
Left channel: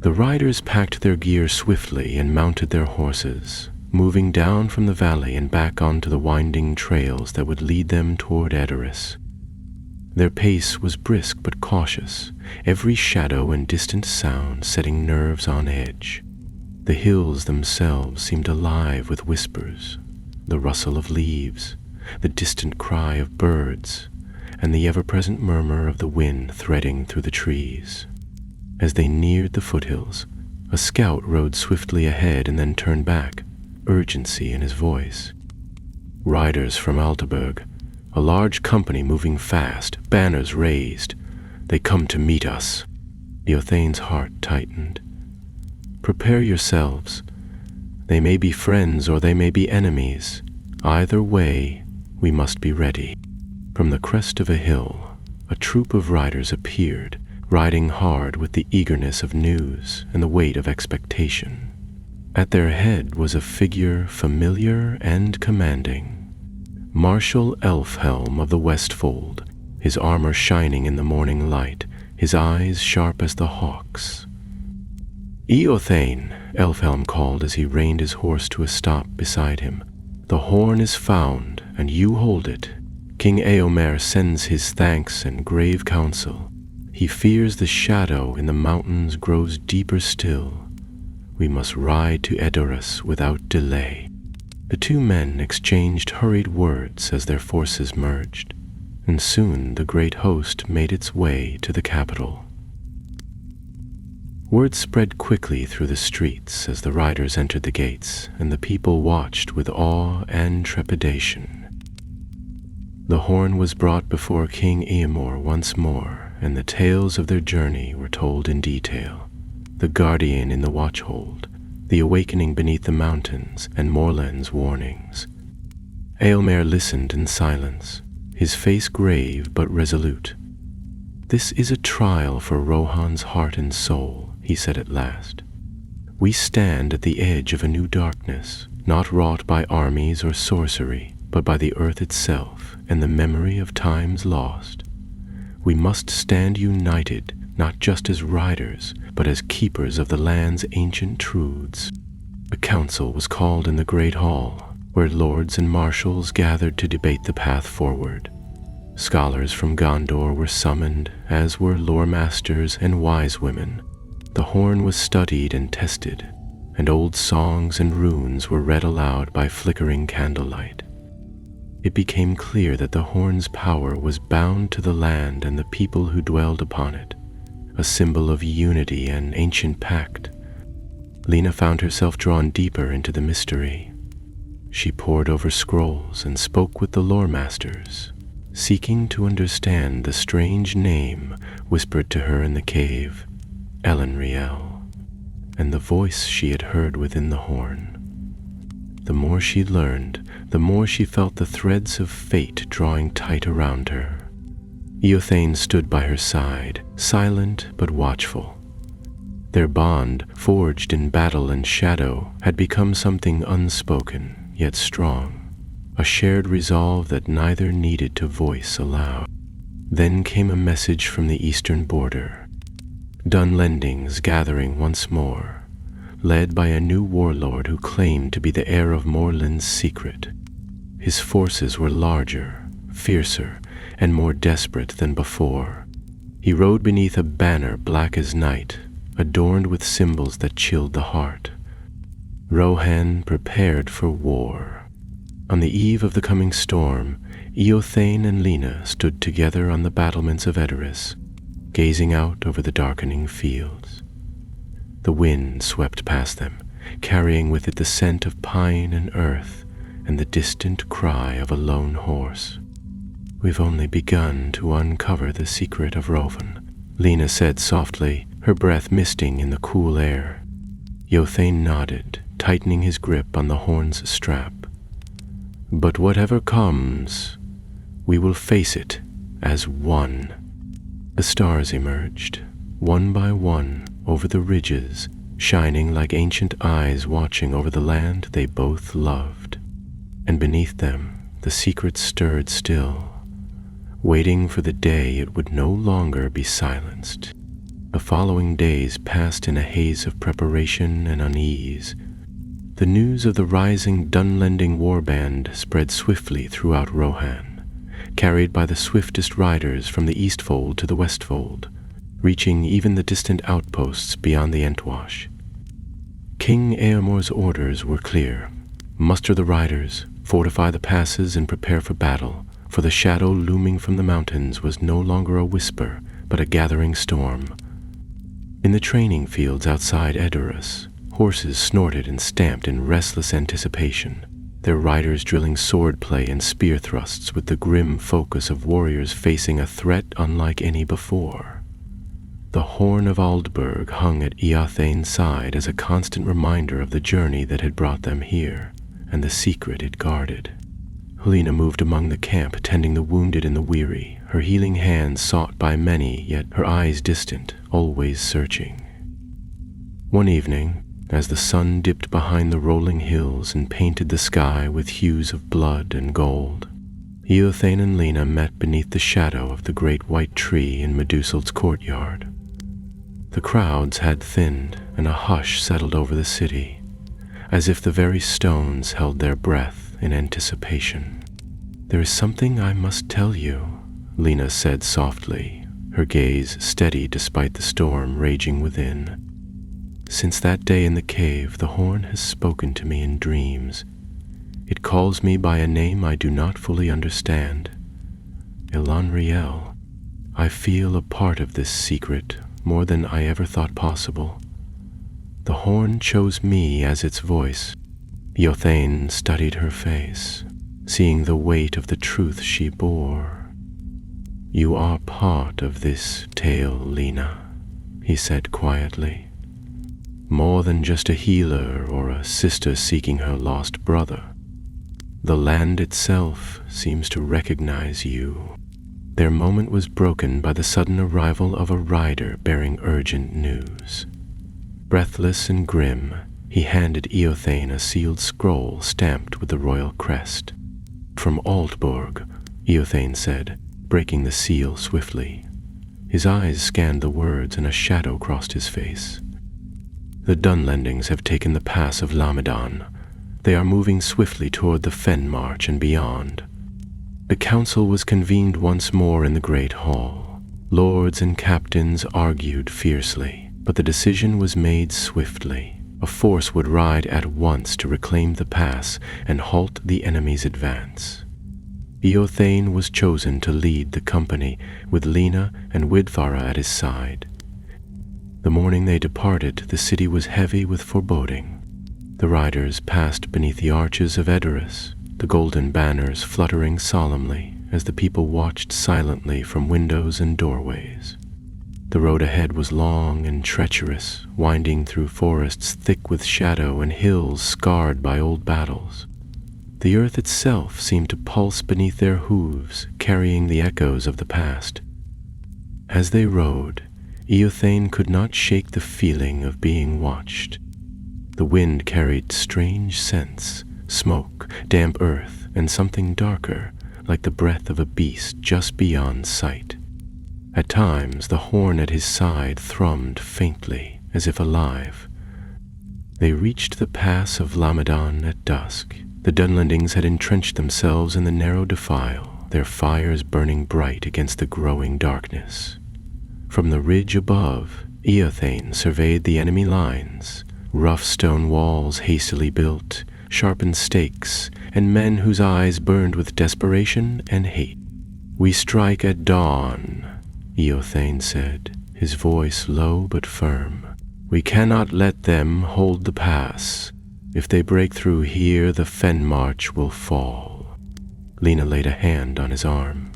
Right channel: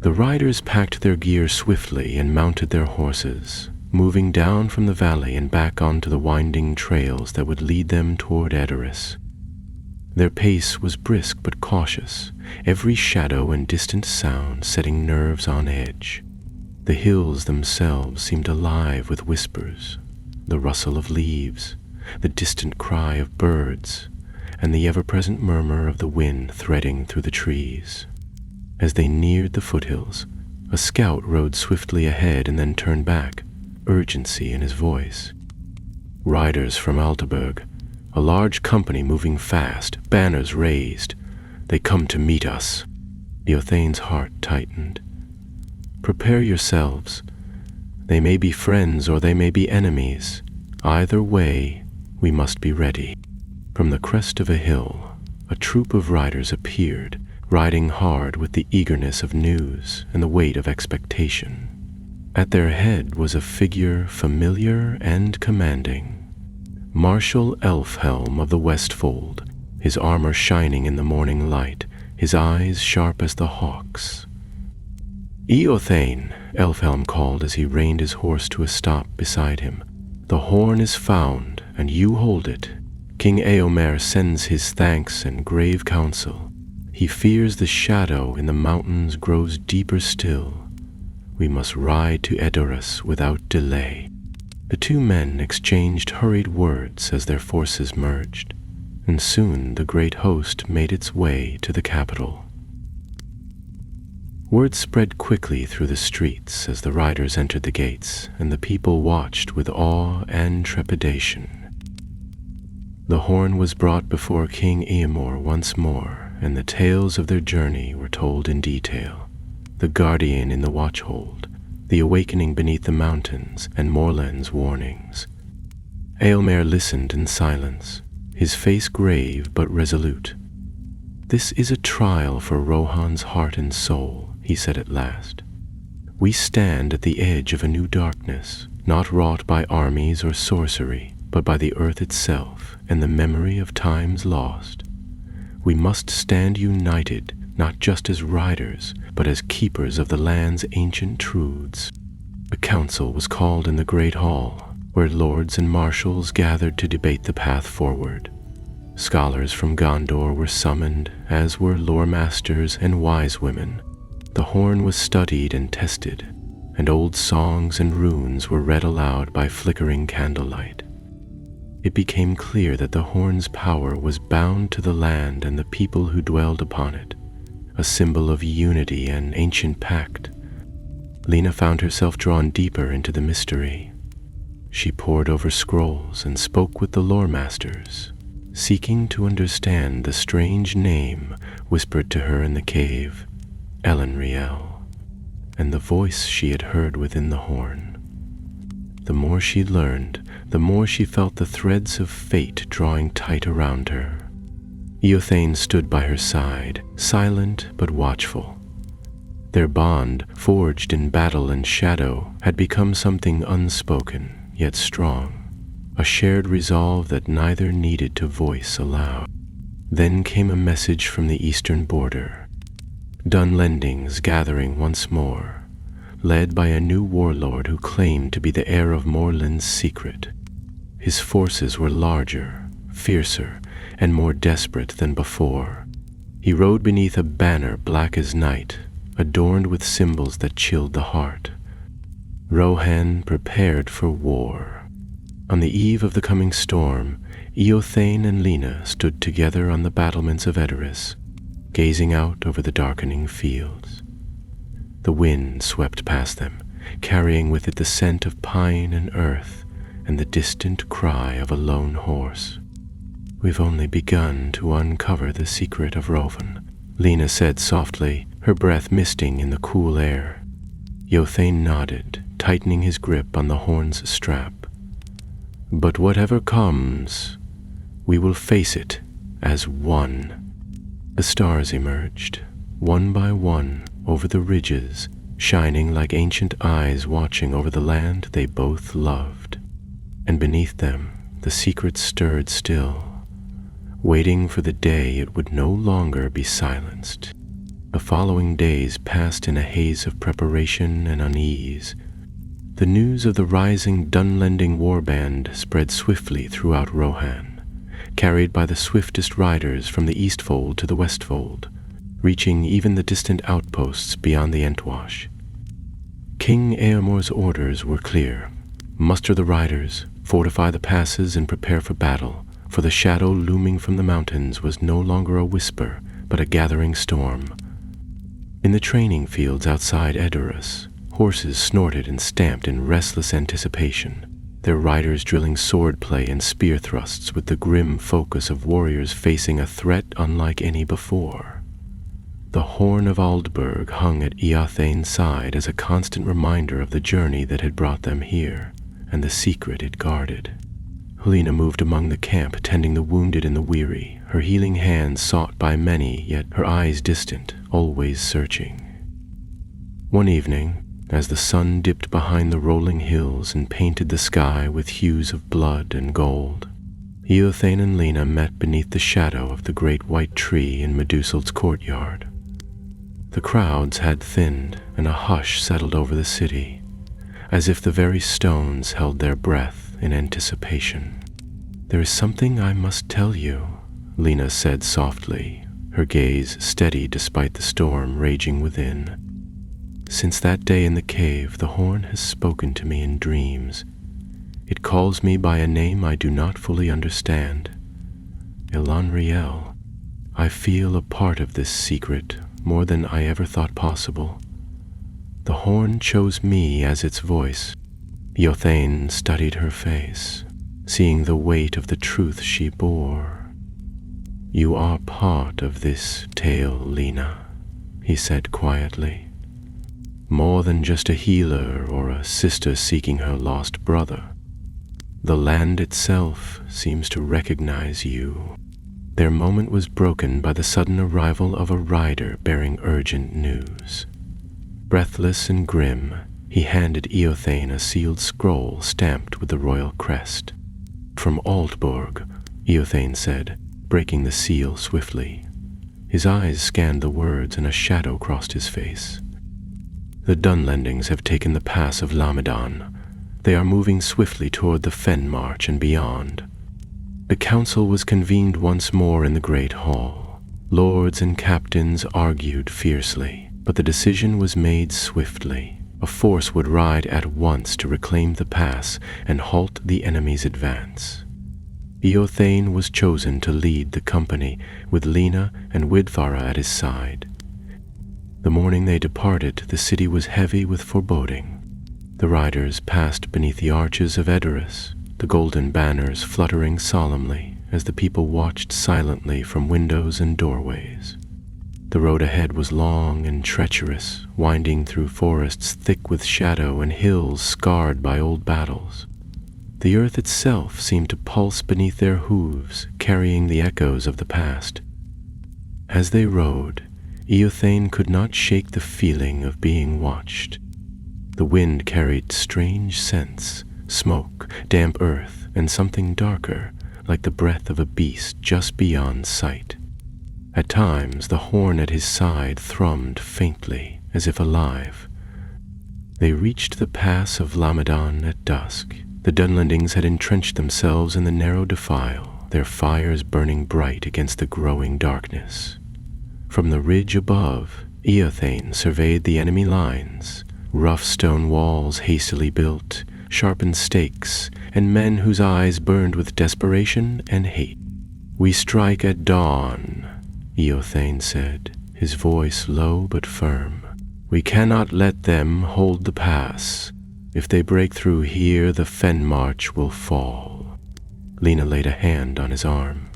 The riders packed their gear swiftly and mounted their horses, moving down from the valley and back onto the winding trails that would lead them toward Edoras. Their pace was brisk but cautious, every shadow and distant sound setting nerves on edge. The hills themselves seemed alive with whispers, the rustle of leaves, the distant cry of birds, and the ever-present murmur of the wind threading through the trees. As they neared the foothills, a scout rode swiftly ahead and then turned back, urgency in his voice. "Riders from Altaburg, a large company moving fast, banners raised. They come to meet us." Eothane's heart tightened. "Prepare yourselves. They may be friends or they may be enemies. Either way, we must be ready." From the crest of a hill, a troop of riders appeared, riding hard with the eagerness of news and the weight of expectation. At their head was a figure familiar and commanding. Marshal Elfhelm of the Westfold, his armor shining in the morning light, his eyes sharp as the hawk's. "Eothane," Elfhelm called as he reined his horse to a stop beside him. "The horn is found, and you hold it. King Eomer sends his thanks and grave counsel. He fears the shadow in the mountains grows deeper still. We must ride to Edoras without delay." The two men exchanged hurried words as their forces merged, and soon the great host made its way to the capital. Word spread quickly through the streets as the riders entered the gates, and the people watched with awe and trepidation. The horn was brought before King Eomer once more, and the tales of their journey were told in detail. The guardian in the watchhold, the awakening beneath the mountains, and Morland's warnings. Eomer listened in silence, his face grave but resolute. "This is a trial for Rohan's heart and soul," he said at last. "We stand at the edge of a new darkness, not wrought by armies or sorcery, but by the earth itself and the memory of times lost. We must stand united, not just as riders, but as keepers of the land's ancient truths." A council was called in the great hall, where lords and marshals gathered to debate the path forward. Scholars from Gondor were summoned, as were lore masters and wise women. The horn was studied and tested, and old songs and runes were read aloud by flickering candlelight. It became clear that the horn's power was bound to the land and the people who dwelled upon it, a symbol of unity and ancient pact. Lena found herself drawn deeper into the mystery. She pored over scrolls and spoke with the lore masters, seeking to understand the strange name whispered to her in the cave, Elendil, and the voice she had heard within the horn. The more she learned, the more she felt the threads of fate drawing tight around her. Eothane stood by her side, silent but watchful. Their bond, forged in battle and shadow, had become something unspoken, yet strong, a shared resolve that neither needed to voice aloud. Then came a message from the eastern border. Dunlendings gathering once more, led by a new warlord who claimed to be the heir of Morland's secret. His forces were larger, fiercer, and more desperate than before. He rode beneath a banner black as night, adorned with symbols that chilled the heart. Rohan prepared for war. On the eve of the coming storm, Eothane and Lena stood together on the battlements of Edoras, gazing out over the darkening fields. The wind swept past them, carrying with it the scent of pine and earth and the distant cry of a lone horse. "We've only begun to uncover the secret of Rohan," Lena said softly, her breath misting in the cool air. Eothane nodded, tightening his grip on the horn's strap. "But whatever comes, we will face it as one." The stars emerged, one by one, over the ridges, shining like ancient eyes watching over the land they both loved. And beneath them, the secret stirred still, waiting for the day it would no longer be silenced. The following days passed in a haze of preparation and unease. The news of the rising Dunlending warband spread swiftly throughout Rohan, carried by the swiftest riders from the Eastfold to the Westfold, reaching even the distant outposts beyond the Entwash. King Eormor's orders were clear: muster the riders, fortify the passes, and prepare for battle, for the shadow looming from the mountains was no longer a whisper, but a gathering storm. In the training fields outside Edoras, horses snorted and stamped in restless anticipation, their riders drilling swordplay and spear thrusts with the grim focus of warriors facing a threat unlike any before. The horn of Aldburg hung at Eothane's side as a constant reminder of the journey that had brought them here, and the secret it guarded. Lena moved among the camp, tending the wounded and the weary, her healing hands sought by many, yet her eyes distant, always searching. One evening, as the sun dipped behind the rolling hills and painted the sky with hues of blood and gold, Eothane and Lena met beneath the shadow of the great white tree in Medusal's courtyard. The crowds had thinned, and a hush settled over the city, as if the very stones held their breath in anticipation. "There is something I must tell you," Lena said softly, her gaze steady despite the storm raging within. "Since that day in the cave, the horn has spoken to me in dreams. It calls me by a name I do not fully understand. Elendil. I feel a part of this secret, more than I ever thought possible. The horn chose me as its voice." Eothane studied her face, seeing the weight of the truth she bore. "You are part of this tale, Lena," he said quietly. "More than just a healer or a sister seeking her lost brother. The land itself seems to recognize you." Their moment was broken by the sudden arrival of a rider bearing urgent news. Breathless and grim, he handed Eothane a sealed scroll stamped with the royal crest. "From Aldburg," Eothane said, breaking the seal swiftly. His eyes scanned the words and a shadow crossed his face. "The Dunlendings have taken the pass of Lamadan. They are moving swiftly toward the Fen March and beyond." The council was convened once more in the great hall. Lords and captains argued fiercely, but the decision was made swiftly. A force would ride at once to reclaim the pass and halt the enemy's advance. Eothane was chosen to lead the company, with Lena and Widthara at his side. The morning they departed, the city was heavy with foreboding. The riders passed beneath the arches of Edoras, the golden banners fluttering solemnly as the people watched silently from windows and doorways. The road ahead was long and treacherous, winding through forests thick with shadow and hills scarred by old battles. The earth itself seemed to pulse beneath their hooves, carrying the echoes of the past. As they rode, Eothane could not shake the feeling of being watched. The wind carried strange scents, smoke, damp earth, and something darker, like the breath of a beast just beyond sight. At times, the horn at his side thrummed faintly, as if alive. They reached the pass of Lamadan at dusk. The Dunlendings had entrenched themselves in the narrow defile, their fires burning bright against the growing darkness. From the ridge above, Eothane surveyed the enemy lines, rough stone walls hastily built, sharpened stakes, and men whose eyes burned with desperation and hate. "We strike at dawn," Eothane said, his voice low but firm. "We cannot let them hold the pass. If they break through here, the fen march will fall." Lena laid a hand on his arm.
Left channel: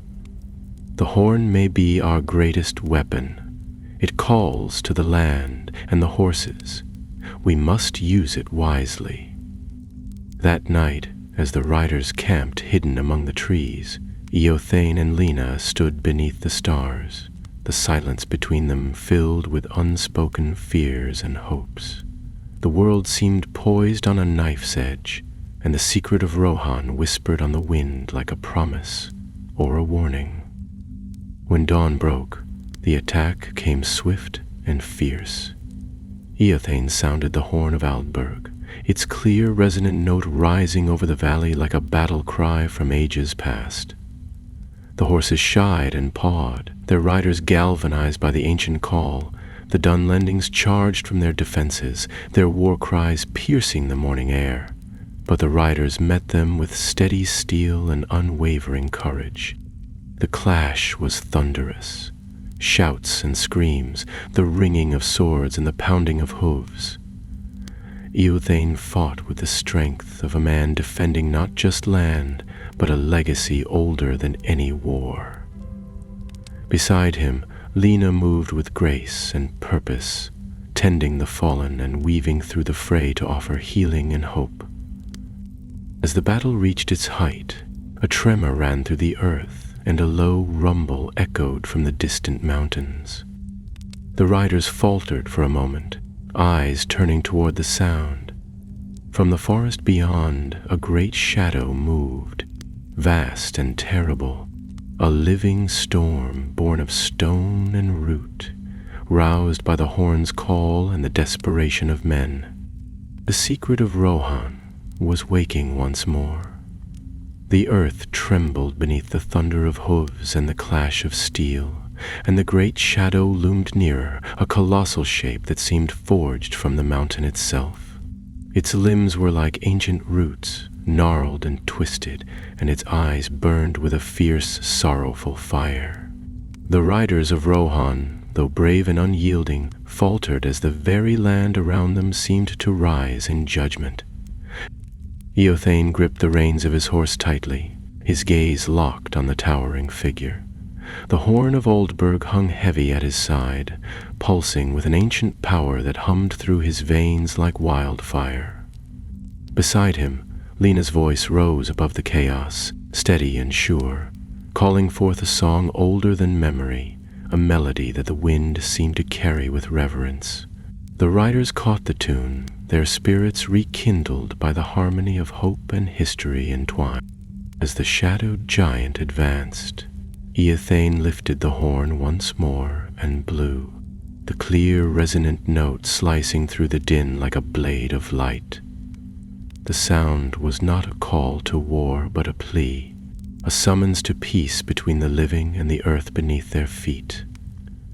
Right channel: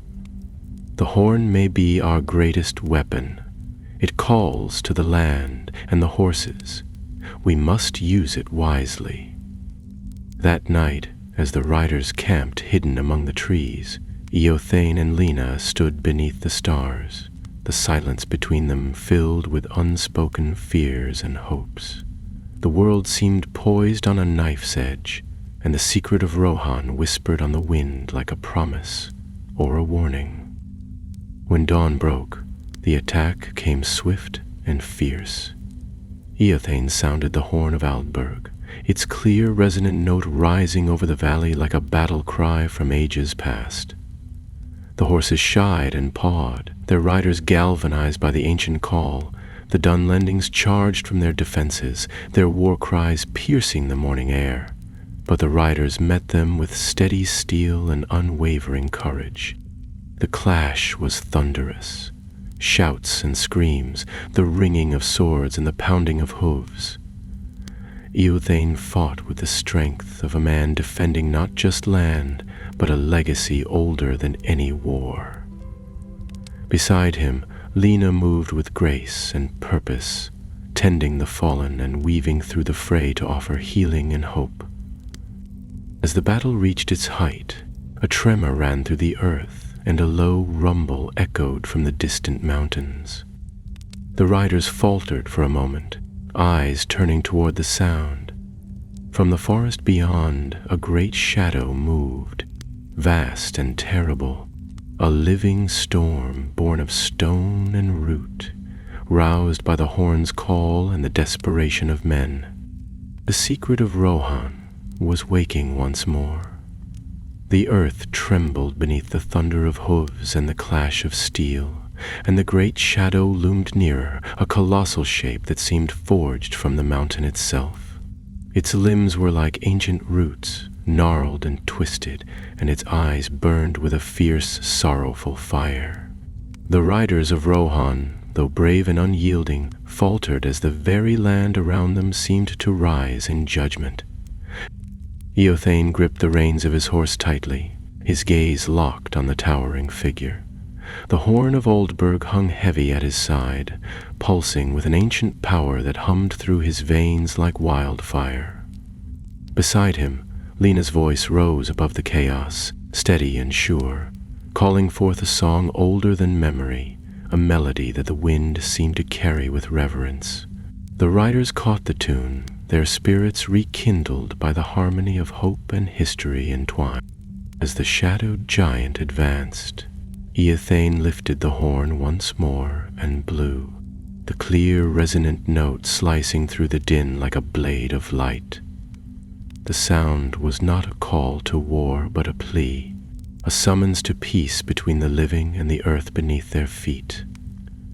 "The horn may be our greatest weapon. It calls to the land and the horses. We must use it wisely." That night, as the riders camped hidden among the trees, Eothane and Lena stood beneath the stars, the silence between them filled with unspoken fears and hopes. The world seemed poised on a knife's edge, and the secret of Rohan whispered on the wind like a promise or a warning. When dawn broke, the attack came swift and fierce. Eothane sounded the horn of Aldburg, its clear, resonant note rising over the valley like a battle cry from ages past. The horses shied and pawed, their riders galvanized by the ancient call. The Dunlendings charged from their defenses, their war cries piercing the morning air. But the riders met them with steady steel and unwavering courage. The clash was thunderous. Shouts and screams, the ringing of swords and the pounding of hooves. Eothane fought with the strength of a man defending not just land, but a legacy older than any war. Beside him, Lena moved with grace and purpose, tending the fallen and weaving through the fray to offer healing and hope. As the battle reached its height, a tremor ran through the earth, and a low rumble echoed from the distant mountains. The riders faltered for a moment, eyes turning toward the sound. From the forest beyond, a great shadow moved, vast and terrible, a living storm born of stone and root, roused by the horn's call and the desperation of men. The secret of Rohan was waking once more. The earth trembled beneath the thunder of hooves and the clash of steel, and the great shadow loomed nearer, a colossal shape that seemed forged from the mountain itself. Its limbs were like ancient roots, gnarled and twisted, and its eyes burned with a fierce, sorrowful fire. The riders of Rohan, though brave and unyielding, faltered as the very land around them seemed to rise in judgment. Eothane gripped the reins of his horse tightly, his gaze locked on the towering figure. The horn of Aldburg hung heavy at his side, pulsing with an ancient power that hummed through his veins like wildfire. Beside him, Lena's voice rose above the chaos, steady and sure, calling forth a song older than memory, a melody that the wind seemed to carry with reverence. The riders caught the tune, their spirits rekindled by the harmony of hope and history entwined. As the shadowed giant advanced, Eothane lifted the horn once more and blew, the clear, resonant note slicing through the din like a blade of light. The sound was not a call to war, but a plea, a summons to peace between the living and the earth beneath their feet.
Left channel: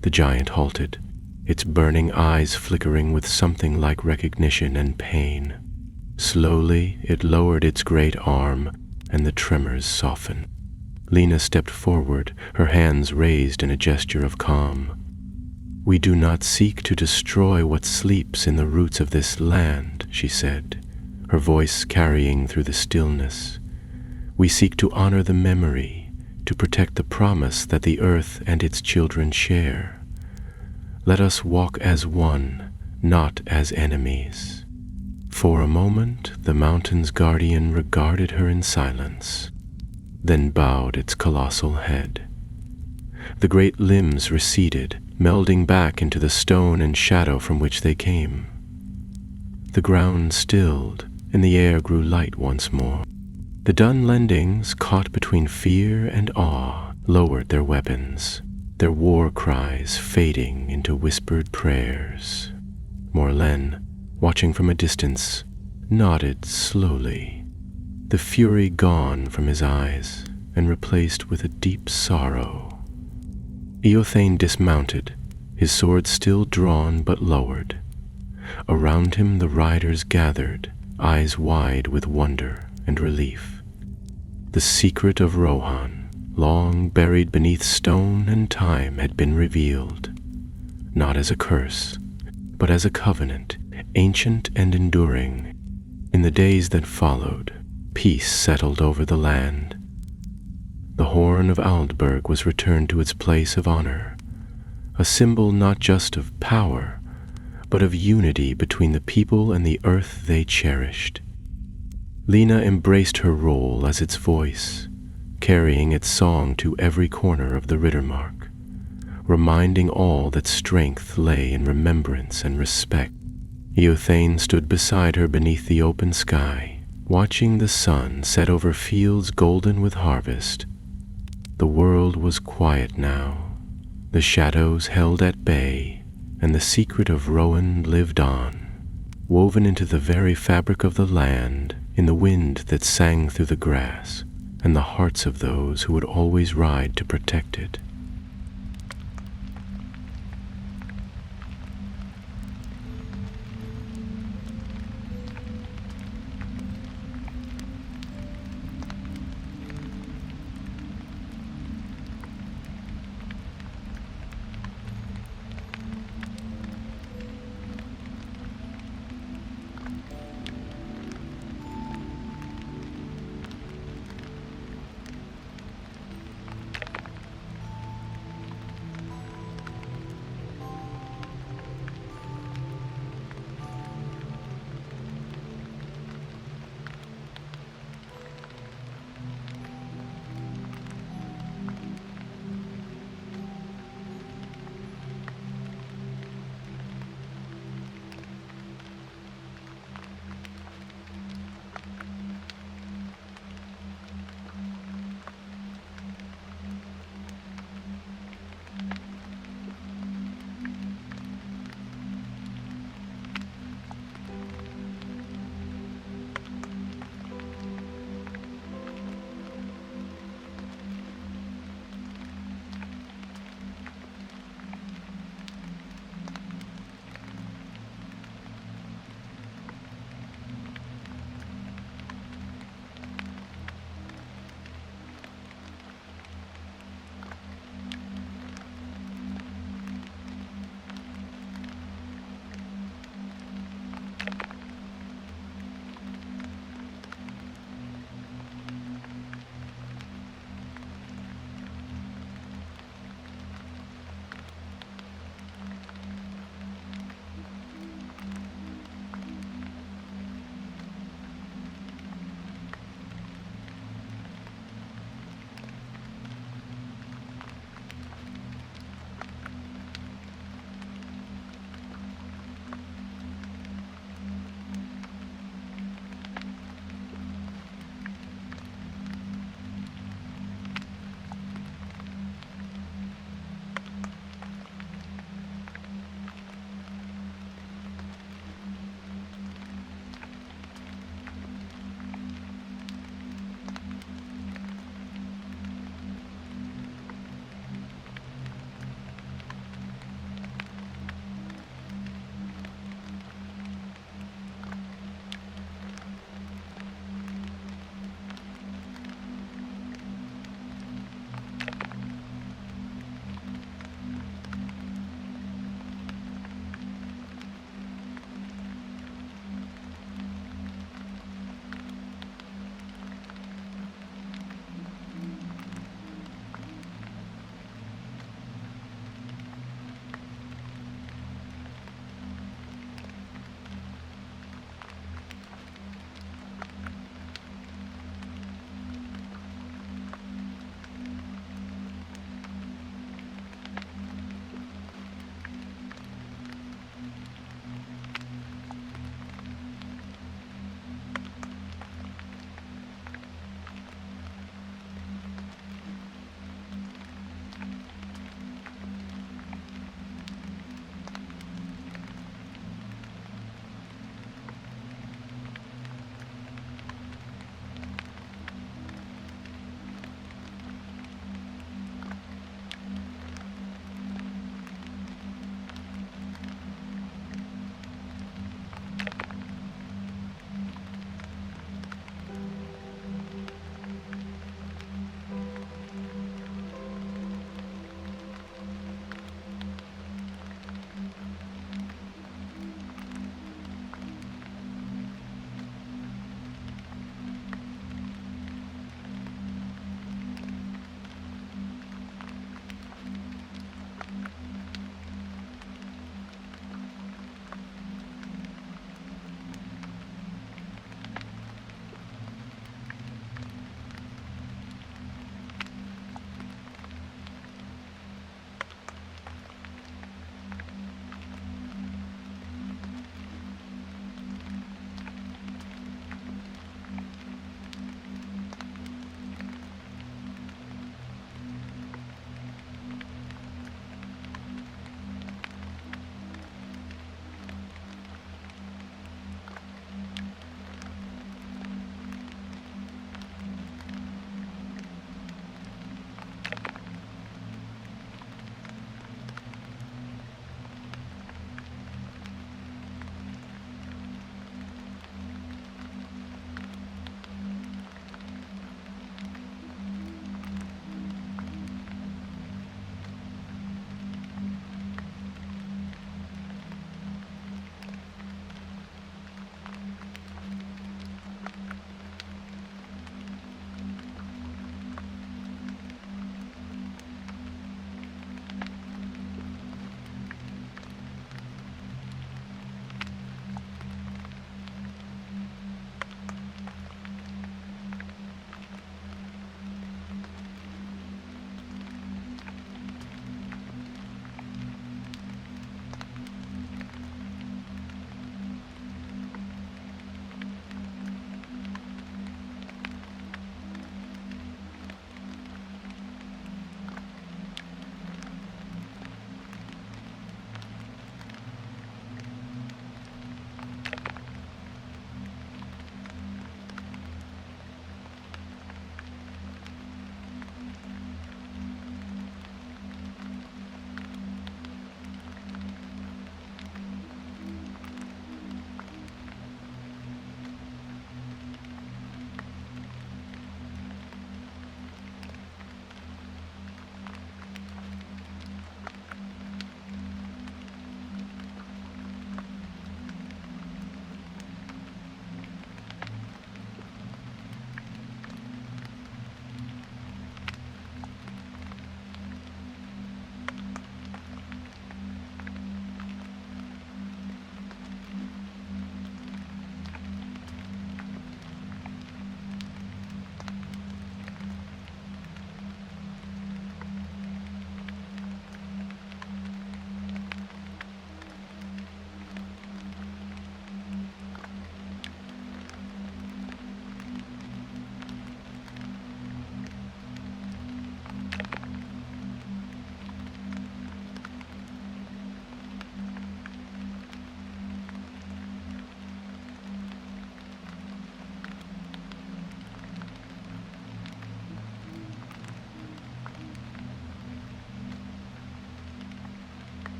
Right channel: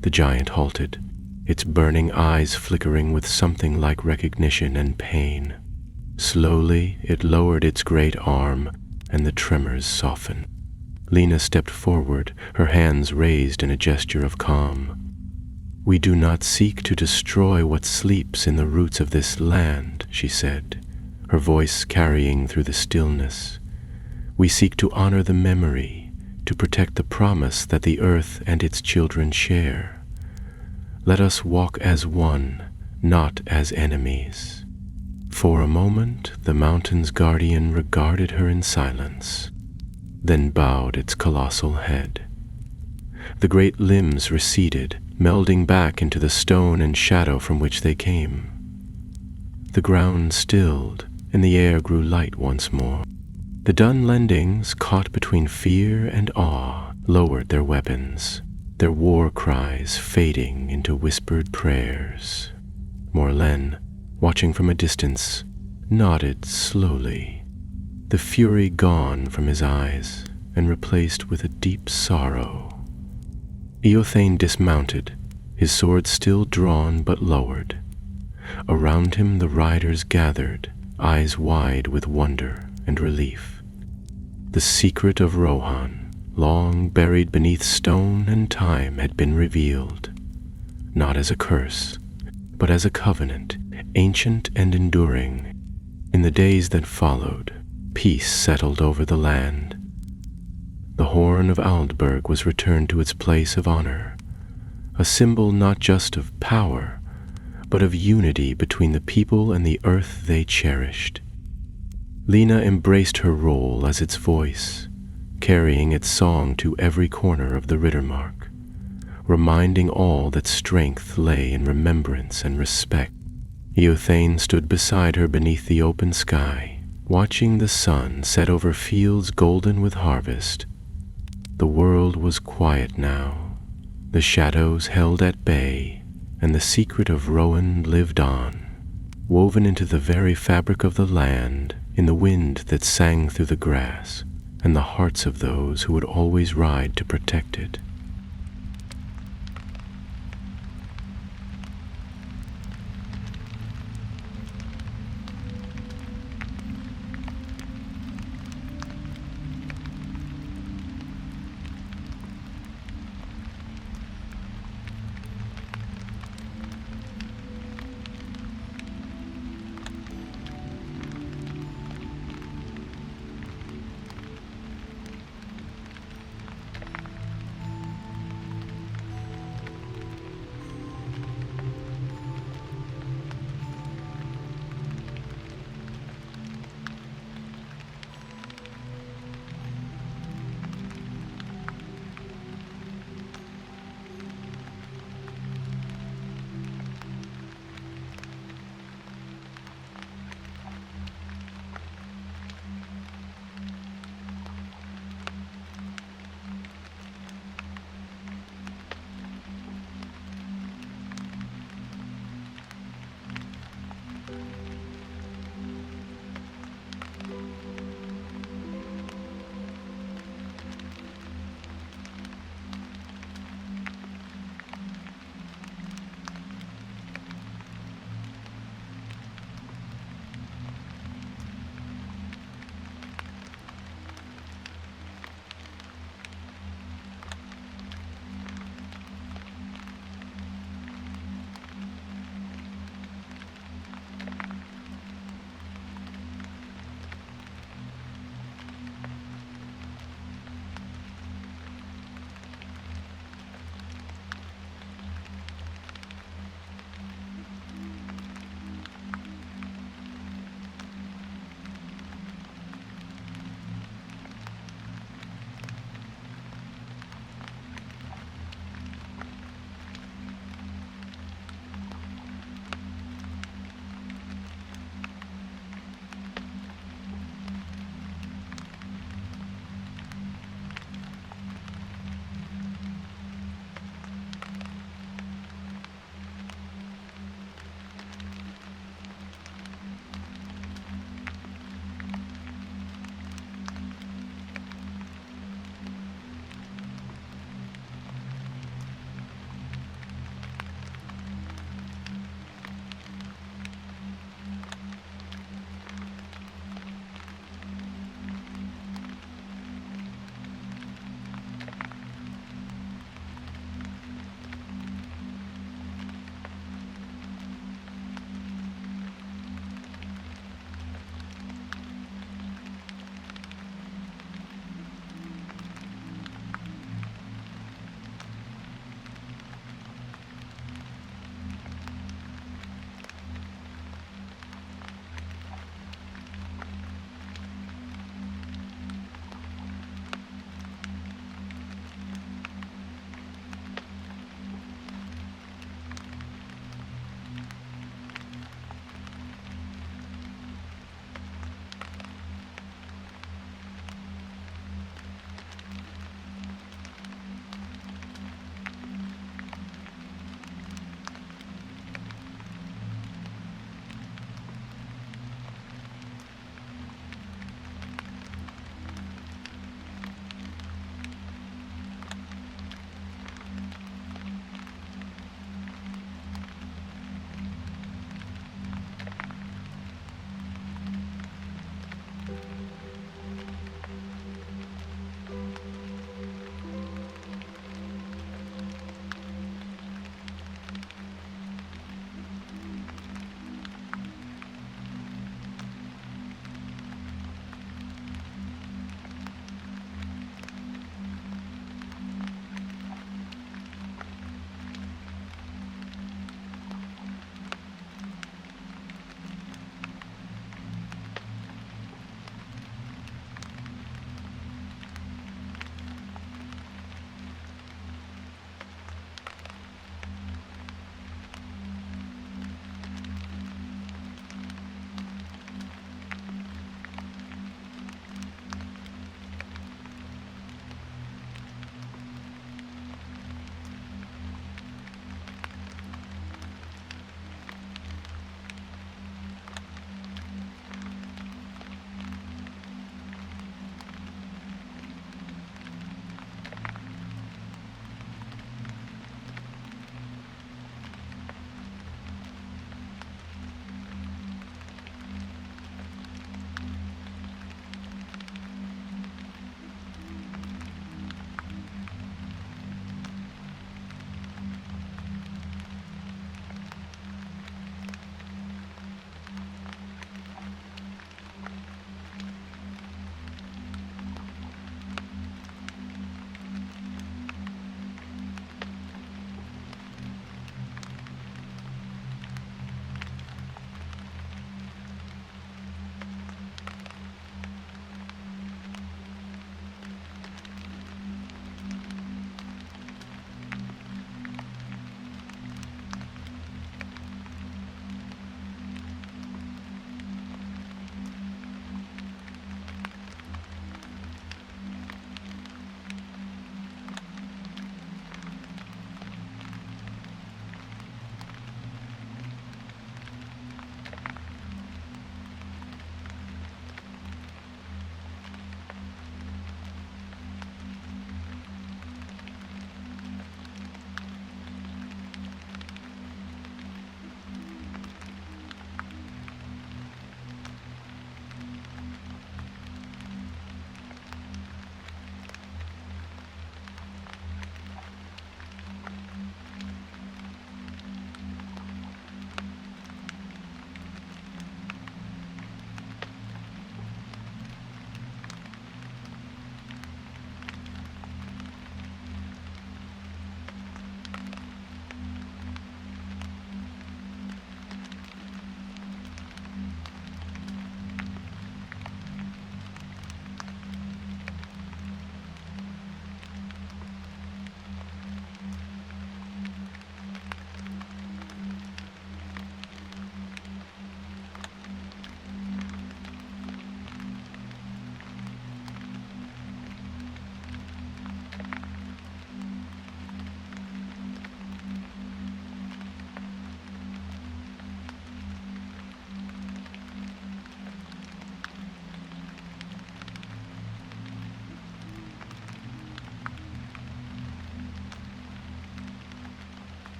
The giant halted, its burning eyes flickering with something like recognition and pain. Slowly, it lowered its great arm, and the tremors softened. Lena stepped forward, her hands raised in a gesture of calm. "We do not seek to destroy what sleeps in the roots of this land," she said, her voice carrying through the stillness. "We seek to honor the memory, to protect the promise that the earth and its children share. Let us walk as one, not as enemies." For a moment, the mountain's guardian regarded her in silence, then bowed its colossal head. The great limbs receded, melding back into the stone and shadow from which they came. The ground stilled, and the air grew light once more. The Dunlendings, caught between fear and awe, lowered their weapons, their war cries fading into whispered prayers. Morlen, watching from a distance, nodded slowly, the fury gone from his eyes and replaced with a deep sorrow. Eothane dismounted, his sword still drawn but lowered. Around him the riders gathered, eyes wide with wonder and relief. The secret of Rohan, long buried beneath stone and time, had been revealed, not as a curse, but as a covenant, ancient and enduring. In the days that followed, peace settled over the land. The horn of Aldburg was returned to its place of honor, a symbol not just of power, but of unity between the people and the earth they cherished. Lena embraced her role as its voice, carrying its song to every corner of the Rittermark, reminding all that strength lay in remembrance and respect. Eothane stood beside her beneath the open sky, watching the sun set over fields golden with harvest. The world was quiet now, the shadows held at bay, and the secret of Rohan lived on, woven into the very fabric of the land, in the wind that sang through the grass, and the hearts of those who would always ride to protect it.